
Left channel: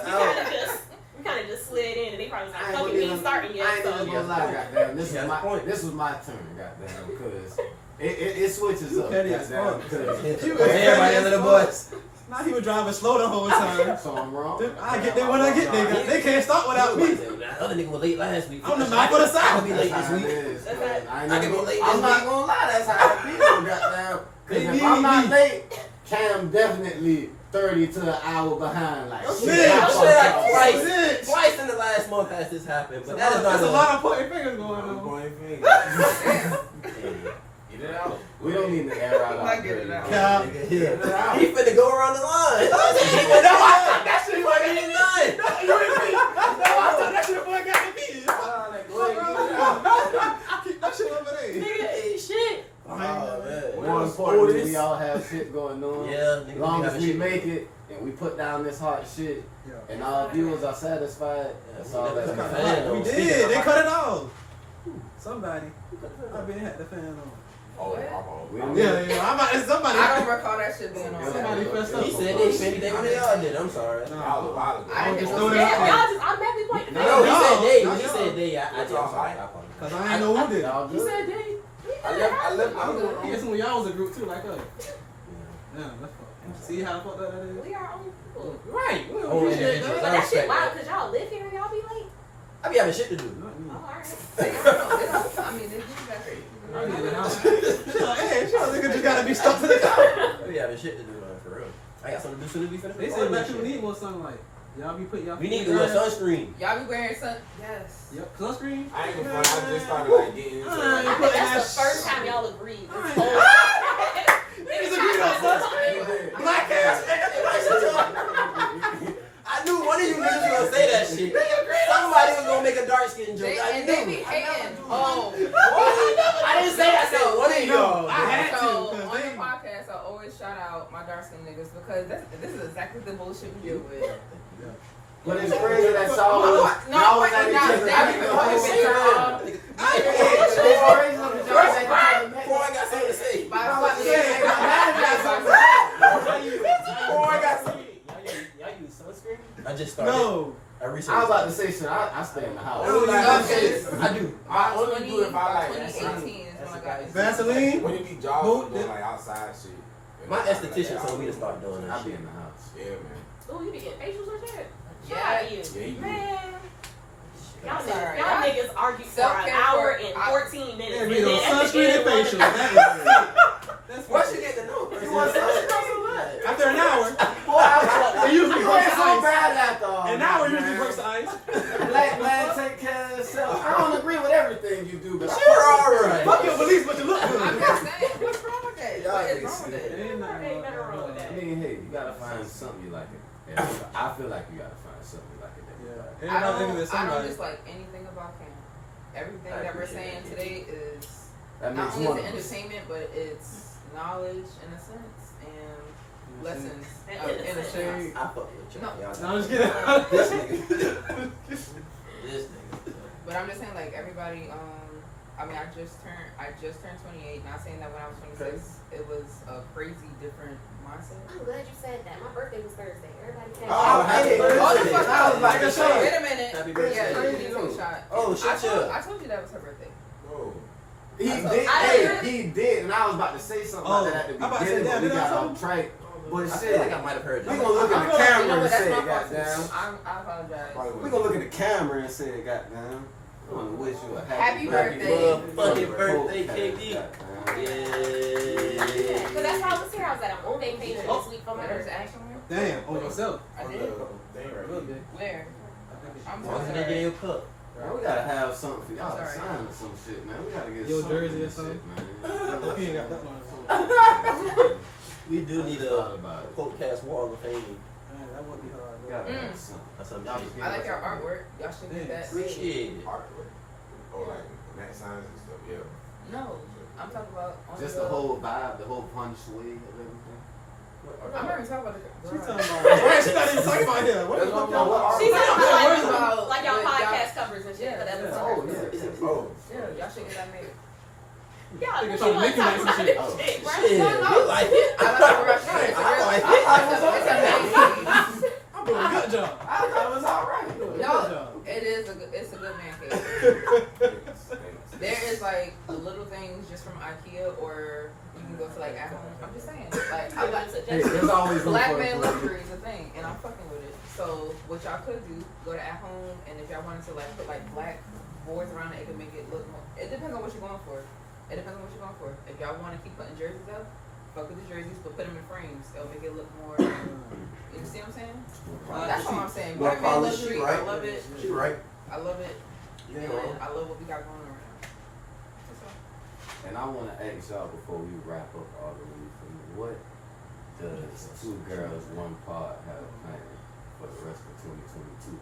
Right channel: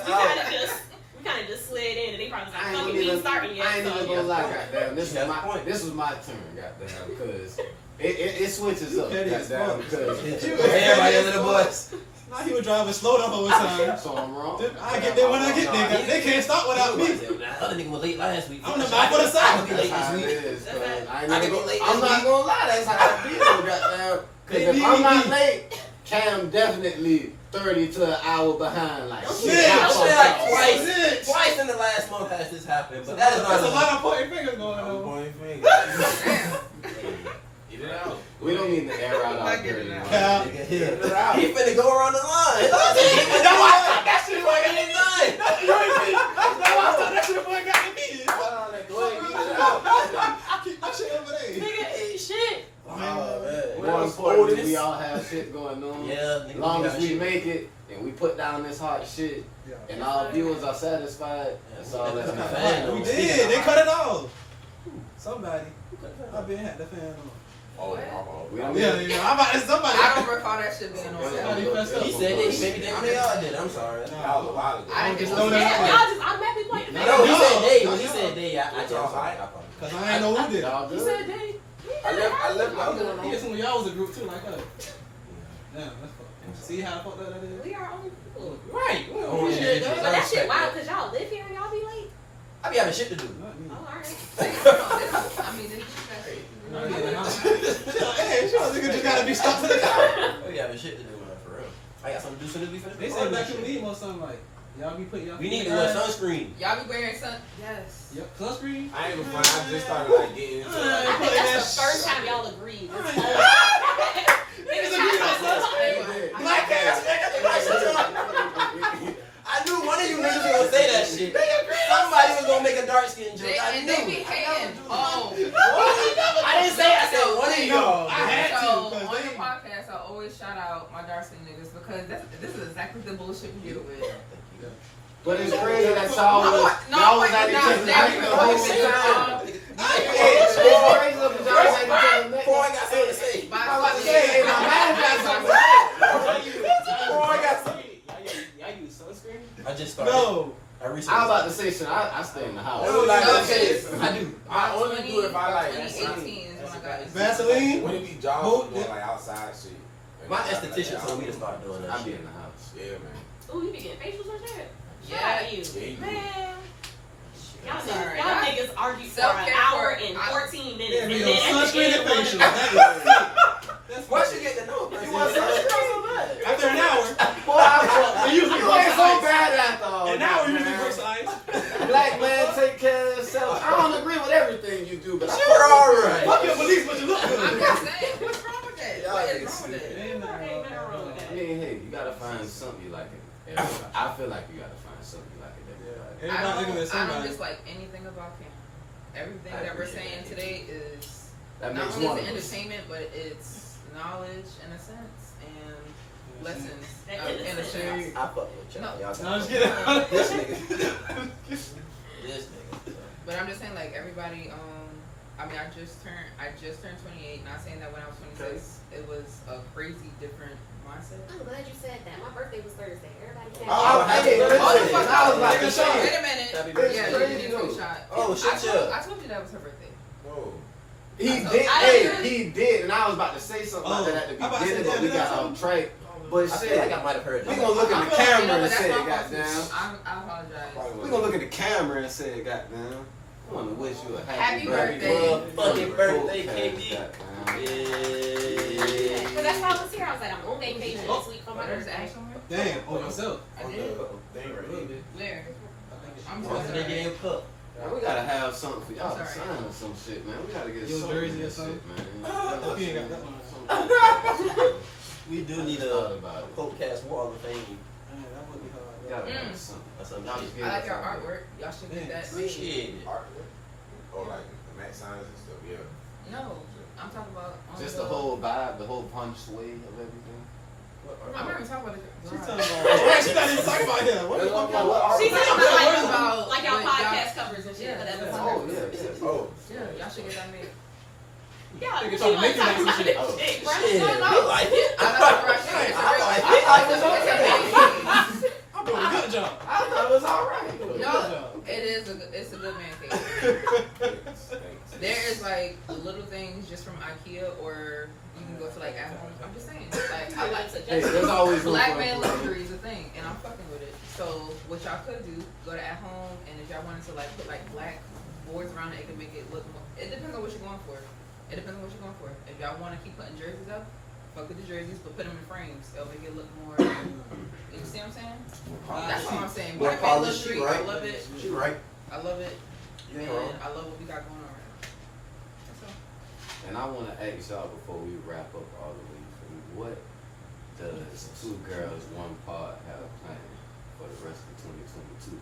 We kind of just slid in, and they probably was I like, ain't "Fuck gonna it, we even- ain't starting yet." I ain't even gonna lie, goddamn. This He has was a point. this was my turn, goddamn, because it switches up, petty as goddamn, fuck. because Everybody under the bus. Now he was driving slow the whole time. so I'm wrong. I get there when I get there. They can't stop without me. That other nigga was late last week. I'm the mouth of the I south. could be late That's how this it week. is, cause I I ain't can even be gonna- late I'm this not week. gonna lie, that's how I feel, goddamn. Cause if I'm not late, Cam definitely 30 to an hour behind, like Oh, shit. shit. I I fucked swear like up. twice. Twice in the last month has this happened, but that is not There's a a lot of pointing fingers going I'm on. pointing fingers. Damn. It it out. We don't need to air out our I get it dirty out. laundry. Cap. Get it out. He finna go around the line. That shit He wasn't even done. That shit got me. Go ahead, get it out. Keep that shit over there. Nigga ain't shit. Oh, man. More importantly, we all have shit going on. Yeah, As long as we make it and we put down this hot shit Yeah. and our viewers are satisfied, that's all that That's matters. fan We on. did. They cut it off. Somebody. I been had the fan on. We don't Yeah, need- I'm about to somebody. I don't recall that shit being on. Somebody pressed up. He said they same thing when they all did. I'm sorry. That was a while ago. I Just just throw know that Yeah, y'all just automatically point. No, he No, said they. no, When he no. said they, I It's just all right. Cause I ain't know who did. Y'all He good? said they. I left. I think some of y'all was a group too, like us. Yeah, that's fucked. See how fucked up that is? We are only people. Right. Well, Oh, shit, individuals. But that shit wild because y'all live here and y'all be late. I be having shit to do. Oh, alright. They don't. I mean, they do that. I be in the house. Hey, sure, nigga just gotta be stuck to the car. I be having shit to do, man, for real. I got something to do soon as we finish. They say black people need more sunlight. Y'all be putting y'all. We need to wear sunscreen. Y'all be wearing sun. Yes. Yep, sunscreen. I ain't gonna front. I just started like getting into I I like, think that that's the shit. first time y'all agreed. This whole Niggas agree on sunscreen. Black ass nigga. I knew one of you niggas was gonna say that shit. Somebody was gonna make a dark skin joke. I And they be knew. hating. Oh. I didn't say it. I said one of y'all. I had to, So, 'cause on they- your podcast, I always shout out my dark skin niggas because this is exactly the bullshit we deal with. But it's crazy that y'all was at each other's neck the whole time. It's crazy that y'all was at each other's neck. Boy, I got something to say. I'm about to say, I'm mad at y'all something to say. Boy, I got something. Y'all use sunscreen? I just started. No. I I recently. was about to say shit. I stay in the house. Oh, like, I do. I only do it if I like. 2018 is when I got Vaseline? When it be jobs, Boot, doing like outside shit. My esthetician told me to start doing that I be shit. in the house. Yeah, man. Ooh, you be getting facials or shit? Yeah. Shout out to you. Yeah, you do. Man. Y'all That's alright. niggas argue for an Self-care hour for- and I- 14 minutes. Yeah, and we then on at the sunscreen end, and one of facial. them- That's Once you get to know a person, You want sunscreen? After an hour. Boy, I You usually you break ain't the so ice. bad after all. An hour that, usually man. breaks the ice. Black man, take care of yourself. I don't agree with everything you do, but I You're alright. Fuck your beliefs, but you look I'm good. just saying, what's wrong with that? Y'all What is niggas wrong with that? Ain't nothing Ain't nothing wrong with I that. mean, hey, you gotta find something you like it. I feel like you gotta find something you like it. Yeah. I Everybody thinking of don't somebody. dislike anything about Cam. Everything I that we're appreciate saying that. today is That not makes only one is of it us. entertainment, but it's knowledge in a sense and lessons And in a innocence. sense. I fuck with y'all. Y'all No, I'm just kidding. This nigga. This nigga. But I'm just saying, like everybody. I mean, I just turned 28. Not saying that when I was 26, it was a crazy different mindset. I'm glad you said that. My birthday was Thursday. Everybody came. Oh, happy birthday. Oh, the fuck I was like, Wait shut a minute. Happy Yeah, birthday. you did take a shot. Oh, I shut told, up. I told you that was her birthday. Whoa. He I did. told- He did, and I was about to say something like that at I'm about the to say beginning, but that, we did I got tell off him? track. But I feel shit, like I might have heard we that. gonna look at the You know camera what, and that's say, my fault. goddamn. I apologize. We gonna look at the camera and say, goddamn. I wanna wish you a Happy happy birthday. Motherfucking birthday, KD. Goddamn. Yeah. But that's how I was here. I was like, I'm on vacation this week for my What is birthday. action with? Damn, on yourself. I did. Dang, Really right. did. Where? I'm What's talking the nigga in about. your cup? Man, we gotta have something for y'all to Sorry. sign or some shit, man. We gotta get Your something jersey in or this something? shit, man. Hope you ain't got that one. We do need I a thought about it. podcast wall of fame. Man, that wouldn't be hard. We gotta Mm. have something. Or some Y'all shit. just give I us like your something. artwork. Y'all should get that. Appreciate it. Artwork. Oh, like Matt signs and stuff. Yeah. No, I'm talking about on Just the the whole vibe, the whole punch way of everything. I'm not even talking about the. She talking about. Wait, she not even talking about here. What the fuck y'all? She's talking about I'm like, talking about like y'all what y'all- podcast covers and shit. Yeah, But that's yeah. Oh, yeah. Oh. Yeah, y'all should get that made. Yeah, Nigga she trying to wasn't make you talking make about some this shit. shit, bro. Shit, No, you like it? I'm not talking about shit. It's a real. I I'm doing a good job. I thought it was alright. I'm doing a No, good job. it is it's a good man cave. There is like little things just from IKEA, or you can go to like at home. I'm just saying, like I like Hey, there's always room black for man improvement. luxury is a thing, and I'm fucking with it. So what y'all could do, go to at home, and if y'all wanted to like put like black boards around it, it could make it look more. It depends on what you're going for. It depends on what you're going for. If y'all want to keep putting jerseys up, fuck with the jerseys, but put them in frames. It'll make it look more. You see what I'm saying? That's all I'm saying. More Black man polished, luxury, she right. I love it. She right. I love it. You ain't And wrong. I love what we got going on right now. That's all. And I want to ask y'all before we wrap up all of these things, what does Two Girls, One Pod have planned for the rest of 2022?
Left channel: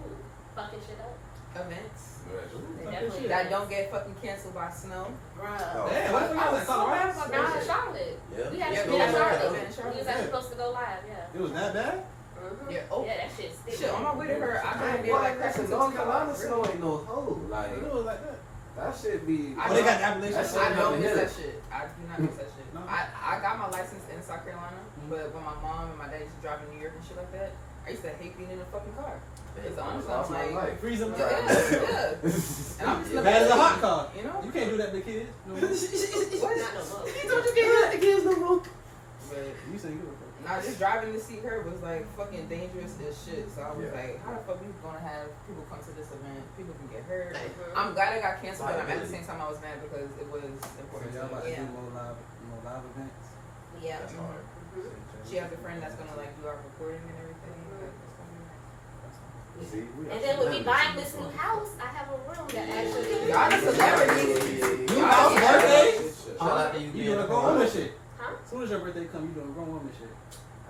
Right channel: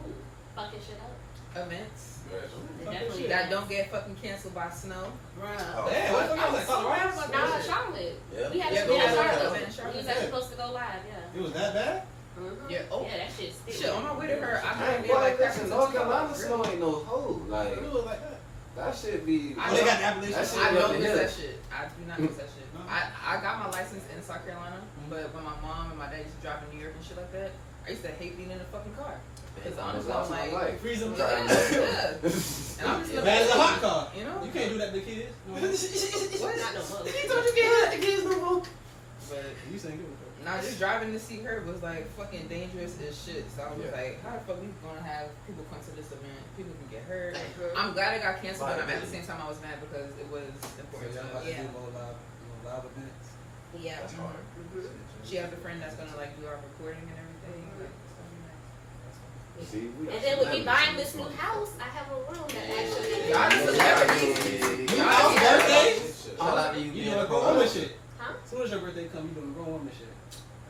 Ooh, fucking shit up. Events Definitely. that don't get fucking canceled by snow. Bruh. Damn, what the fuck y'all at Colorado? Nah, Charlotte. Yeah. We had Yeah, to we go had to Charlotte. Charlotte. In Charlotte. We was actually supposed to go live, yeah. It was that bad? Mhm. Yeah. Oh. Yeah, that shit stinks. Shit, on my way to her, I Man, got boy, like listen, North Carolina snow really. ain't no hoe. Like, It was like that. that shit be. I Oh, they know- got the Appalachian. That shit I up know the miss hill. that shit. I do not miss that shit. No. I got my license in South Carolina, but when my mom and my dad used to drive in New York and shit like that, I used to hate being in a fucking car. Because honestly, I'm Lost my like, life. Freezing. yeah, yeah. And I'm just Bad as a hot car. You know? You can't do that to kids. No. Not no more. He told you can't do that to kids no more. But You saying good. nah, just driving to see her was like fucking dangerous as shit. So I was Yeah. like, how the fuck we gonna have people come to this event? People can get hurt. I'm glad it got canceled, but at the same time I was mad because it was important. Y'all about stuff. to Yeah. do more live events. Yeah. That's hard. She has a friend that's gonna like do our recording and everything. Like it's gonna be nice. See, we And got then with me some buying members this in new this house, I have a room that actually. Y'all the celebrities. Your Y'all house the birthday? Shout out to you You being doing a a grown woman shit. Huh? As soon as your birthday come, you doing grown woman shit.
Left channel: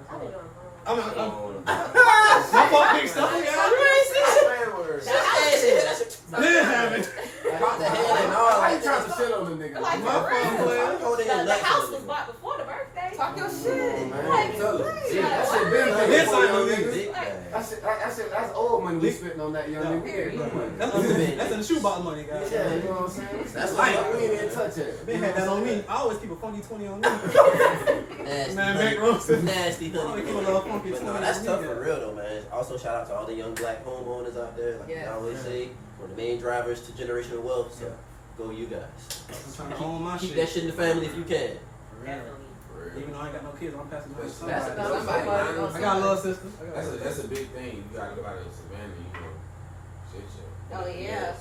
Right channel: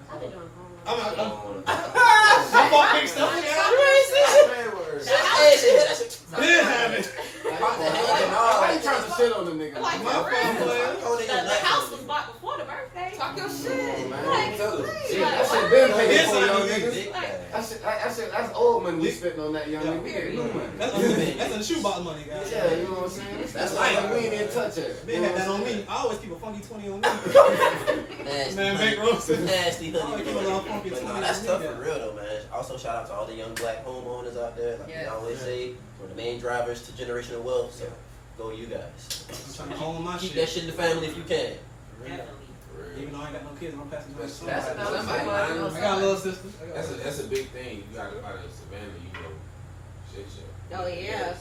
I've been doing home. I'm not. I'm. grown. My fault, big stuff. You ain't Did have it. What the hell? Why you trying to shit on the nigga? Like, My for fault, real. boy. The house was bought before the birthday. Talk your shit. Like, Tell her. like, Yeah, that what? shit been paid This for, ain't young no niggas. Big Like, bag. That's old money we spitting on that young nigga. We ain't good money. That's in the shoebox money, guys. Yeah, you know what I'm saying? That's why we ain't even touch it. They had that on me. I always keep a funky 20 on me. Nasty. Man, Big Rosen. Nasty I honey. keep a little funky But 20 no, that's on tough me, for guys. real though, man. Also, shout out to all the young black homeowners out there. Like we Yes. always say, we're the main drivers to generational wealth. So go you guys. I'm trying to hone my Keep shit. that shit in the family if you can. For real. Definitely. Even though I ain't got no kids, I'm passing my That's son. another somebody. I got a little sister. That's a big thing. You got about a Savannah, you know, shit show. Oh, yeah.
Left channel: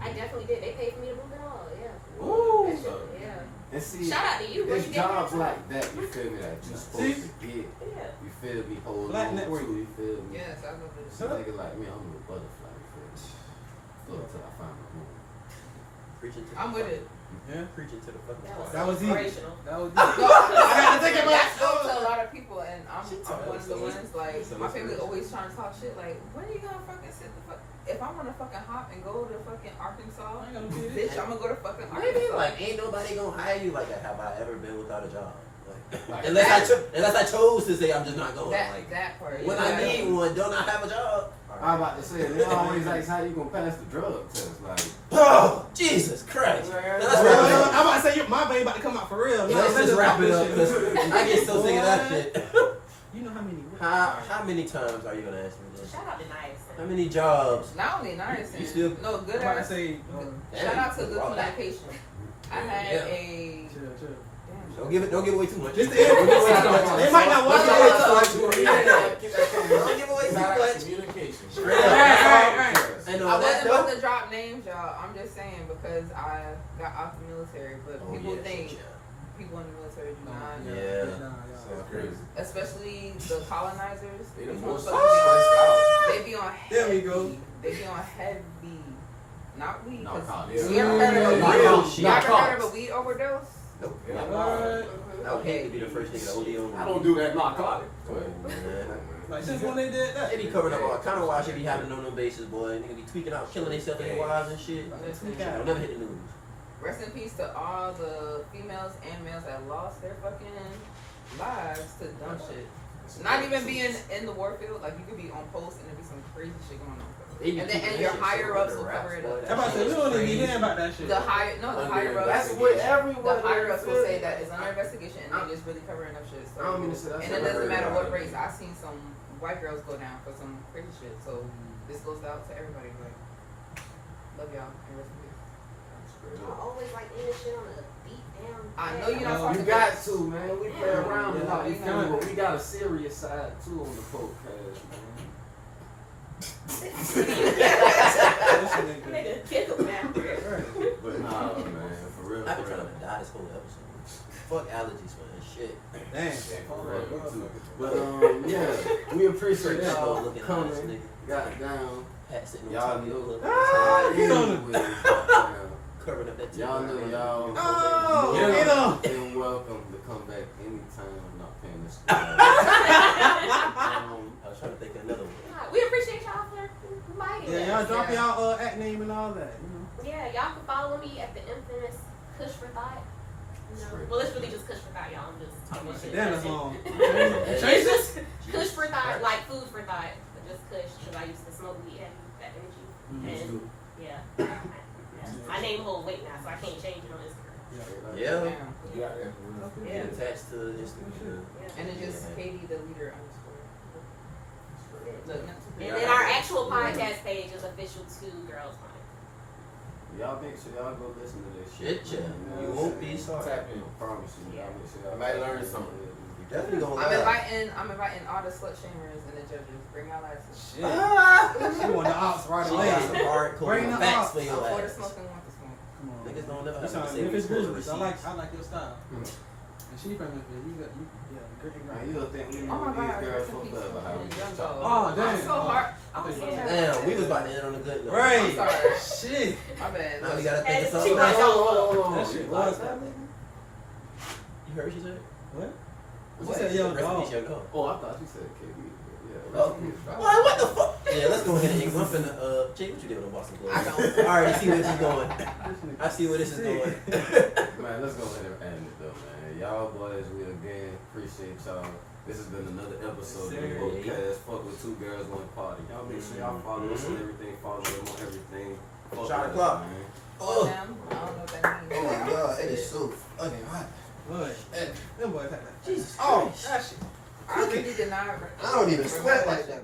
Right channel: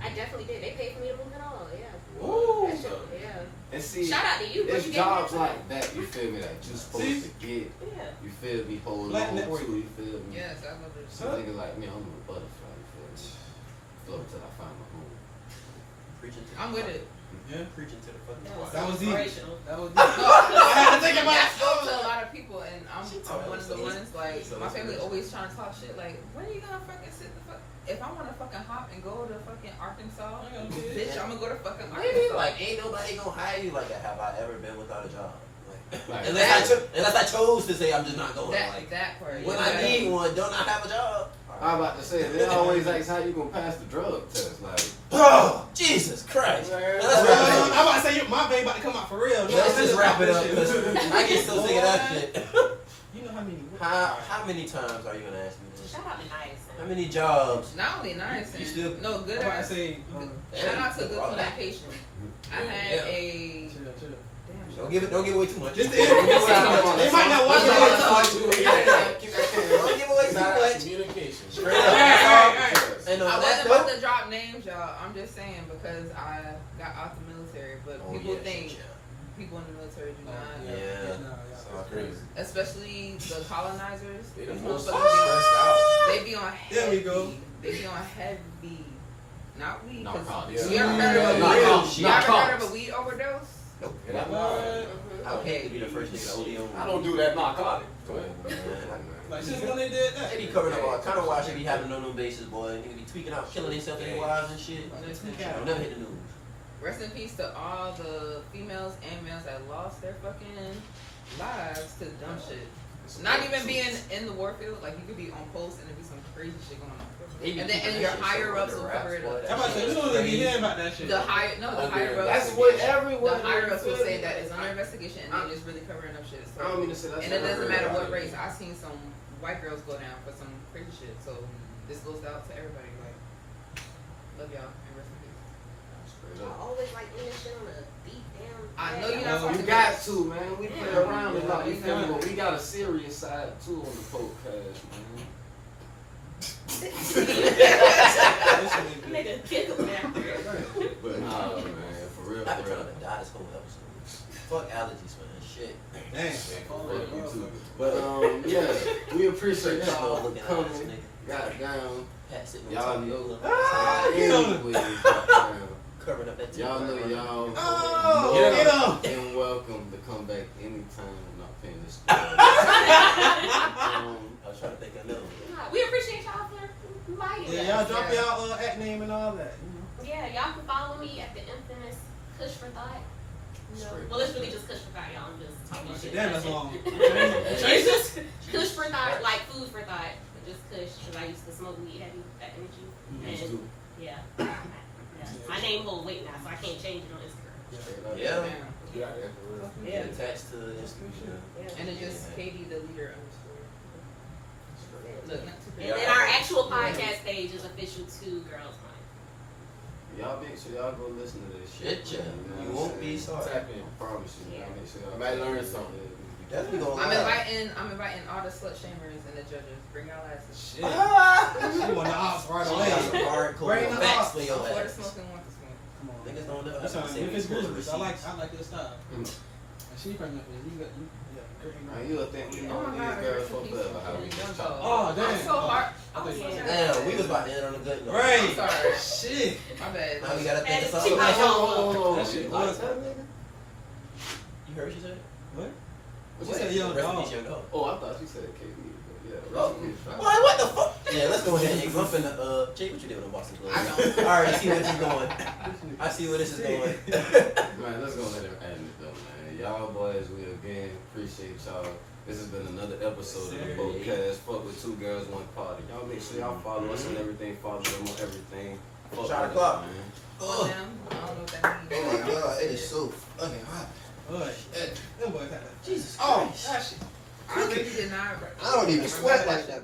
I definitely did. They paid for me to move it all, yeah. Woo! That shit, yeah. And see, Shout out to you. Where'd it's you get jobs that like that, you feel me, that you supposed See? to get. Yeah. You feel me, hold Black on to, network. you feel me? Yes, I love this. Some nigga like me, I'm a butterfly, you feel me? Float till I find my home. Preaching to I'm the with it. Yeah. Preaching to the fucking That choir. That was deep. inspirational. That was No, deep. I had to think about that it. goes to a lot of people, and I'm told one of the us, ones like so my it's family good. always trying to talk shit. Like, when are you gonna fucking sit the fuck? If I want to fucking hop and go to fucking Arkansas, I got no kids. bitch, I'm gonna go to fucking What do you mean? Arkansas. Like, ain't nobody gonna hire you like that. Have I ever been without a job? Like, Unless I chose to say I'm just not going. that Like, that part. when yeah. I need one, don't I have a job? I'm about to say, they always ask how you gonna pass the drug test. Like, Oh, Jesus Christ. Man. Let's wrap it up. I'm about to say, my vein about to come out for real. No, Let's just wrap it up because Shit. I get so sick of that shit. You know how many? How many times are you gonna ask me this? Shout out to Nice. How many jobs? Not only nice, You still- no good. I'm about to ass- say, Shout out to good All that. communication. I had Yeah. a chill. Don't give away too much. Just Don't give away too much. They might not watch it. Don't give away too much. Communication. Straight up. Right. And I on that wasn't about note, to drop names, y'all. I'm just saying because I got out the military, but oh, people yeah, think shit, people in the military do not. Yeah. So crazy. Especially the colonizers. They the These most motherfuckers stressed out. they be on heavy. There we go. They be on heavy. Not weed. No, 'cause college. you ever heard of a Not weed? college. You Not ever heard college. of a weed overdose? Nope. Yeah. I would hate to be the first nigga to OD on. I don't do that narcotic. Go ahead, man. Like since when they did that? They be covering up all kind of watch they be having on them bases, boy. Nigga be tweaking out, killing themselves in their wives and shit. Listen, Don't never hit the news. rest in peace to all the females and males that lost their fucking lives to dumb shit. Not even being in the war field, like you could be on post and there be some crazy shit going on. They be And then keeping and your that shit higher so ups under will wraps, cover it boy. up. That Everybody shit said we is don't even be crazy. hearing about that shit. The higher Under ups. That's what The everyone. higher ups will say that it's under investigation and they just really covering up shit. I don't So, mean to say that's and it what I doesn't heard matter about what it. race. I've seen some white girls go down for some crazy shit. So this goes out to everybody. Like, love y'all and rest in peace. Straight I up. always like ending shit on a beat down. I know you're not No, talking You got to, man. We play around a Yeah, lot. You we feel me? got But we got a serious side too on the podcast, man. Nigga, kick him down. But nah, man, for real. I've been for trying real. to die this whole episode. Fuck allergies, man. Shit. Damn. Fuck you too. But yeah, we appreciate y'all Looking at coming. this nigga. Got down. Pat sitting Y'all on top of know. your Anyways, goddamn. covering up that. Y'all know y'all. Oh, You're get up. and welcome to come back anytime. I'm not paying this. I was trying to think of another one. We appreciate y'all for inviting Yeah, us. y'all drop y'all act name and all that. You know. Yeah, y'all can follow me at the infamous Kush for Thought. You know, well, it's really just Kush for Thought, y'all. I'm just talking shit. Damn, that's long. It's just Kush for Thought, like food for thought, but just Kush, because I used to smoke weed heavy back in the G. And yeah. My name hold weight now, so I can't change it on Instagram. Yeah. You got that for real. Yeah. Attached to Instagram. And it's just Katie the leader underscore. Look, not too And then our actual podcast page is official 2 Girls Mind. Y'all make sure y'all go listen to this Shit, shit. yeah. man. You know won't what I'm be saying? sorry. Tap in. I promise you. Y'all make sure y'all Might learn something. You definitely gonna I'm laugh. inviting all the slut shamers and the judges. Bring y'all asses. Shit. You want the ops right She away. got some hardcore Bring the facts ops. for your One for the ass. smoke and one for smoke. Come on. Niggas don't never You have to sound say Memphis we Grizzlies. I receipts. like your style. And she from Memphis. You got you. Yeah, great. Man, you'll think we know Oh my these God, girls rest in fucked peace up to how we Young just Dog. talk. Oh, damn. I'm so hard. I'm so Yeah. sorry. Damn, we was about to end on a good note. Right. I'm sorry. Shit. My bad. Now we gotta think of Hey, something she else. might- That shit was. You heard what she said? What? What She you said say? young Rest in dog. peace, young dog. Oh, I thought you said KB. Yeah, Oh. Boy, what the fuck? Yeah, let's go ahead and jump in the Jay, what you doing in Boston Club? I don't. I already see where this is going. I see where this is going. Man, let's go let it end it though, man. Y'all boys, we again appreciate y'all. This has been another episode of the podcast. Fuck with 2 girls, 1 party. Y'all make sure y'all follow us and everything. Follow them on everything. Fuck Shot with o'clock. us, man. Oh. Damn, I don't know what that means. Oh my god, it is so fucking hot. Boy, them boys had that. Jesus Oh, Christ. that shit. I really did not. I don't even sweat like that.